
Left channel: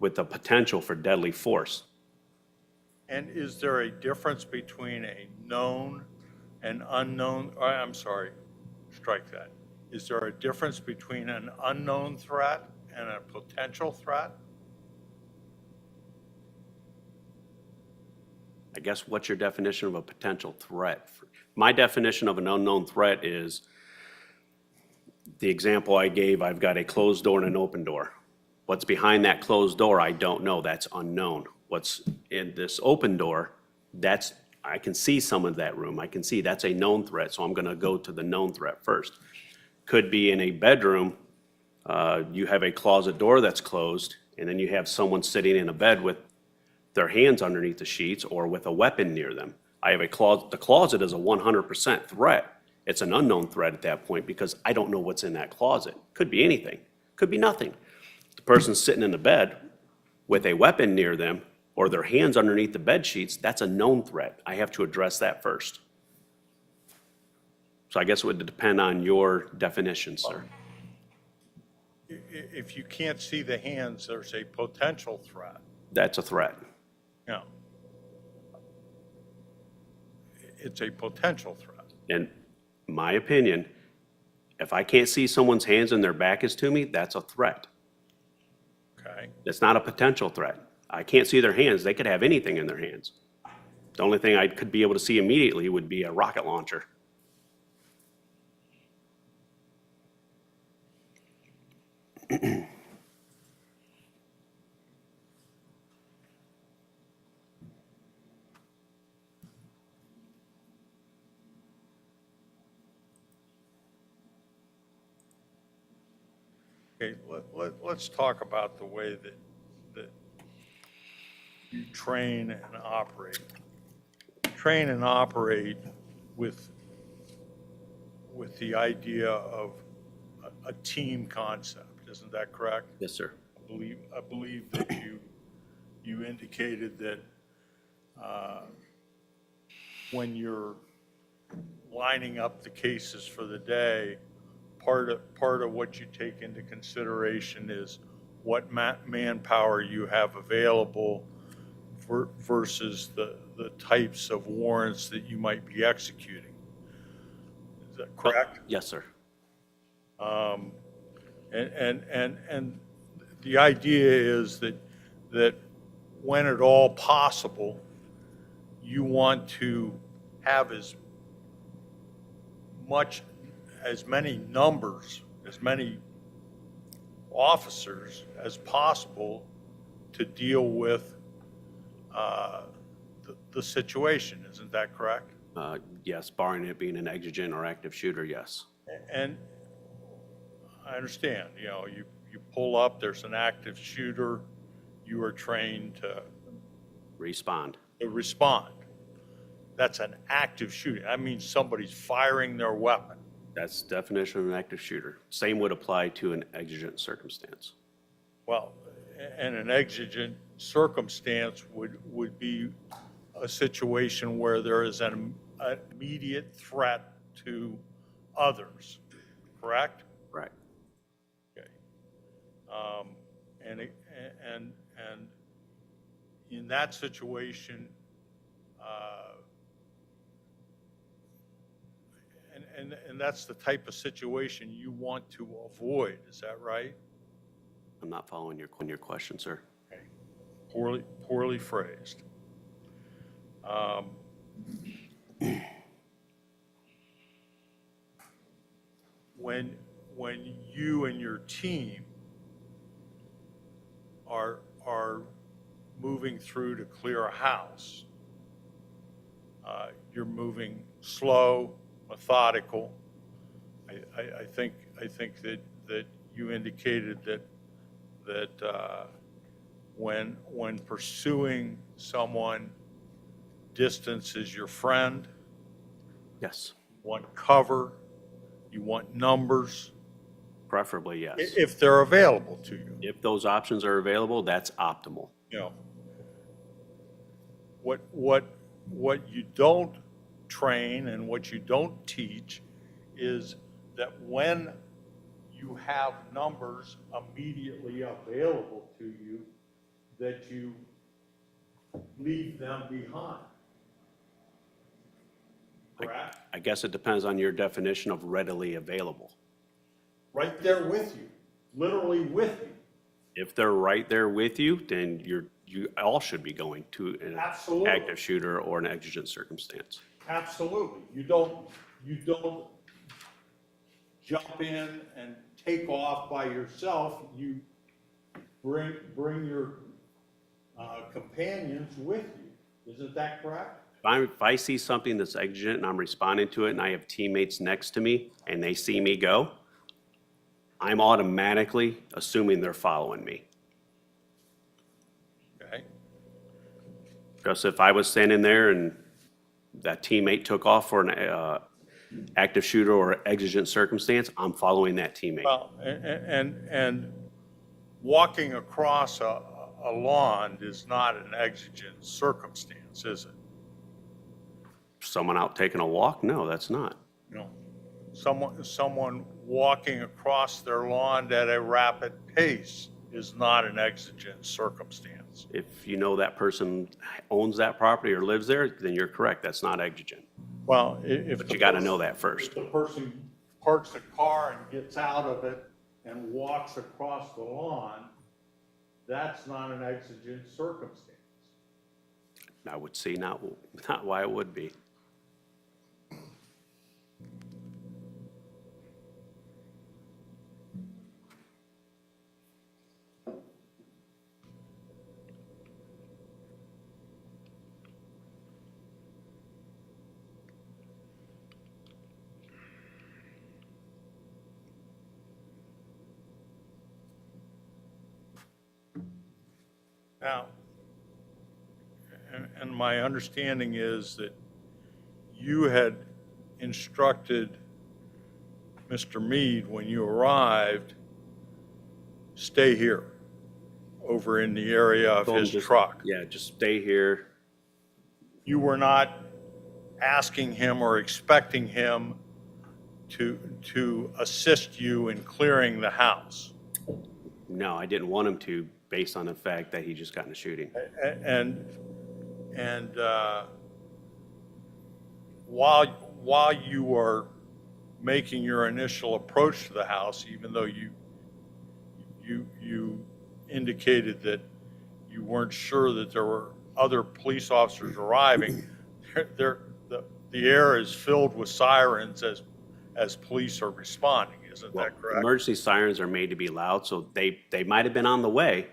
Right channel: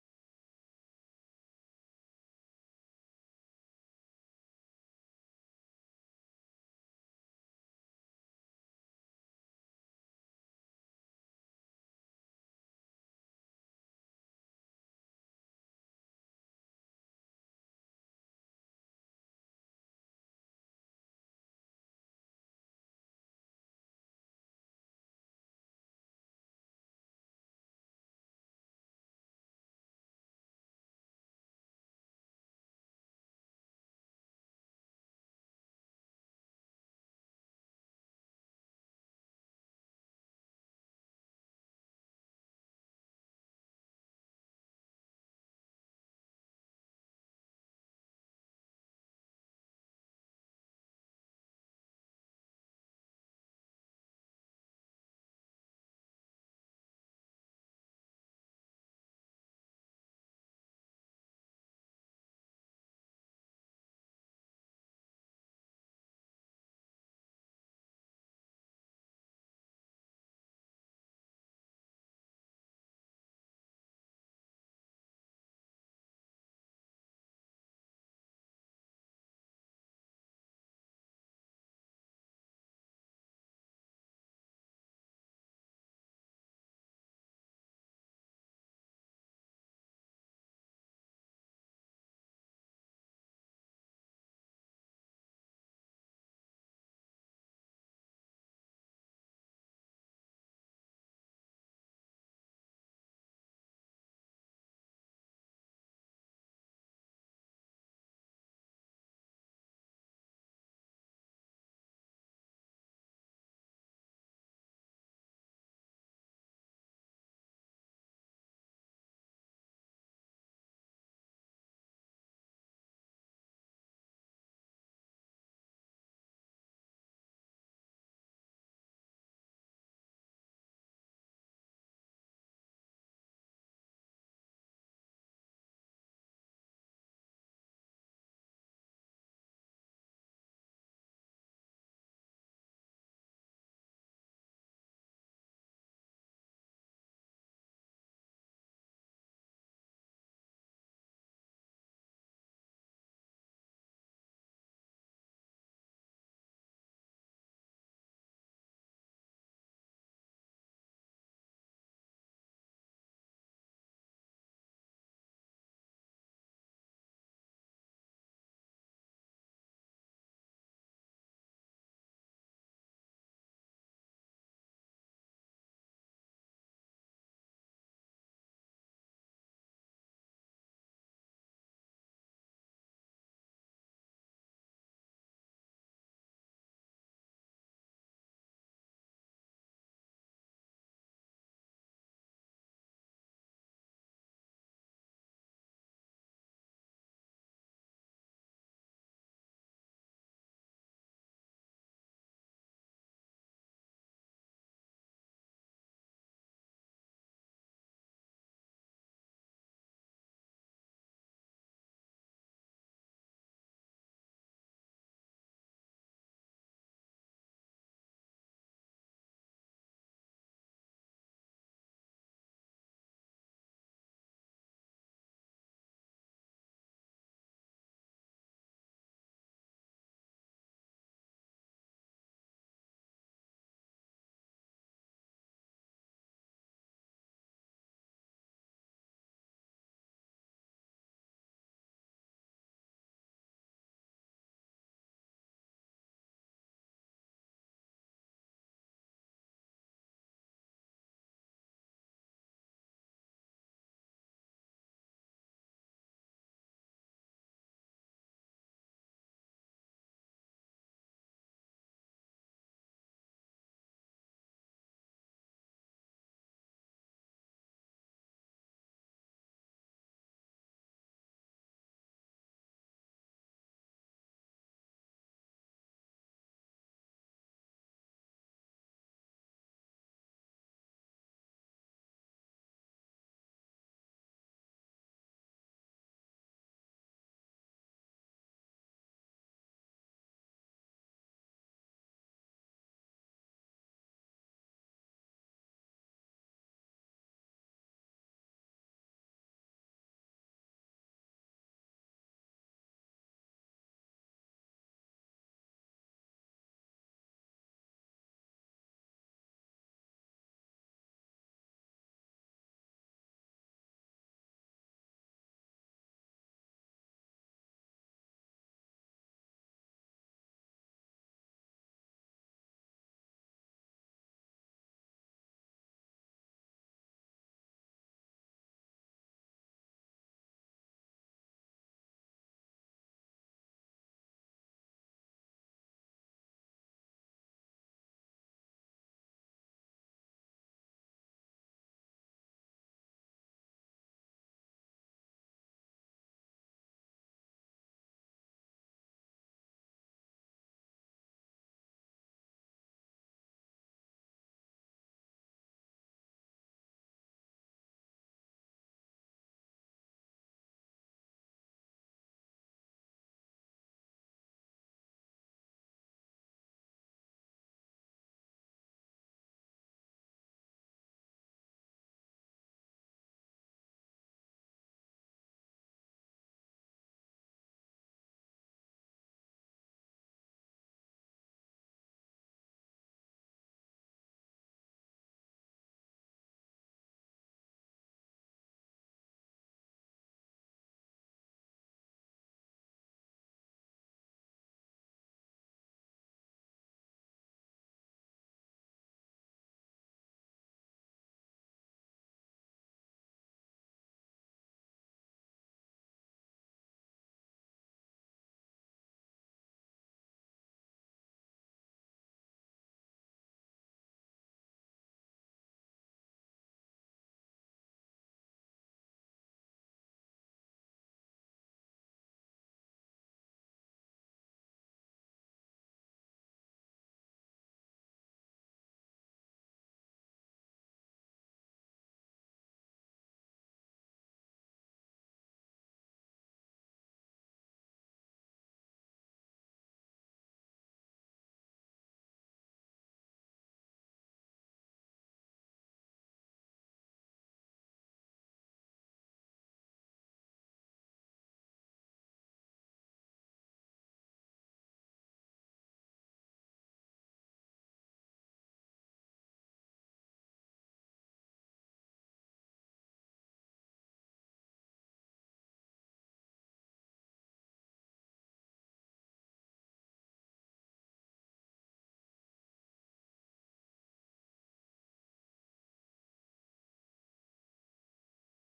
with the potential for deadly force. And is there a difference between a known and unknown, I'm sorry, strike that. Is there a difference between an unknown threat and a potential threat? I guess what's your definition of a potential threat? My definition of an unknown threat is the example I gave. I've got a closed door and an open door. What's behind that closed door, I don't know. That's unknown. What's in this open door, I can see some of that room. I can see that's a known threat, so I'm going to go to the known threat first. Could be in a bedroom, you have a closet door that's closed, and then you have someone sitting in a bed with their hands underneath the sheets or with a weapon near them. I have a closet. The closet is a 100% threat. It's an unknown threat at that point because I don't know what's in that closet. Could be anything. Could be nothing. The person's sitting in the bed with a weapon near them or their hands underneath the bed sheets, that's a known threat. I have to address that first. So I guess it would depend on your definition, sir. If you can't see the hands, there's a potential threat. That's a threat. Yeah. It's a potential threat. In my opinion, if I can't see someone's hands and their back is to me, that's a threat. Okay. It's not a potential threat. I can't see their hands. They could have anything in their hands. The only thing I could be able to see immediately would be a rocket launcher. Okay, let's talk about the way that you train and operate. Train and operate with the idea of a team concept, isn't that correct? Yes, sir. I believe that you indicated that when you're lining up the cases for the day, part of what you take into consideration is what manpower you have available versus the types of warrants that you might be executing. Is that correct? Yes, sir. And the idea is that when at all possible, you want to have as many numbers, as many officers as possible to deal with the situation. Isn't that correct? Yes, barring it being an exigent or active shooter, yes. And I understand, you pull up, there's an active shooter, you are trained to Respond. respond. That's an active shooting. That means somebody's firing their weapon. That's the definition of an active shooter. Same would apply to an exigent circumstance. Well, and an exigent circumstance would be a situation where there is an immediate threat to others, correct? Right. Okay. And in that situation, and that's the type of situation you want to avoid, is that right? I'm not following your question, sir. Okay. Poorly phrased. When you and your team are moving through to clear a house, you're moving slow, methodical. I think that you indicated that when pursuing someone, distance is your friend. Yes. You want cover, you want numbers, Preferably, yes. if they're available to you. If those options are available, that's optimal. What you don't train and what you don't teach is that when you have numbers immediately available to you, that you leave them behind. Correct? I guess it depends on your definition of readily available. Right there with you, literally with you. If they're right there with you, then you all should be going to an Absolutely. active shooter or an exigent circumstance. Absolutely. You don't jump in and take off by yourself. You bring your companions with you. Isn't that correct? If I see something that's exigent and I'm responding to it and I have teammates next to me and they see me go, I'm automatically assuming they're following me. Okay. Because if I was standing there and that teammate took off for an active shooter or exigent circumstance, I'm following that teammate. Well, and walking across a lawn is not an exigent circumstance, is it? Someone out taking a walk? No, that's not. Someone walking across their lawn at a rapid pace is not an exigent circumstance. If you know that person owns that property or lives there, then you're correct. That's not exigent. Well, But you got to know that first. If the person parks a car and gets out of it and walks across the lawn, that's not an exigent circumstance. I would see not why it would be. Now, and my understanding is that you had instructed Mr. Meade when you arrived, stay here, over in the area of Told him his just- truck. Yeah, just stay here. You were not asking him or expecting him to assist you in clearing the house. No, I didn't want him to, based on the fact that he just got in a shooting. And while you were making your initial approach to the house, even though you indicated that you weren't sure that there were other police officers arriving, the air is filled with sirens as police are responding. Isn't that correct? Emergency sirens are made to be loud, so they might have been on the way,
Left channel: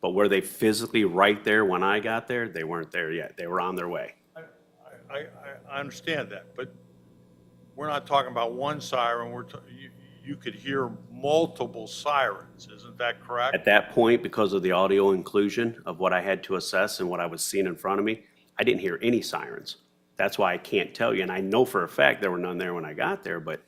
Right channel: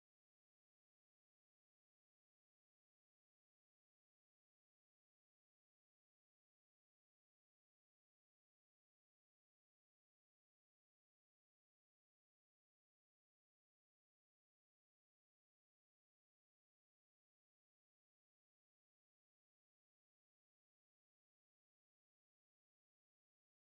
but were they physically right there when I got there? They weren't there yet. They were on their way. I understand that, but we're not talking about one siren. You could hear multiple sirens. Isn't that correct? At that point, because of the audio inclusion of what I had to assess and what I was seeing in front of me, I didn't hear any sirens. That's why I can't tell you, and I know for a fact there were none there when I got there, but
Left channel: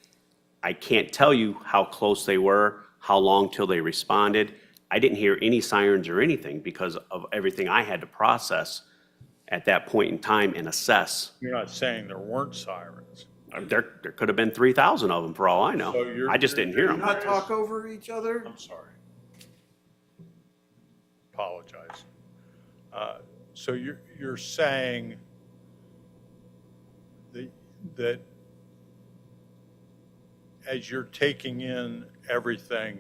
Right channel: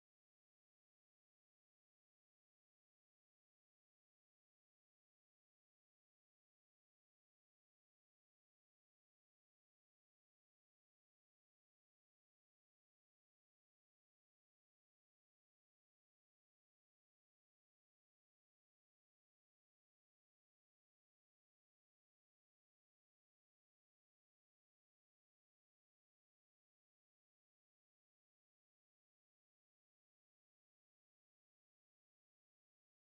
I can't tell you how close they were, how long till they responded. I didn't hear any sirens or anything because of everything I had to process at that point in time and assess. You're not saying there weren't sirens. There could have been 3,000 of them for all I know. So you're- I just didn't hear them. Not talk over each other? I'm sorry. Apologize. So you're saying that as you're taking in everything,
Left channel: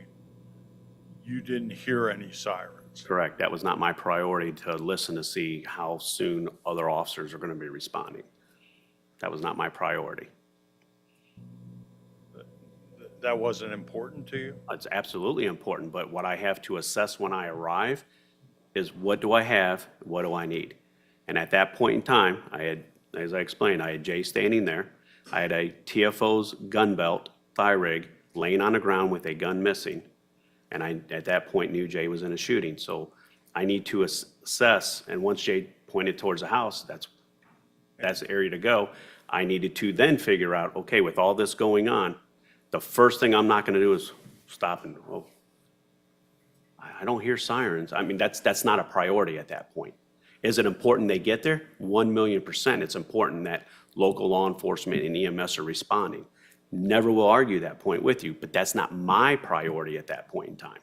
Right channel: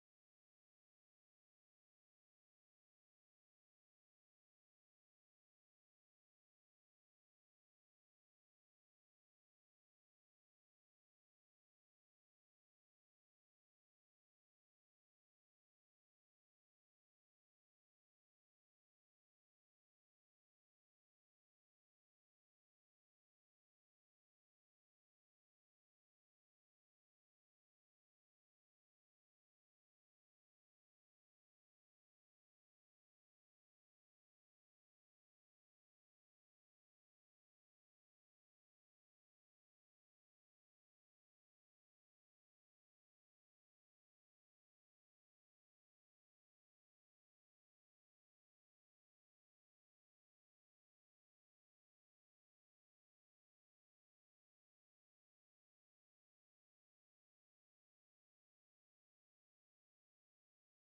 you didn't hear any sirens? Correct. That was not my priority to listen to see how soon other officers are going to be responding. That was not my priority. That wasn't important to you? It's absolutely important, but what I have to assess when I arrive is what do I have, what do I need? And at that point in time, I had, as I explained, I had Jay standing there. I had a TFO's gun belt, thigh rig, laying on the ground with a gun missing. And I, at that point, knew Jay was in a shooting. So I need to assess, and once Jay pointed towards the house, that's the area to go. I needed to then figure out, okay, with all this going on, the first thing I'm not gonna do is stop and, well, I don't hear sirens. I mean, that's not a priority at that point. Is it important they get there? 1,000,000%. It's important that local law enforcement and EMS are responding. Never will argue that point with you, but that's not my priority at that point in time.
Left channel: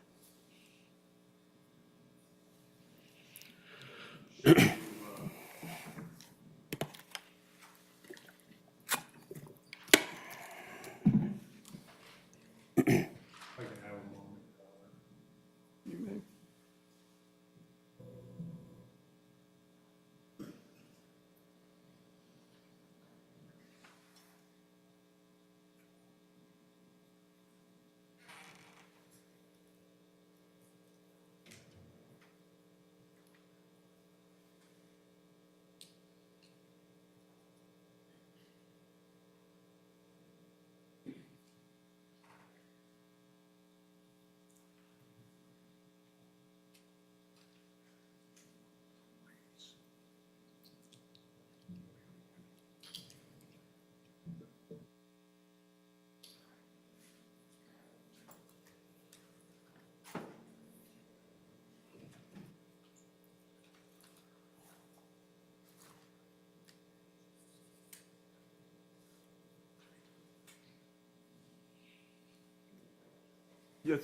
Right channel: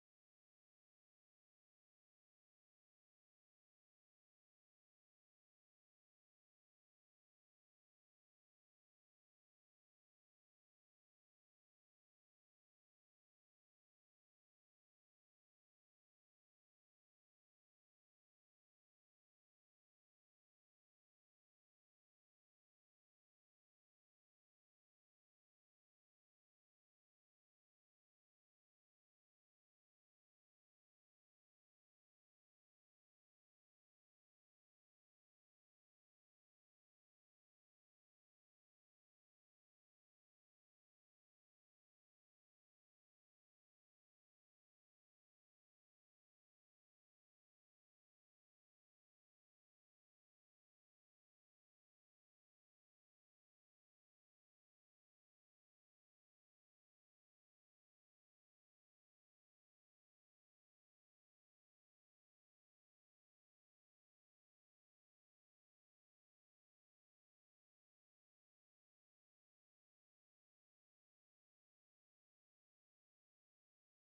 Yes.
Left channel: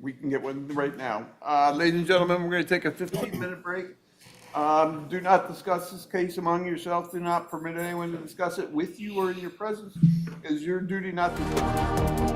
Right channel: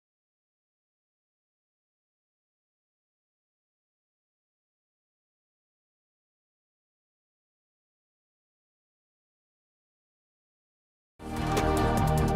We can get one right now. Ladies and gentlemen, we're going to take a 15-minute break. Do not discuss this case among yourselves. Do not permit anyone to discuss it with you or in your presence. It is your duty not to.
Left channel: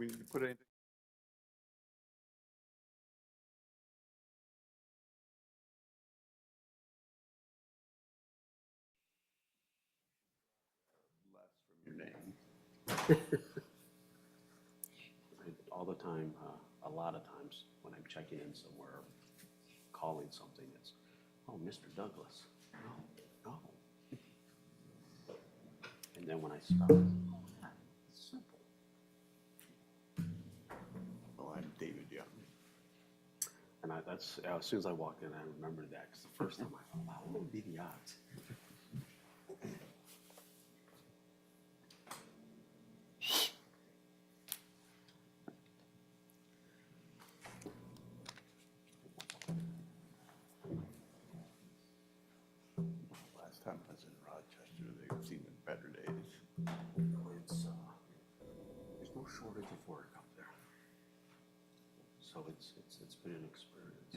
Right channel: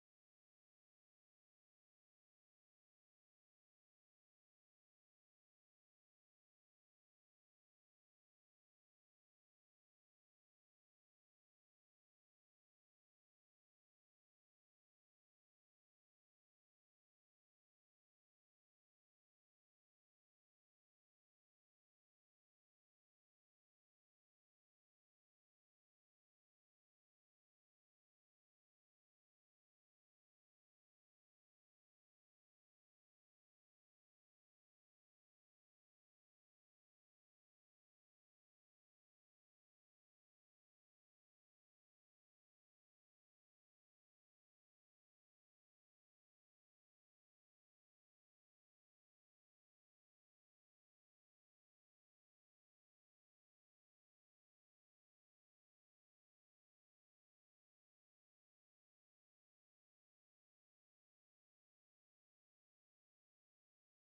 we need to put anything? Less from your name. All the time, a lot of times when I'm checking in somewhere, calling something, it's, oh, Mr. Douglas. No, no. And then when I stop, oh, yeah, it's simple. Oh, I'm David Young. And that's, as soon as I walked in, I remembered that, because the first time I thought, wow, what would be the odds? Last time I was in Rochester, they've seen the better days. It's, there's no shortage of work up there. So it's been an experience.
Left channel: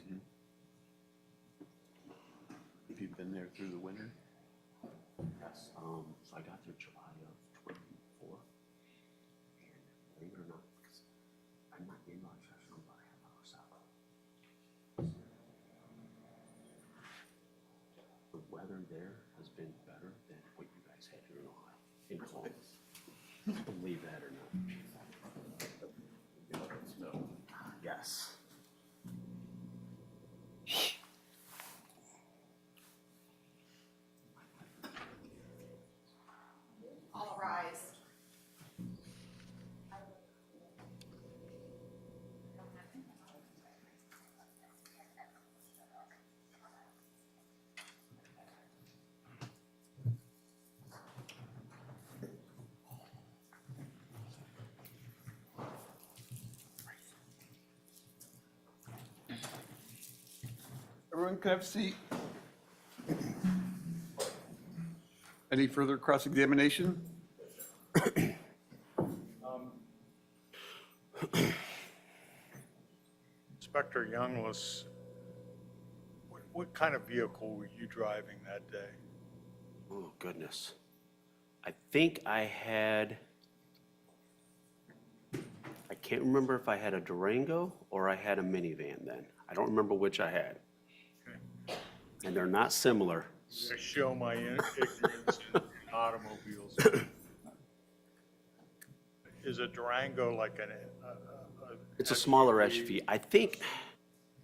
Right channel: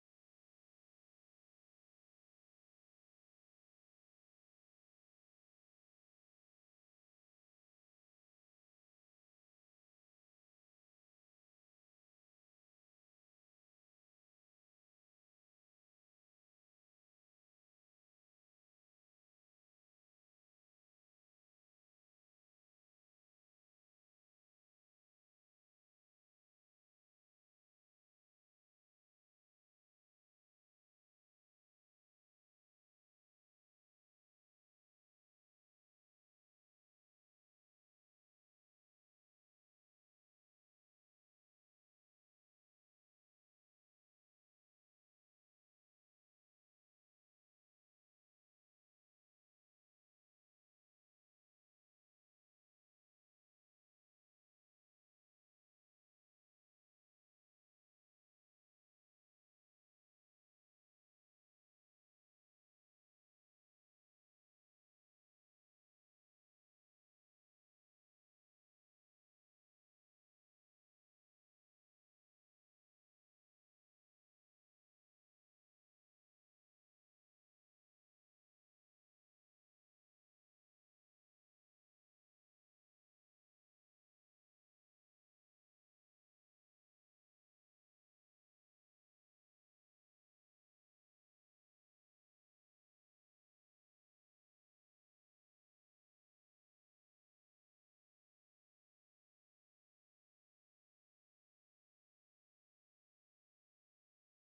Have you been there through the winter? Yes, so I got there July of '24. And believe it or not, because I'm not in Rochester, I'm about a half hour south. The weather there has been better than what you guys had here in Ohio, in Columbus. Believe that or not. Snow. Yes. All rise. Everyone can have a seat. Any further cross-examination? Inspector Youngless, what kind of vehicle were you driving that day? Oh, goodness. I think I can't remember if I had a Durango or I had a minivan then. I don't remember which I had. Okay. And they're not similar. To show my ignorance in automobiles. Is a Durango like It's a smaller SUV. I think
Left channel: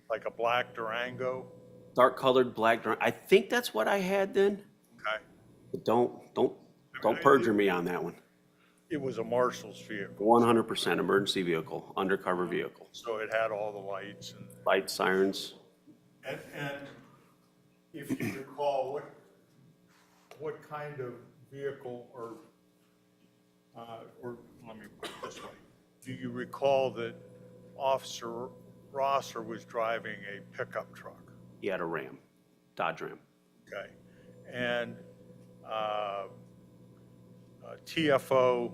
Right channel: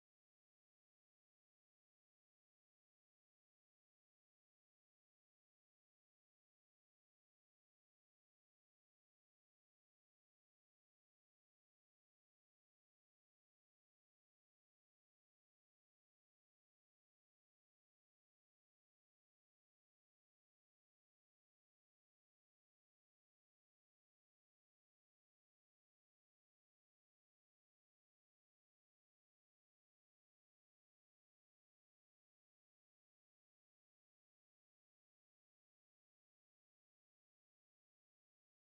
like a black Durango? dark colored black Durango. I think that's what I had then. Okay. But don't perjure me on that one. It was a marshal's vehicle. 100% emergency vehicle, undercover vehicle. So it had all the lights and. Lights, sirens. And if you recall, what kind of vehicle or let me put it this way, do you recall that Officer Rosser was driving a pickup truck? He had a Ram, Dodge Ram. Okay, and TFO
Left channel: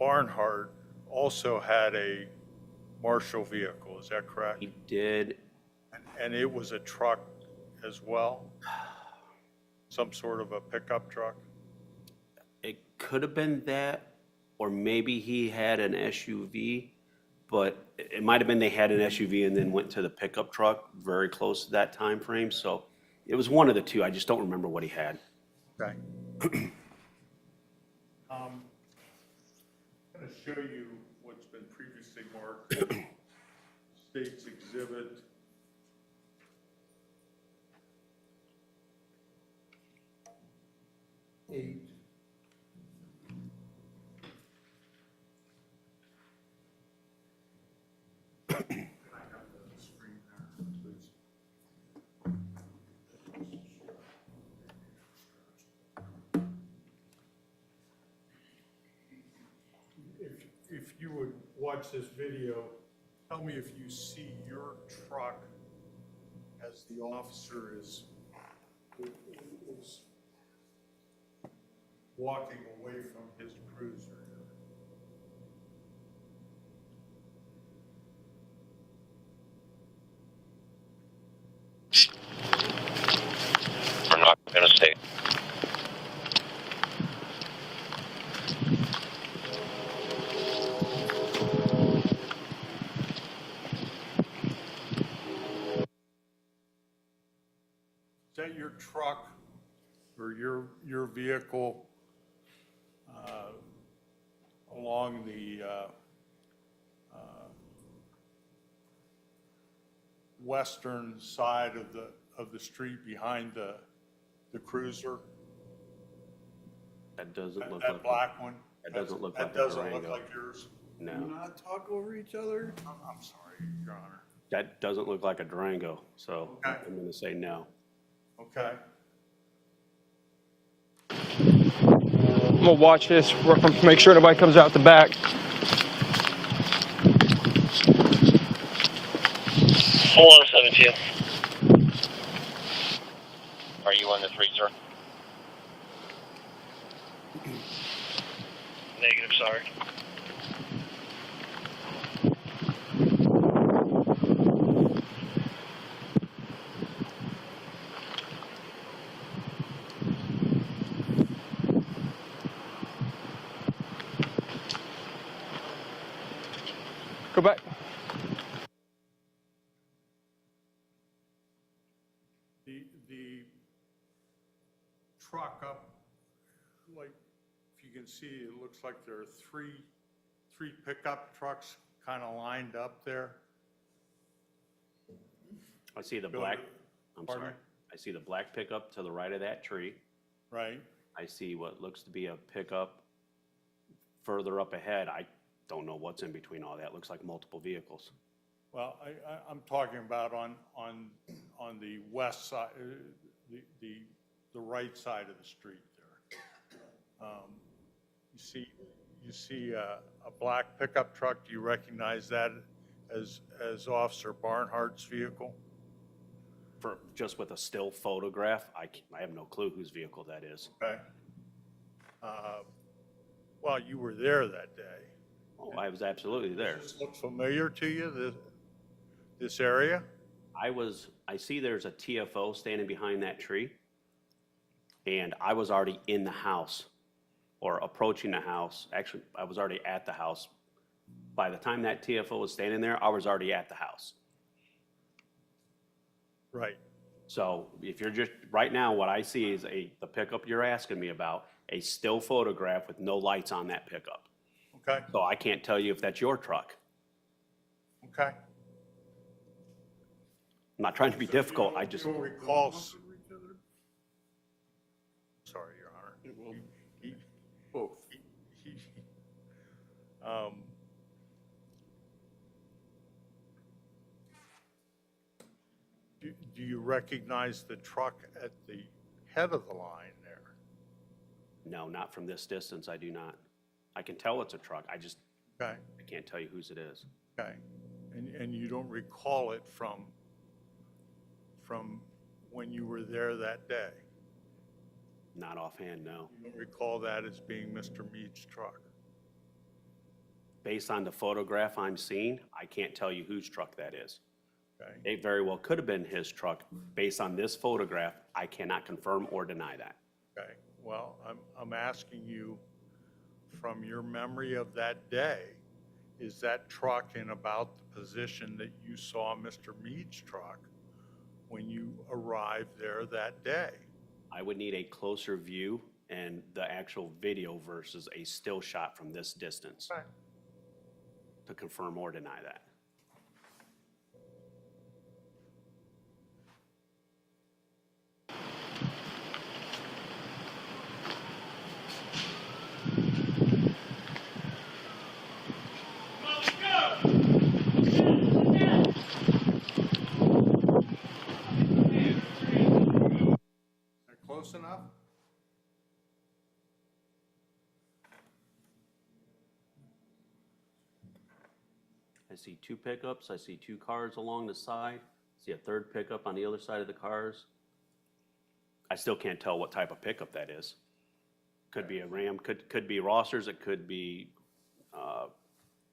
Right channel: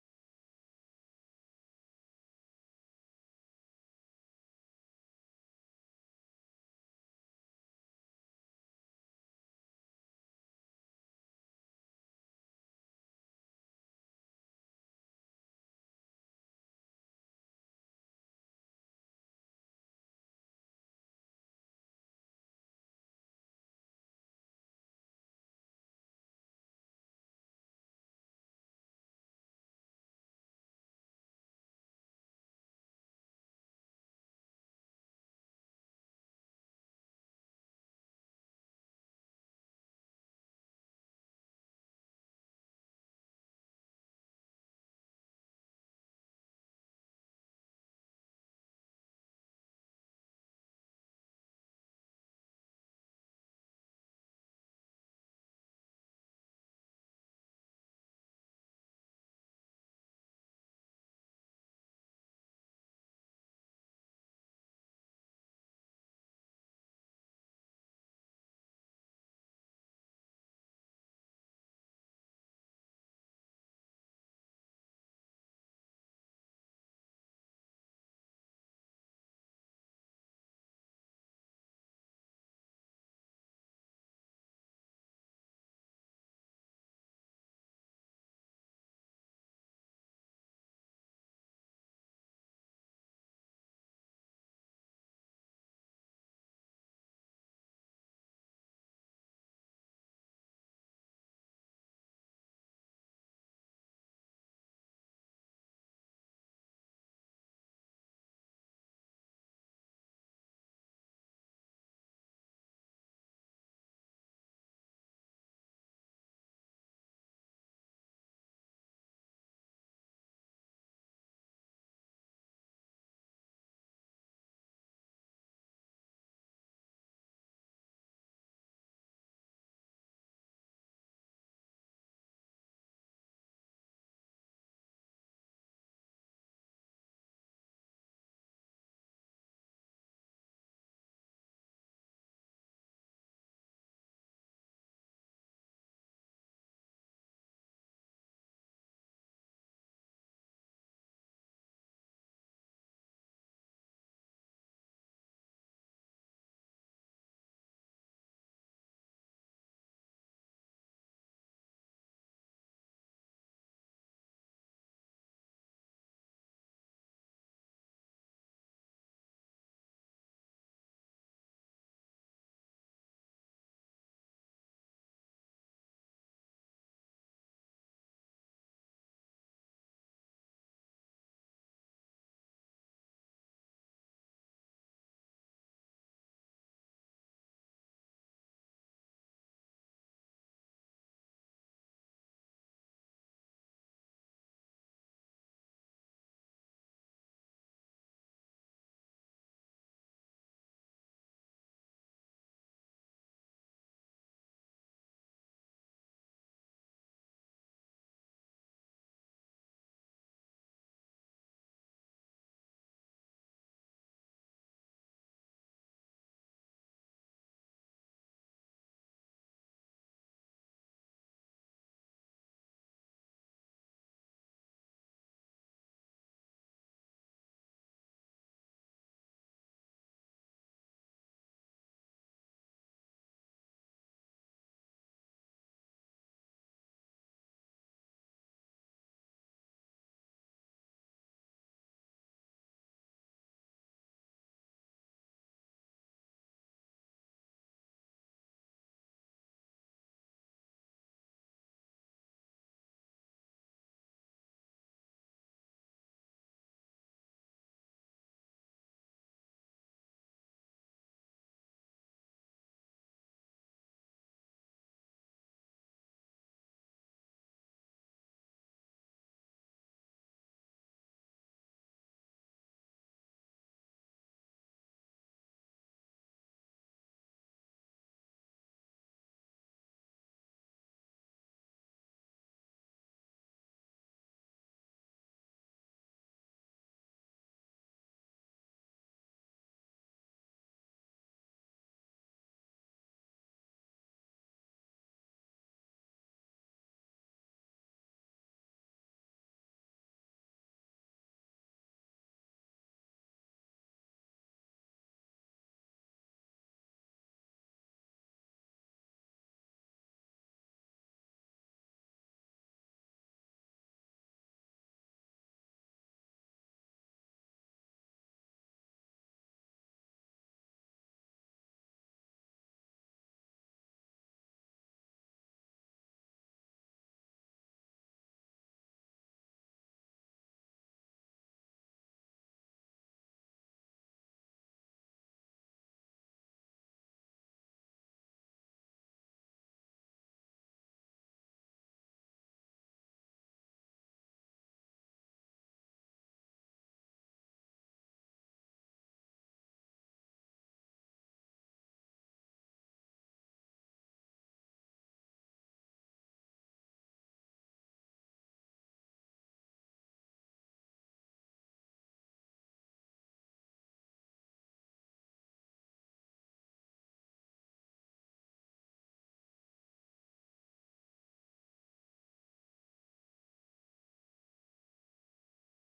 Barnhart also had a Marshall vehicle, is that correct? He did. And it was a truck as well? Some sort of a pickup truck? It could have been that, or maybe he had an SUV, but it might have been they had an SUV and then went to the pickup truck very close to that time frame. So it was one of the two. I just don't remember what he had. Okay. I'm going to show you what's been previously marked State's Exhibit 8. Can I have the screen there, please? If you would watch this video, tell me if you see your truck as the officer is walking away from his cruiser. We're not going to stay. or your vehicle along the western side of the street behind the cruiser? That doesn't look like. That black one? That doesn't look That like a doesn't look Durango. like yours? No, Do not talk over each other. I'm sorry, Your Honor. that doesn't look like a Durango, so Okay. I'm gonna say no. Okay. I'm gonna watch this, make sure nobody comes out the back. Full on 72. Are you on the 3, sir? Negative, sorry. Go back. The truck up, like, if you can see, it looks like there are three pickup trucks kind of lined up there. I see the Go black, to- I'm pardon sorry. me? I see the black pickup to the right of that tree. Right? I see what looks to be a pickup further up ahead. I don't know what's in between all that. Looks like multiple vehicles. Well, I'm talking about on the west side, the right side of the street there. You see a black pickup truck. Do you recognize that as Officer Barnhart's vehicle? For, just with a still photograph, I have no clue whose vehicle that is. Okay. Well, you were there that day. Oh, I was absolutely there. Does this look familiar to you, this area? I see there's a TFO standing behind that tree, and I was already in the house, or approaching the house. Actually, I was already at the house. By the time that TFO was standing there, I was already at the house. Right. So if you're just, right now, what I see is the pickup you're asking me about, a still photograph with no lights on that pickup. Okay. So I can't tell you if that's your truck. Okay. I'm not trying to be difficult, I just, You'll recall. Sorry, Your Honor. It will He- both. he- um, Do you recognize the truck at the head of the line there? no, not from this distance, I do not. I can tell it's a truck, I Okay, can't tell you whose it is. okay. And you don't recall it from when you were there that day? Not offhand, no. You don't recall that as being Mr. Meade's truck? Based on the photograph I'm seeing, I can't tell you whose truck that is. Okay, It very well could have been his truck. Based on this photograph, I cannot confirm or deny that. okay. Well, I'm asking you, from your memory of that day, is that truck in about the position that you saw Mr. Meade's truck when you arrived there that day? I would need a closer view and the actual video versus a still shot from this distance Okay. to confirm or deny that. Is that close enough? I see two pickups, I see two cars along the side, see a third pickup on the other side of the cars. I still can't tell what type of pickup that is. Could be a Ram, could be Rossers, it could be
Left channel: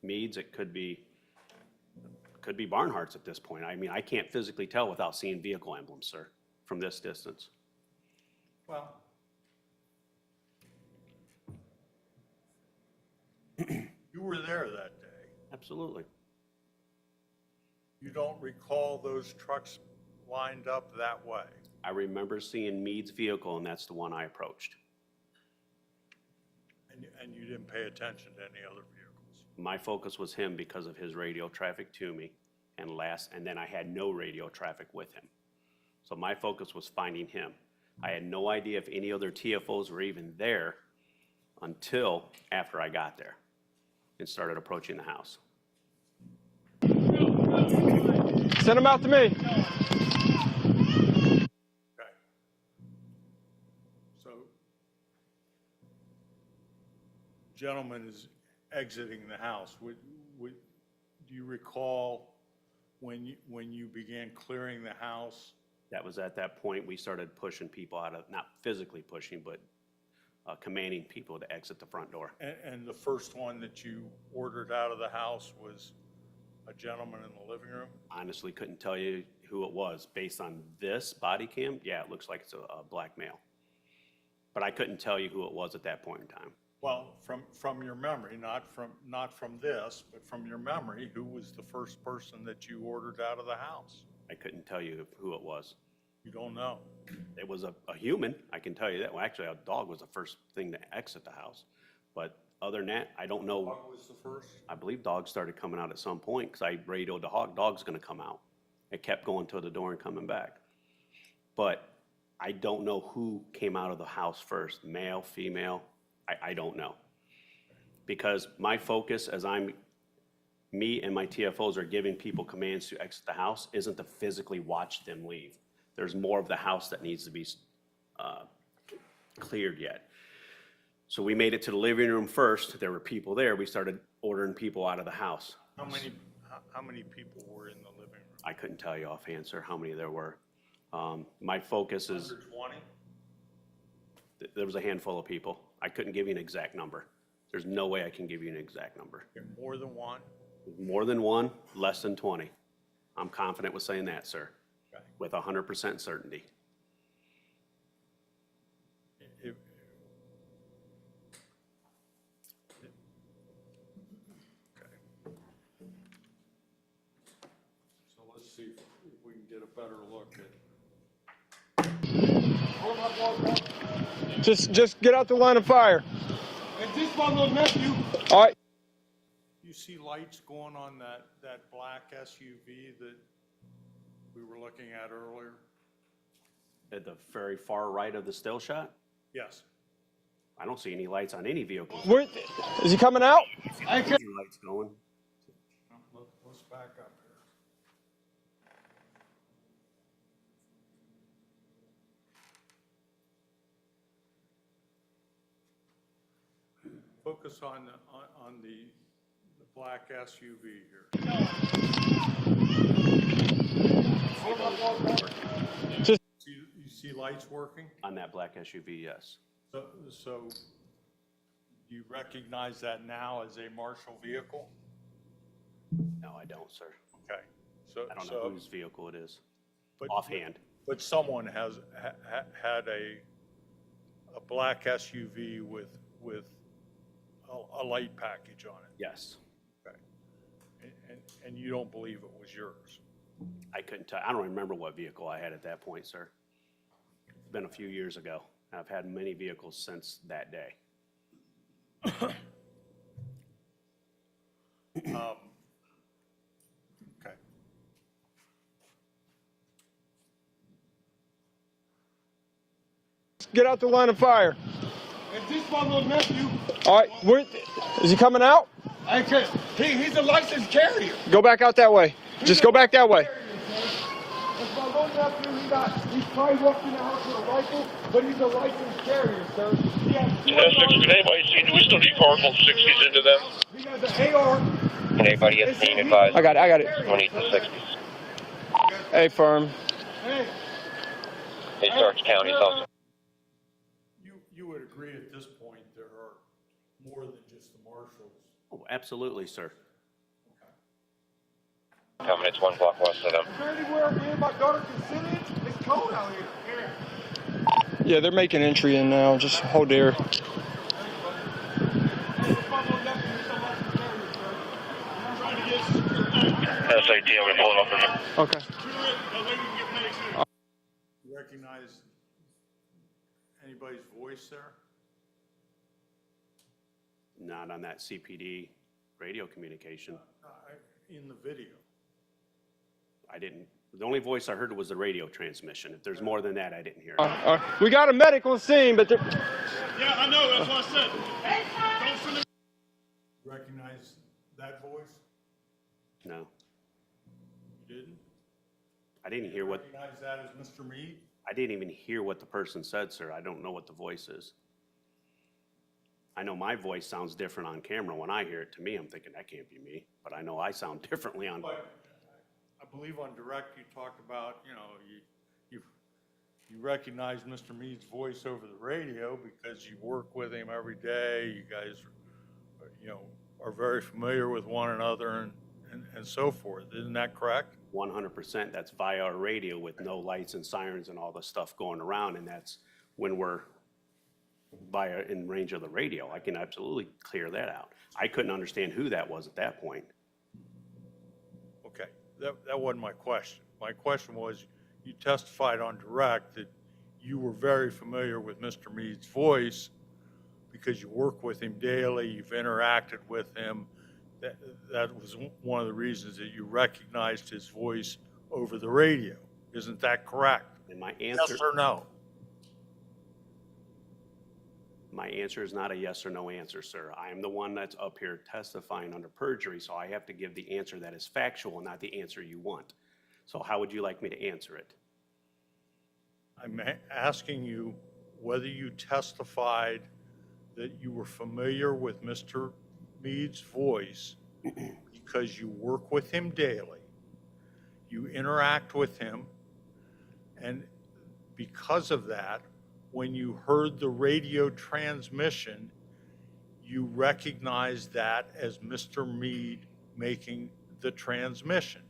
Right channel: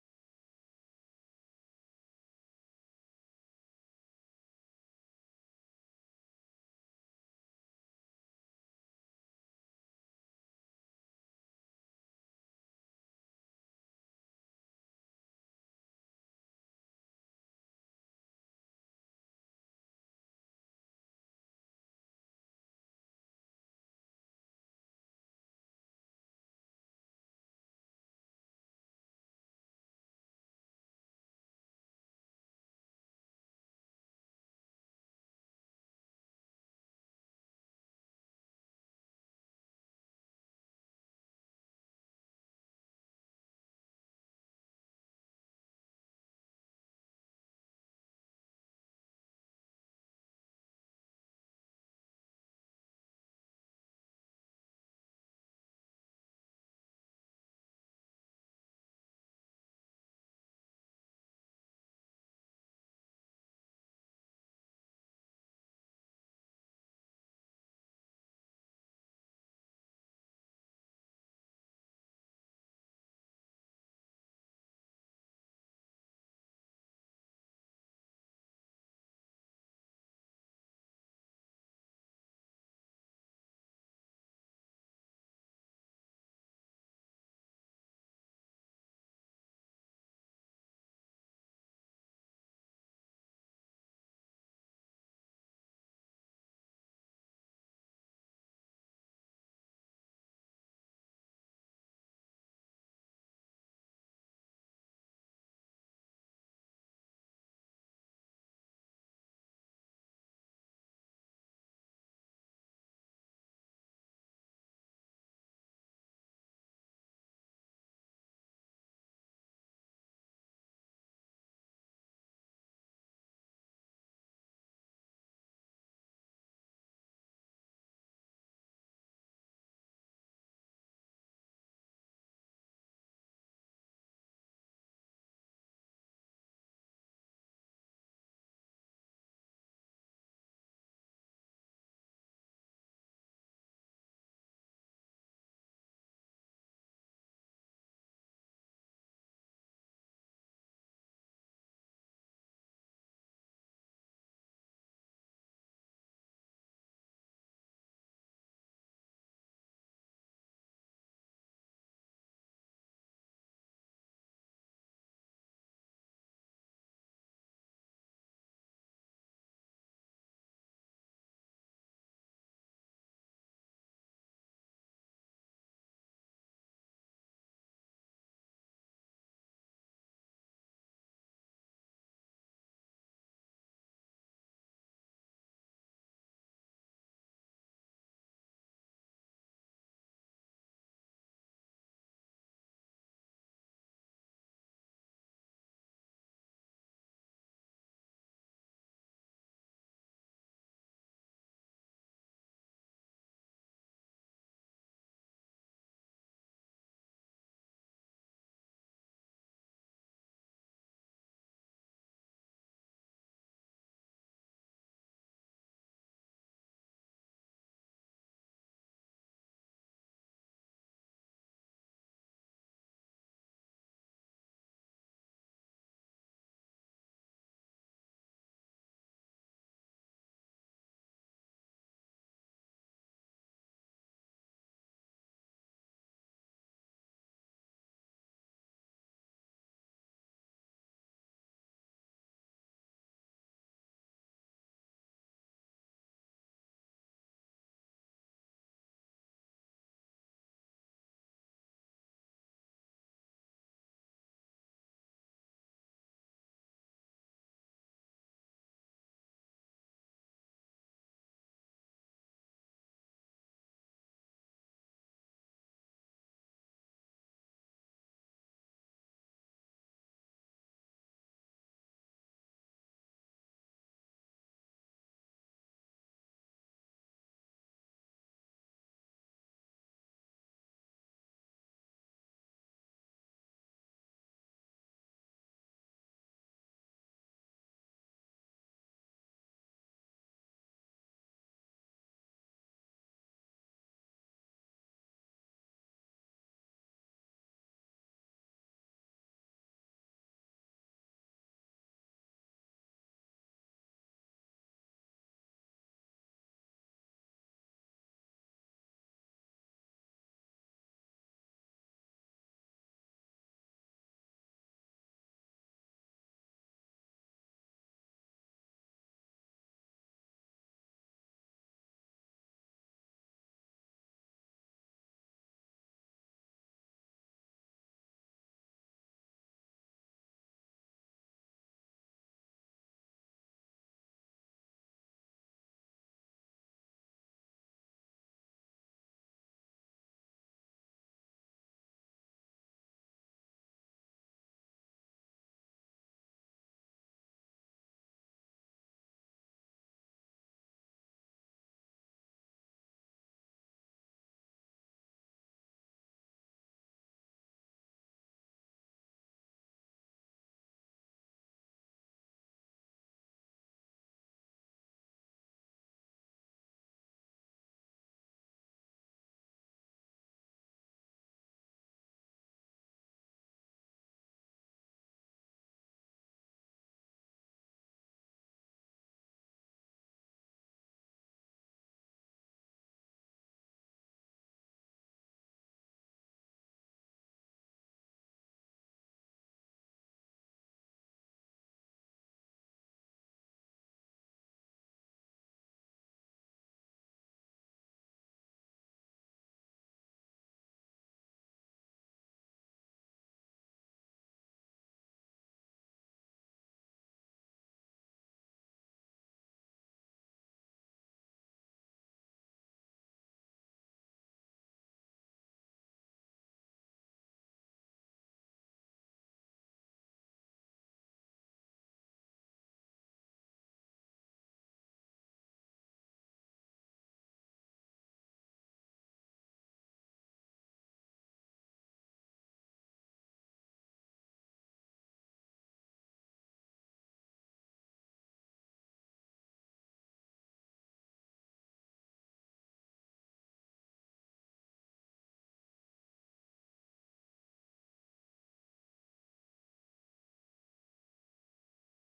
Meade's, it could be Barnhart's at this point. I mean, I can't physically tell without seeing vehicle emblems, sir, from this distance. Well, you were there that day. Absolutely. You don't recall those trucks lined up that way? I remember seeing Meade's vehicle, and that's the one I approached. And you didn't pay attention to any other vehicles? My focus was him because of his radio traffic to me, and then I had no radio traffic with him. So my focus was finding him. I had no idea if any other TFOs were even there until after I got there and started approaching the house. Send them out to me. Okay. So, gentleman is exiting the house. Do you recall when you began clearing the house? That was at that point we started pushing people out of, not physically pushing, but commanding people to exit the front door. And the first one that you ordered out of the house was a gentleman in the living room? Honestly, couldn't tell you who it was. Based on this body cam, yeah, it looks like it's a black male. But I couldn't tell you who it was at that point in time. Well, from your memory, not from this, but from your memory, who was the first person that you ordered out of the house? I couldn't tell you who it was. You don't know? It was a human, I can tell you that. Well, actually, a dog was the first thing to exit the house. But other than that, I don't know. Dog was the first? I believe dogs started coming out at some point because I radioed the hog, dog's gonna come out. It kept going to the door and coming back. But I don't know who came out of the house first, male, female, I don't know. Because my focus as me and my TFOs are giving people commands to exit the house isn't to physically watch them leave. There's more of the house that needs to be cleared yet. So we made it to the living room first. There were people there. We started ordering people out of the house. How many people were in the living room? I couldn't tell you offhand, sir, how many there were. My focus is, Under 20? there was a handful of people. I couldn't give you an exact number. There's no way I can give you an exact number. More than one? More than one, less than 20. I'm confident with saying that, sir, Okay. with 100% certainty. If- Okay. So let's see if we can get a better look at. Just get out the line of fire. And this one will nephew. All right. You see lights going on that black SUV that we were looking at earlier? At the very far right of the still shot, Yes. I don't see any lights on any vehicle. Where, is he coming out? I see lights going. Let's back up here. Focus on the black SUV here. Just You see lights working? On that black SUV, yes. So do you recognize that now as a marshal vehicle? No, I don't, sir. Okay. I don't know whose vehicle it is, but- offhand. But someone has had a black SUV with a light package on it. Yes. Okay. And you don't believe it was yours? I couldn't tell, I don't remember what vehicle I had at that point, sir. It's been a few years ago. I've had many vehicles since that day. Okay. get out the line of fire. And this one will nephew. All right. Where, is he coming out? He's a licensed carrier. Go back out that way. Just go back that way. That's my little nephew. He's probably walking in the house with a rifle, but he's a licensed carrier, sir. He has If anybody seen, do we still need car from 60s into them? He has an AR. Anybody get seen advised? I got it. 20 to 60s. Hey, firm. Hey, Hey, Starks County, also. You would agree at this point there are more than just the marshals? Oh, absolutely, sir. Coming, it's 1 block west of them. is there anywhere me and my daughter can sit in? It's cold out here. Yeah, they're making entry in now. Just hold there. This one will nephew is a licensed carrier, sir. I'm trying to get security. SAT, I'm going to pull it up in there. Okay. You recognize recognize anybody's voice there? Not on that CPD radio communication. In the video? I didn't, the only voice I heard was the radio transmission. If there's more than that, I didn't hear. We got a medical scene, but Yeah, I know, that's what I said. Don't send it. Recognize that voice? No, You didn't? I didn't hear what, Recognize that as Mr. Meade? I didn't even hear what the person said, sir. I don't know what the voice is. I know my voice sounds different on camera. When I hear it, to me, I'm thinking, that can't be me. But I know I sound differently on. But I believe on direct, you talked about, you recognize Mr. Meade's voice over the radio because you work with him every day. You guys, are very familiar with one another and so forth. Isn't that correct? 100%. That's via our radio with no lights and sirens and all the stuff going around. And that's when we're in range of the radio. I can absolutely clear that out. I couldn't understand who that was at that point. Okay, that wasn't my question. My question was, you testified on direct that you were very familiar with Mr. Meade's voice because you work with him daily, you've interacted with him. That was one of the reasons that you recognized his voice over the radio. Isn't that correct? And my answer, Yes or no? my answer is not a yes or no answer, sir. I am the one that's up here testifying under perjury, so I have to give the answer that is factual, not the answer you want. So how would you like me to answer it? I'm asking you whether you testified that you were familiar with Mr. Meade's voice because you work with him daily, you interact with him, and because of that, when you heard the radio transmission, you recognized that as Mr. Meade making the transmission.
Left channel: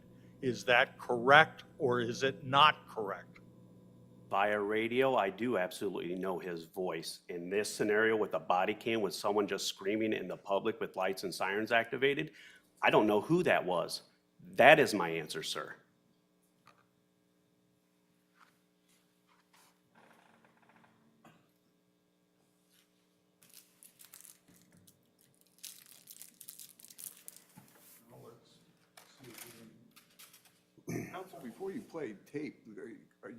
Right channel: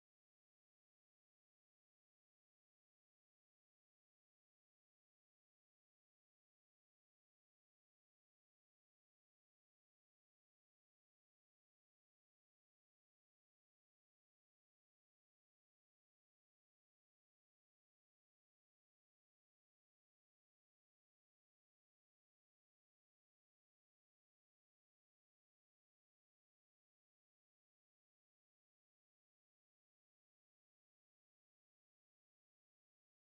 Is that correct or is it not correct? Via radio, I do absolutely know his voice. In this scenario with a body cam with someone just screaming in the public with lights and sirens activated, I don't know who that was. That is my answer, sir. Counsel, before you play tape,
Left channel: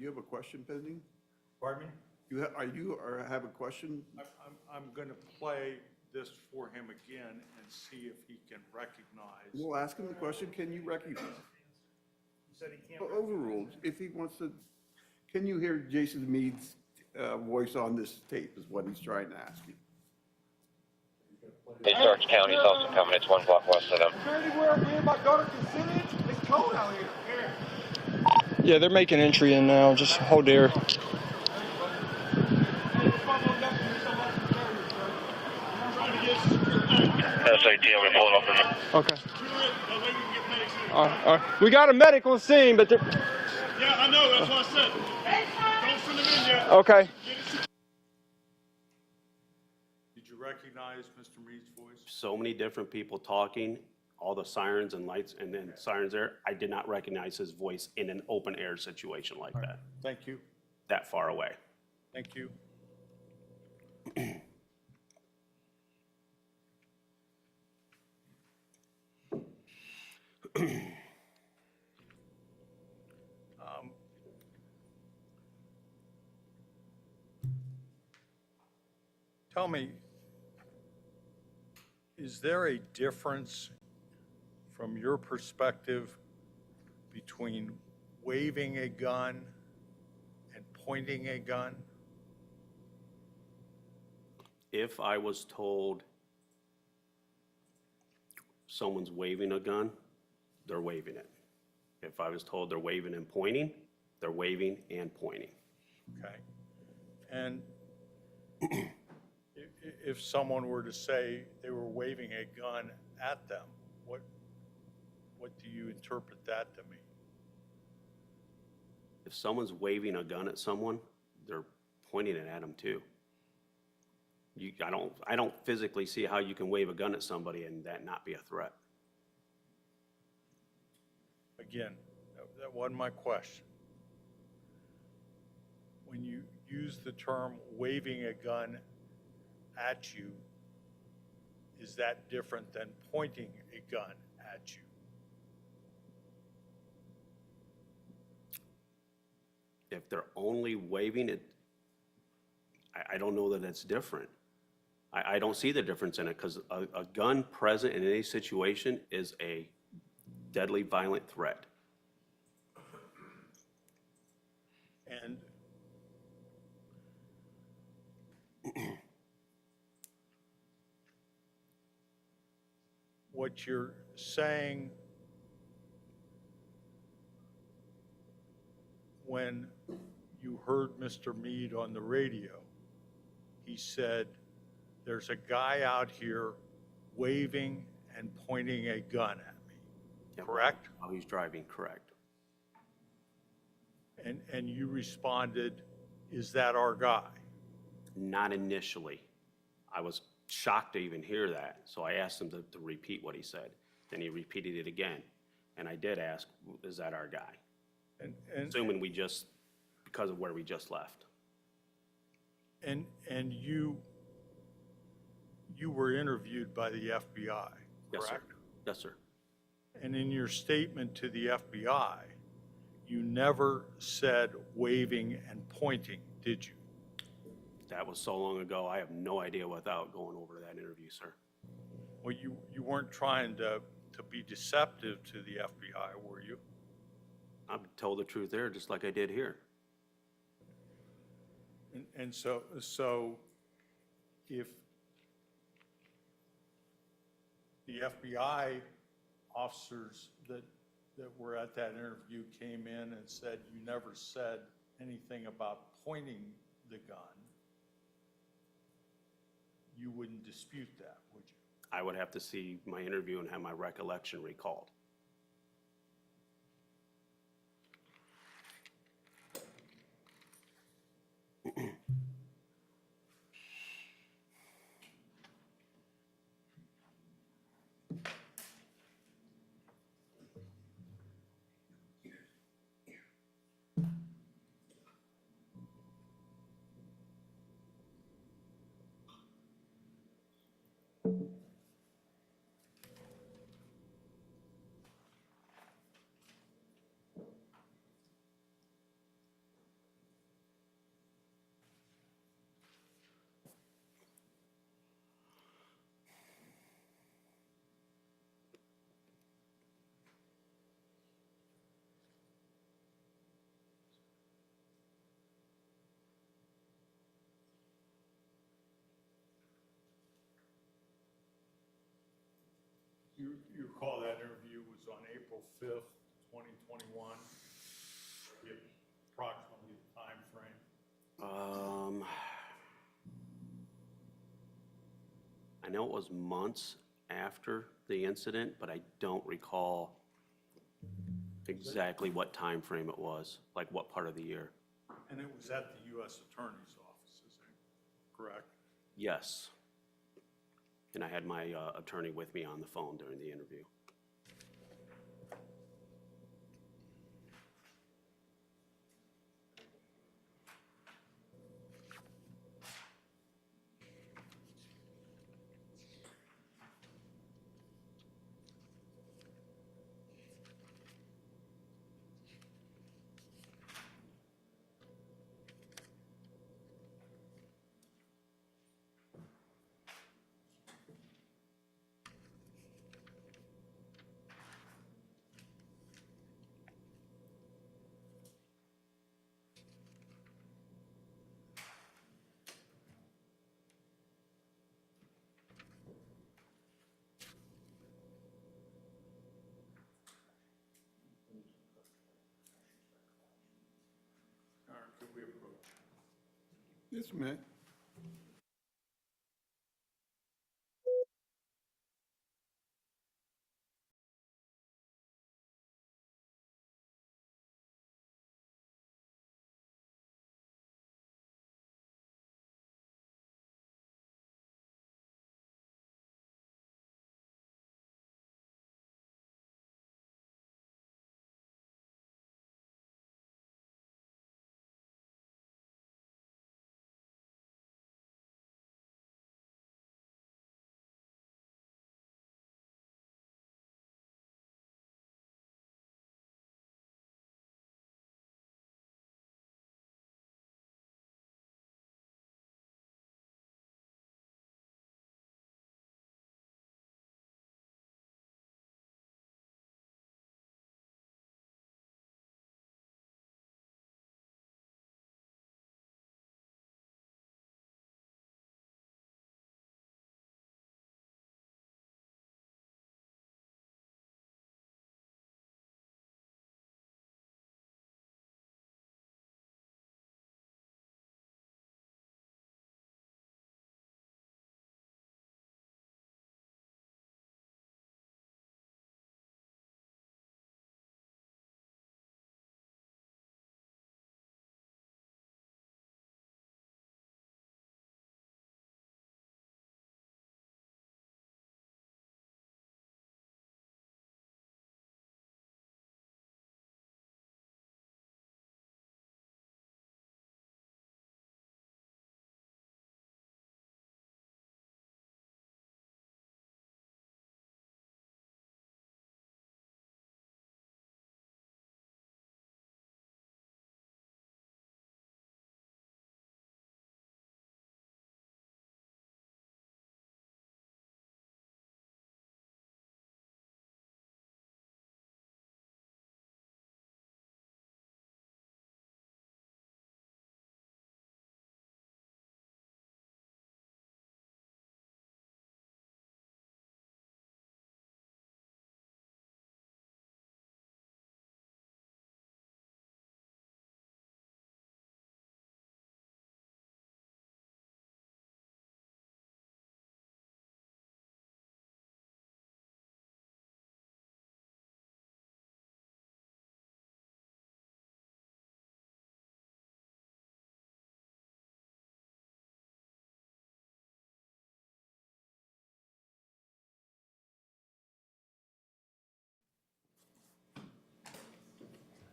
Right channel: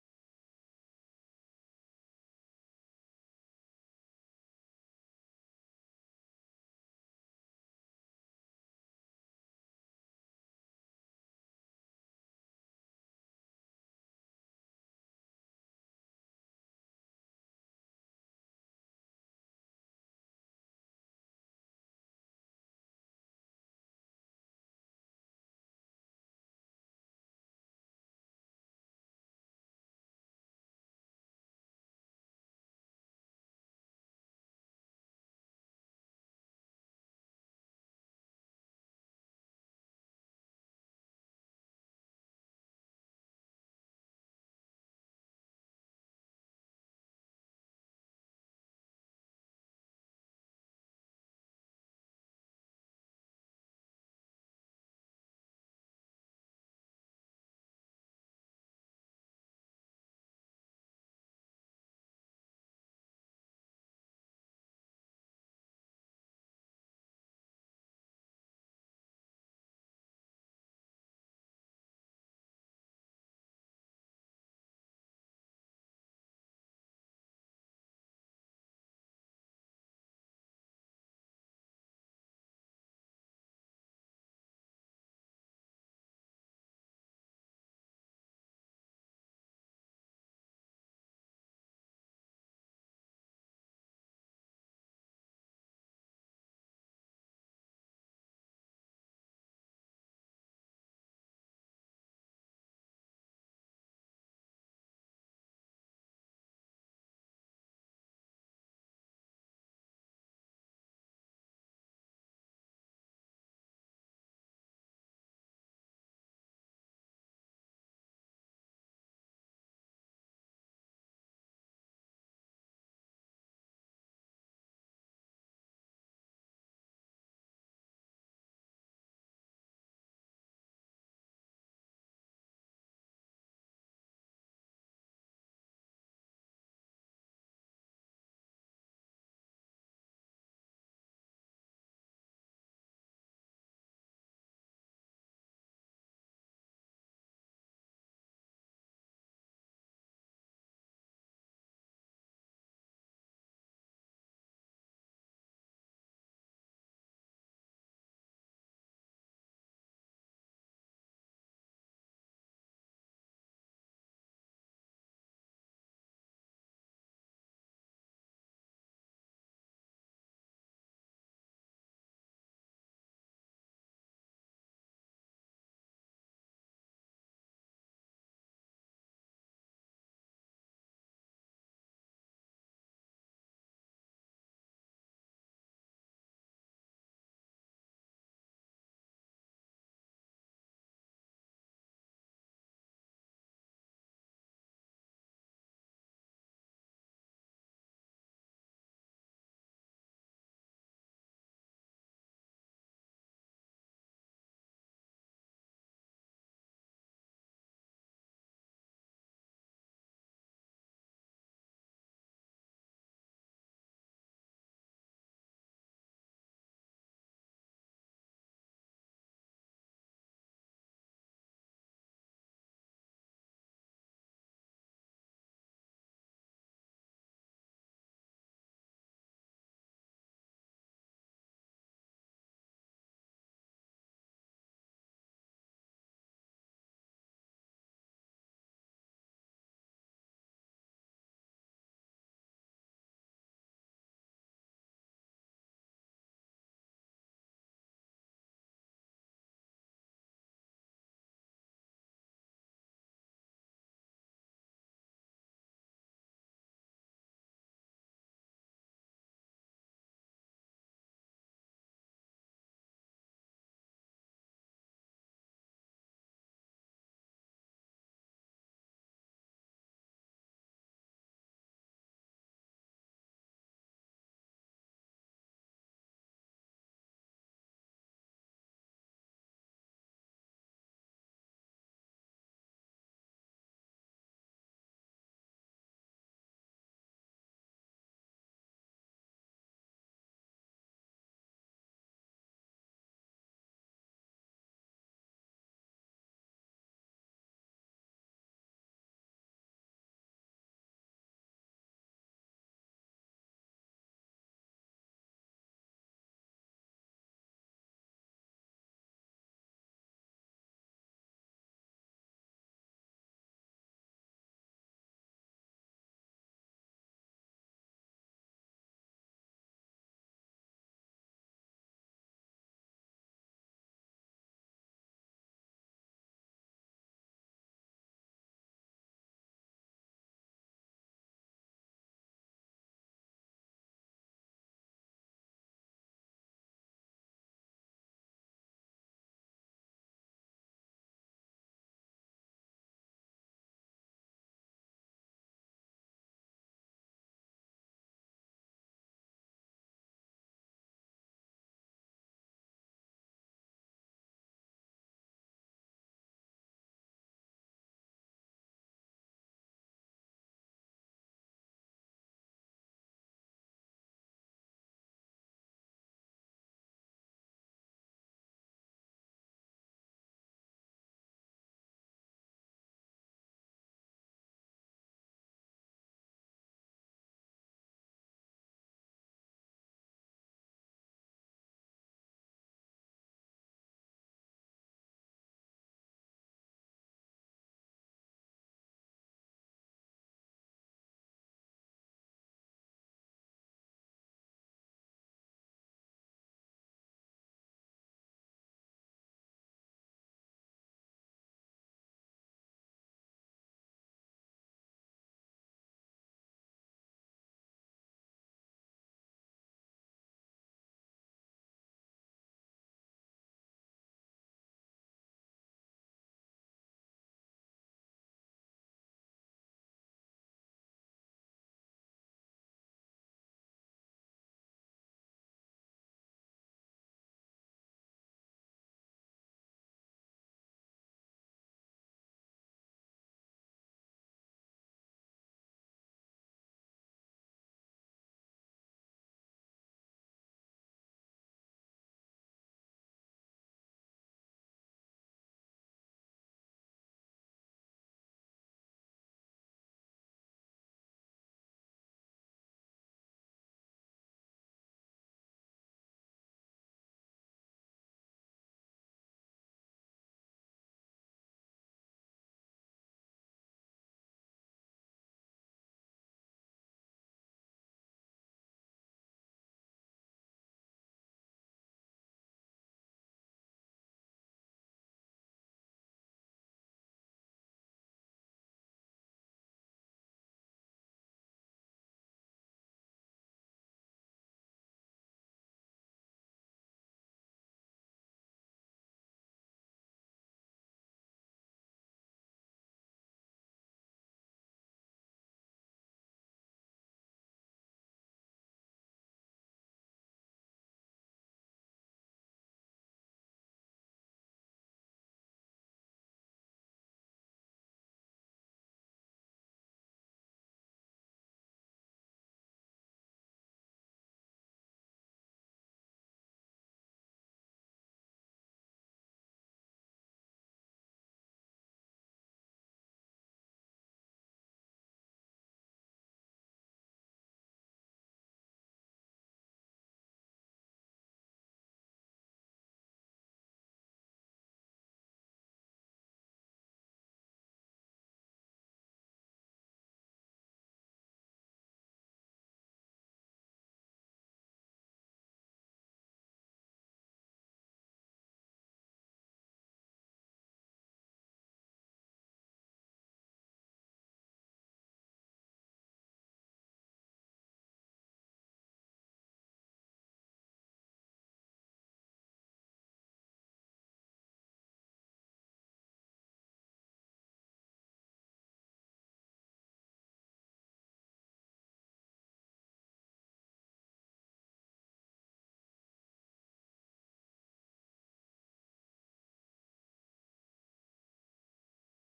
you have a question pending? Pardon me? Have a question? I'm going to play this for him again and see if he can recognize. We'll ask him the question, can you recognize? He said he can't. Overruled, if he wants to, can you hear Jason Meade's voice on this tape is what he's trying to ask you. Hey, Starks County's also coming. It's 1 block west of them. anywhere me and my daughter can sit in? It's cold out here. Yeah, they're making entry in now. Just hold there. SAT, I'm gonna pull it off. Okay. All right. We got a medical scene, but Yeah, I know, that's what I said. Don't send them in yet. okay. Did you recognize Mr. Meade's voice? So many different people talking, all the sirens and lights and then sirens there. I did not recognize his voice in an open air situation like that, Thank you. that far away. Thank you. Tell me, is there a difference from your perspective between waving a gun and pointing a gun? If I was told someone's waving a gun, they're waving it. If I was told they're waving and pointing, they're waving and pointing. Okay. And if someone were to say they were waving a gun at them, what do you interpret that to mean? If someone's waving a gun at someone, they're pointing it at them too. I don't physically see how you can wave a gun at somebody and that not be a threat. Again, that wasn't my question. When use the term waving a gun at you, is that different than pointing a gun at you? If they're only waving it, I don't know that it's different. I don't see the difference in it, because a gun present in any situation is a deadly violent threat. And what you're saying when you heard Mr. Meade on the radio, he said, there's a guy out here waving and pointing a gun at me, Yeah, correct? While he's driving, correct. And you responded, is that our guy? Not initially. I was shocked to even hear that, so I asked him to repeat what he said. Then he repeated it again, and I did ask, is that our guy? And Assuming because of where we just left. and you were interviewed by the FBI, Yes, sir. correct? Yes, sir. And in your statement to the FBI, you never said waving and pointing, did you? That was so long ago, I have no idea without going over that interview, sir. Well, you weren't trying to be deceptive to the FBI, were you? I told the truth there, just like I did here. And so if the FBI officers that were at that interview came in and said you never said anything about pointing the gun, you wouldn't dispute that, would you? I would have to see my interview and have my recollection recalled. You recall that interview was on April 5th, 2021, approximately the time frame? I know it was months after the incident, but I don't recall exactly what time frame it was, like what part of the year. And it was at the U.S. Attorney's Office, is that correct? Yes. And I had my attorney with me on the phone during the interview. All right, could we approach? Just a minute.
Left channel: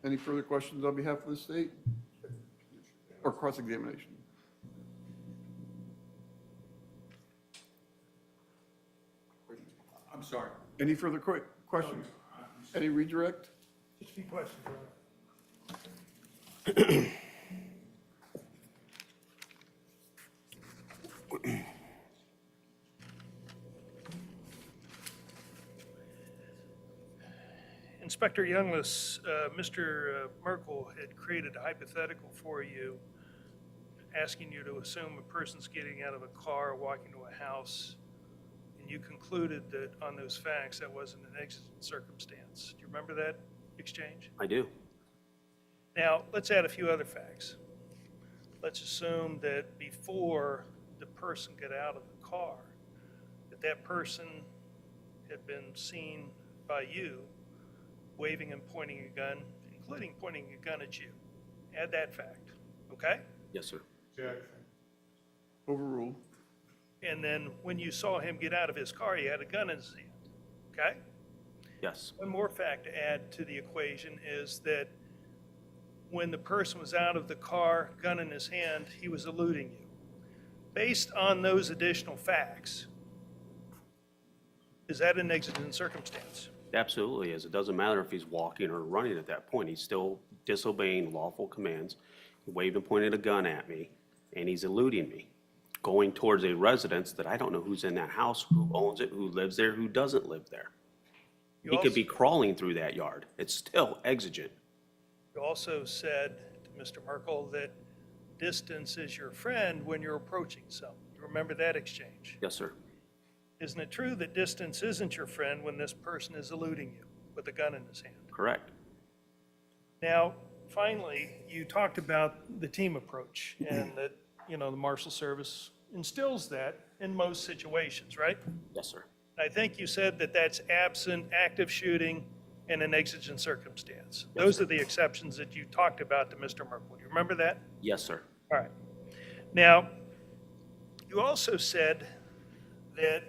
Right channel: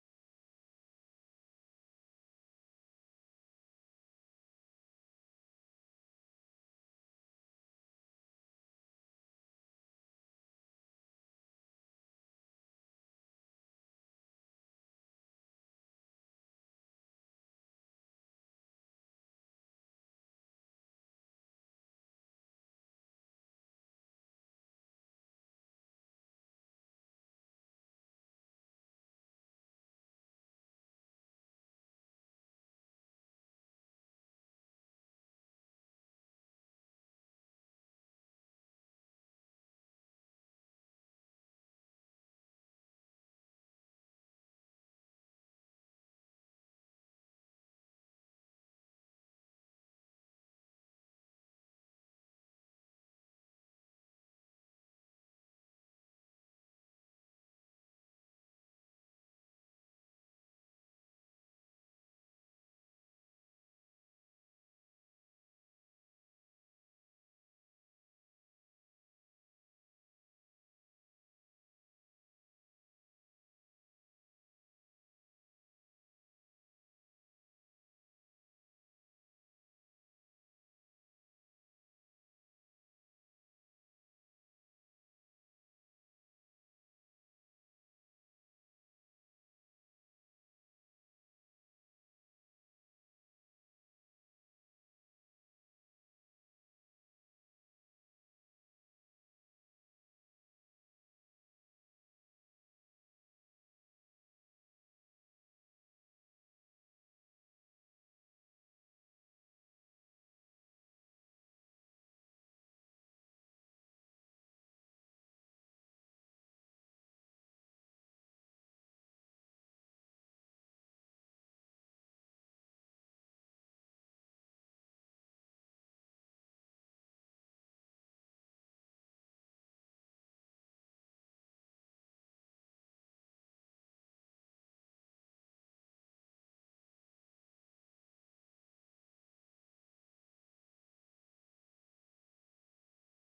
Any further questions on behalf of the state? Or cross-examination? I'm sorry. Any further questions? Any redirect? Just a few questions, Your Honor. Inspector Youngless, Mr. Merkel had created a hypothetical for you, asking you to assume a person's getting out of a car, walking to a house, and you concluded that on those facts, that wasn't an exigent circumstance. Do you remember that exchange? I do. Now, let's add a few other facts. Let's assume that before the person got out of the car, that person had been seen by you waving and pointing a gun, including pointing a gun at you. Add that fact, okay? Yes, sir. Overruled. And then when you saw him get out of his car, he had a gun in his hand, okay? Yes. One more fact to add to the equation is that when the person was out of the car, gun in his hand, he was eluding you. Based on those additional facts, is that an exigent circumstance? Absolutely is. It doesn't matter if he's walking or running at that point. He's still disobeying lawful commands. He waved and pointed a gun at me, and he's eluding me, going towards a residence that I don't know who's in that house, who owns it, who lives there, who doesn't live there. You He could be also- crawling through that yard. It's still exigent. You also said to Mr. Merkel that distance is your friend when you're approaching someone. You remember that exchange? Yes, sir. Isn't it true that distance isn't your friend when this person is eluding you with a gun in his hand? Correct. Now, finally, you talked about the team approach and that, the Marshal Service instills that in most situations, right? Yes, sir. I think you said that that's absent active shooting in an exigent circumstance. Those are the exceptions that you talked about to Mr. Merkel. You remember that? Yes, sir. All right. Now, you also said that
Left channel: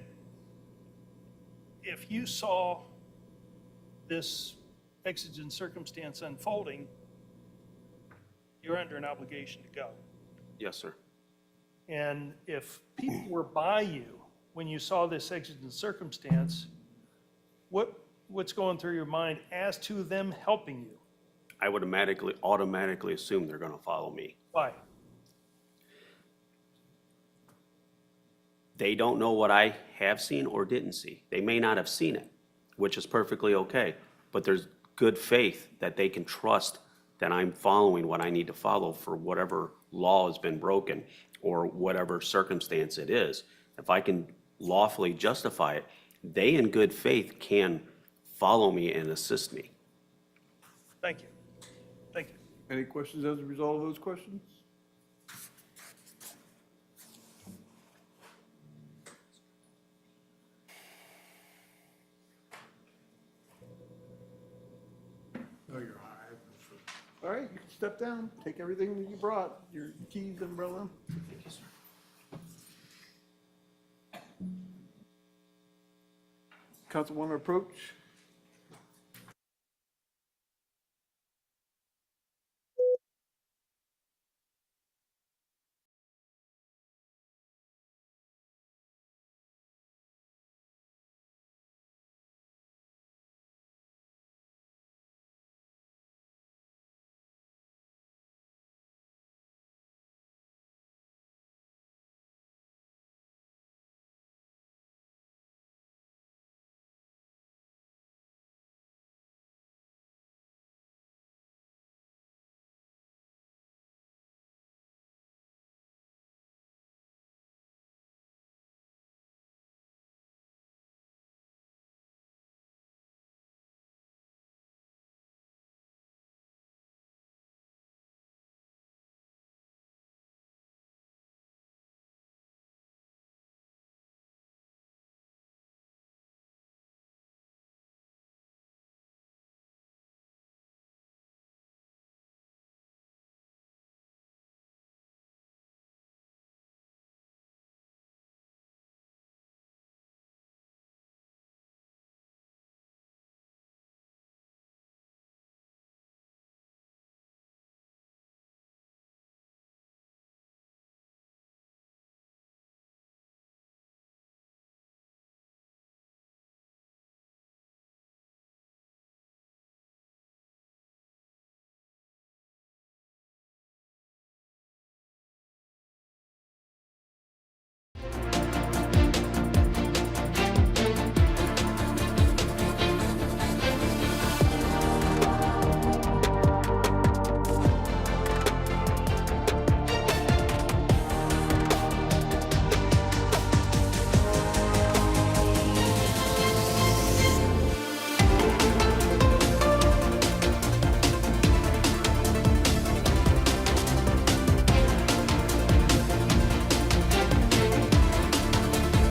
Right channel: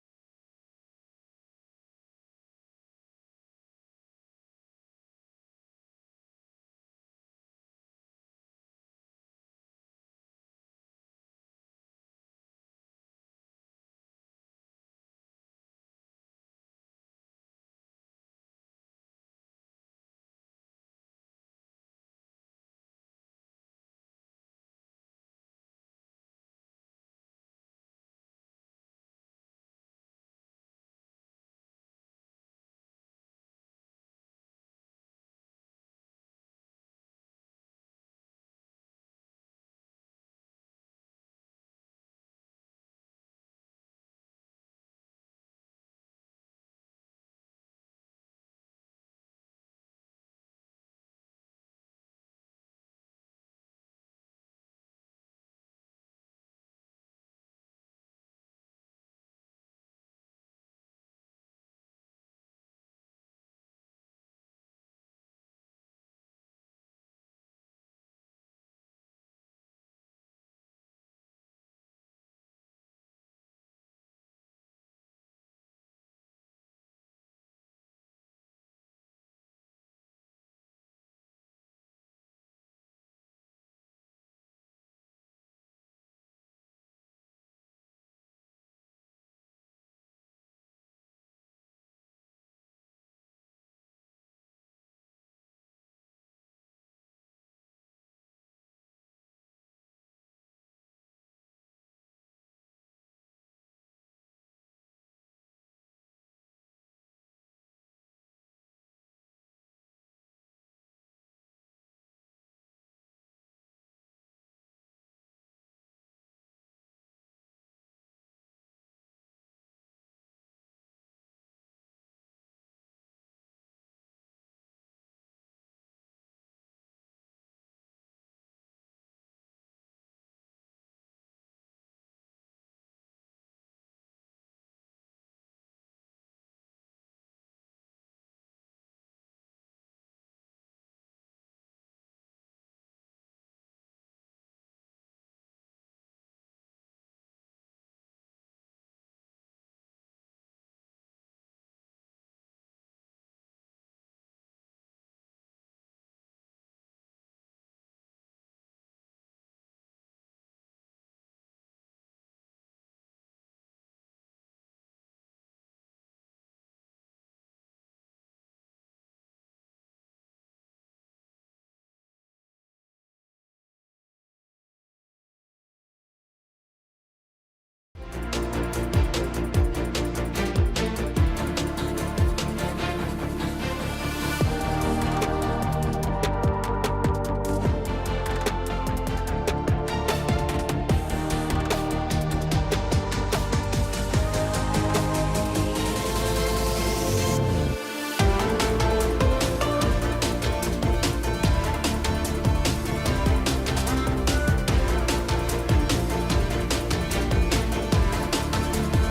if you saw this exigent circumstance unfolding, you're under an obligation to go. Yes, sir. And if people were by you when you saw this exigent circumstance, what's going through your mind as to them helping you? I would automatically assume they're going to follow me. Why? They don't know what I have seen or didn't see. They may not have seen it, which is perfectly okay. But there's good faith that they can trust that I'm following what I need to follow for whatever law has been broken or whatever circumstance it is. If I can lawfully justify it, they in good faith can follow me and assist me. Thank you. Thank you. Any questions as a result of those questions? No, you're high. All right, you can step down, take everything that you brought, your keys, umbrella. Thank you, sir. Council want to approach?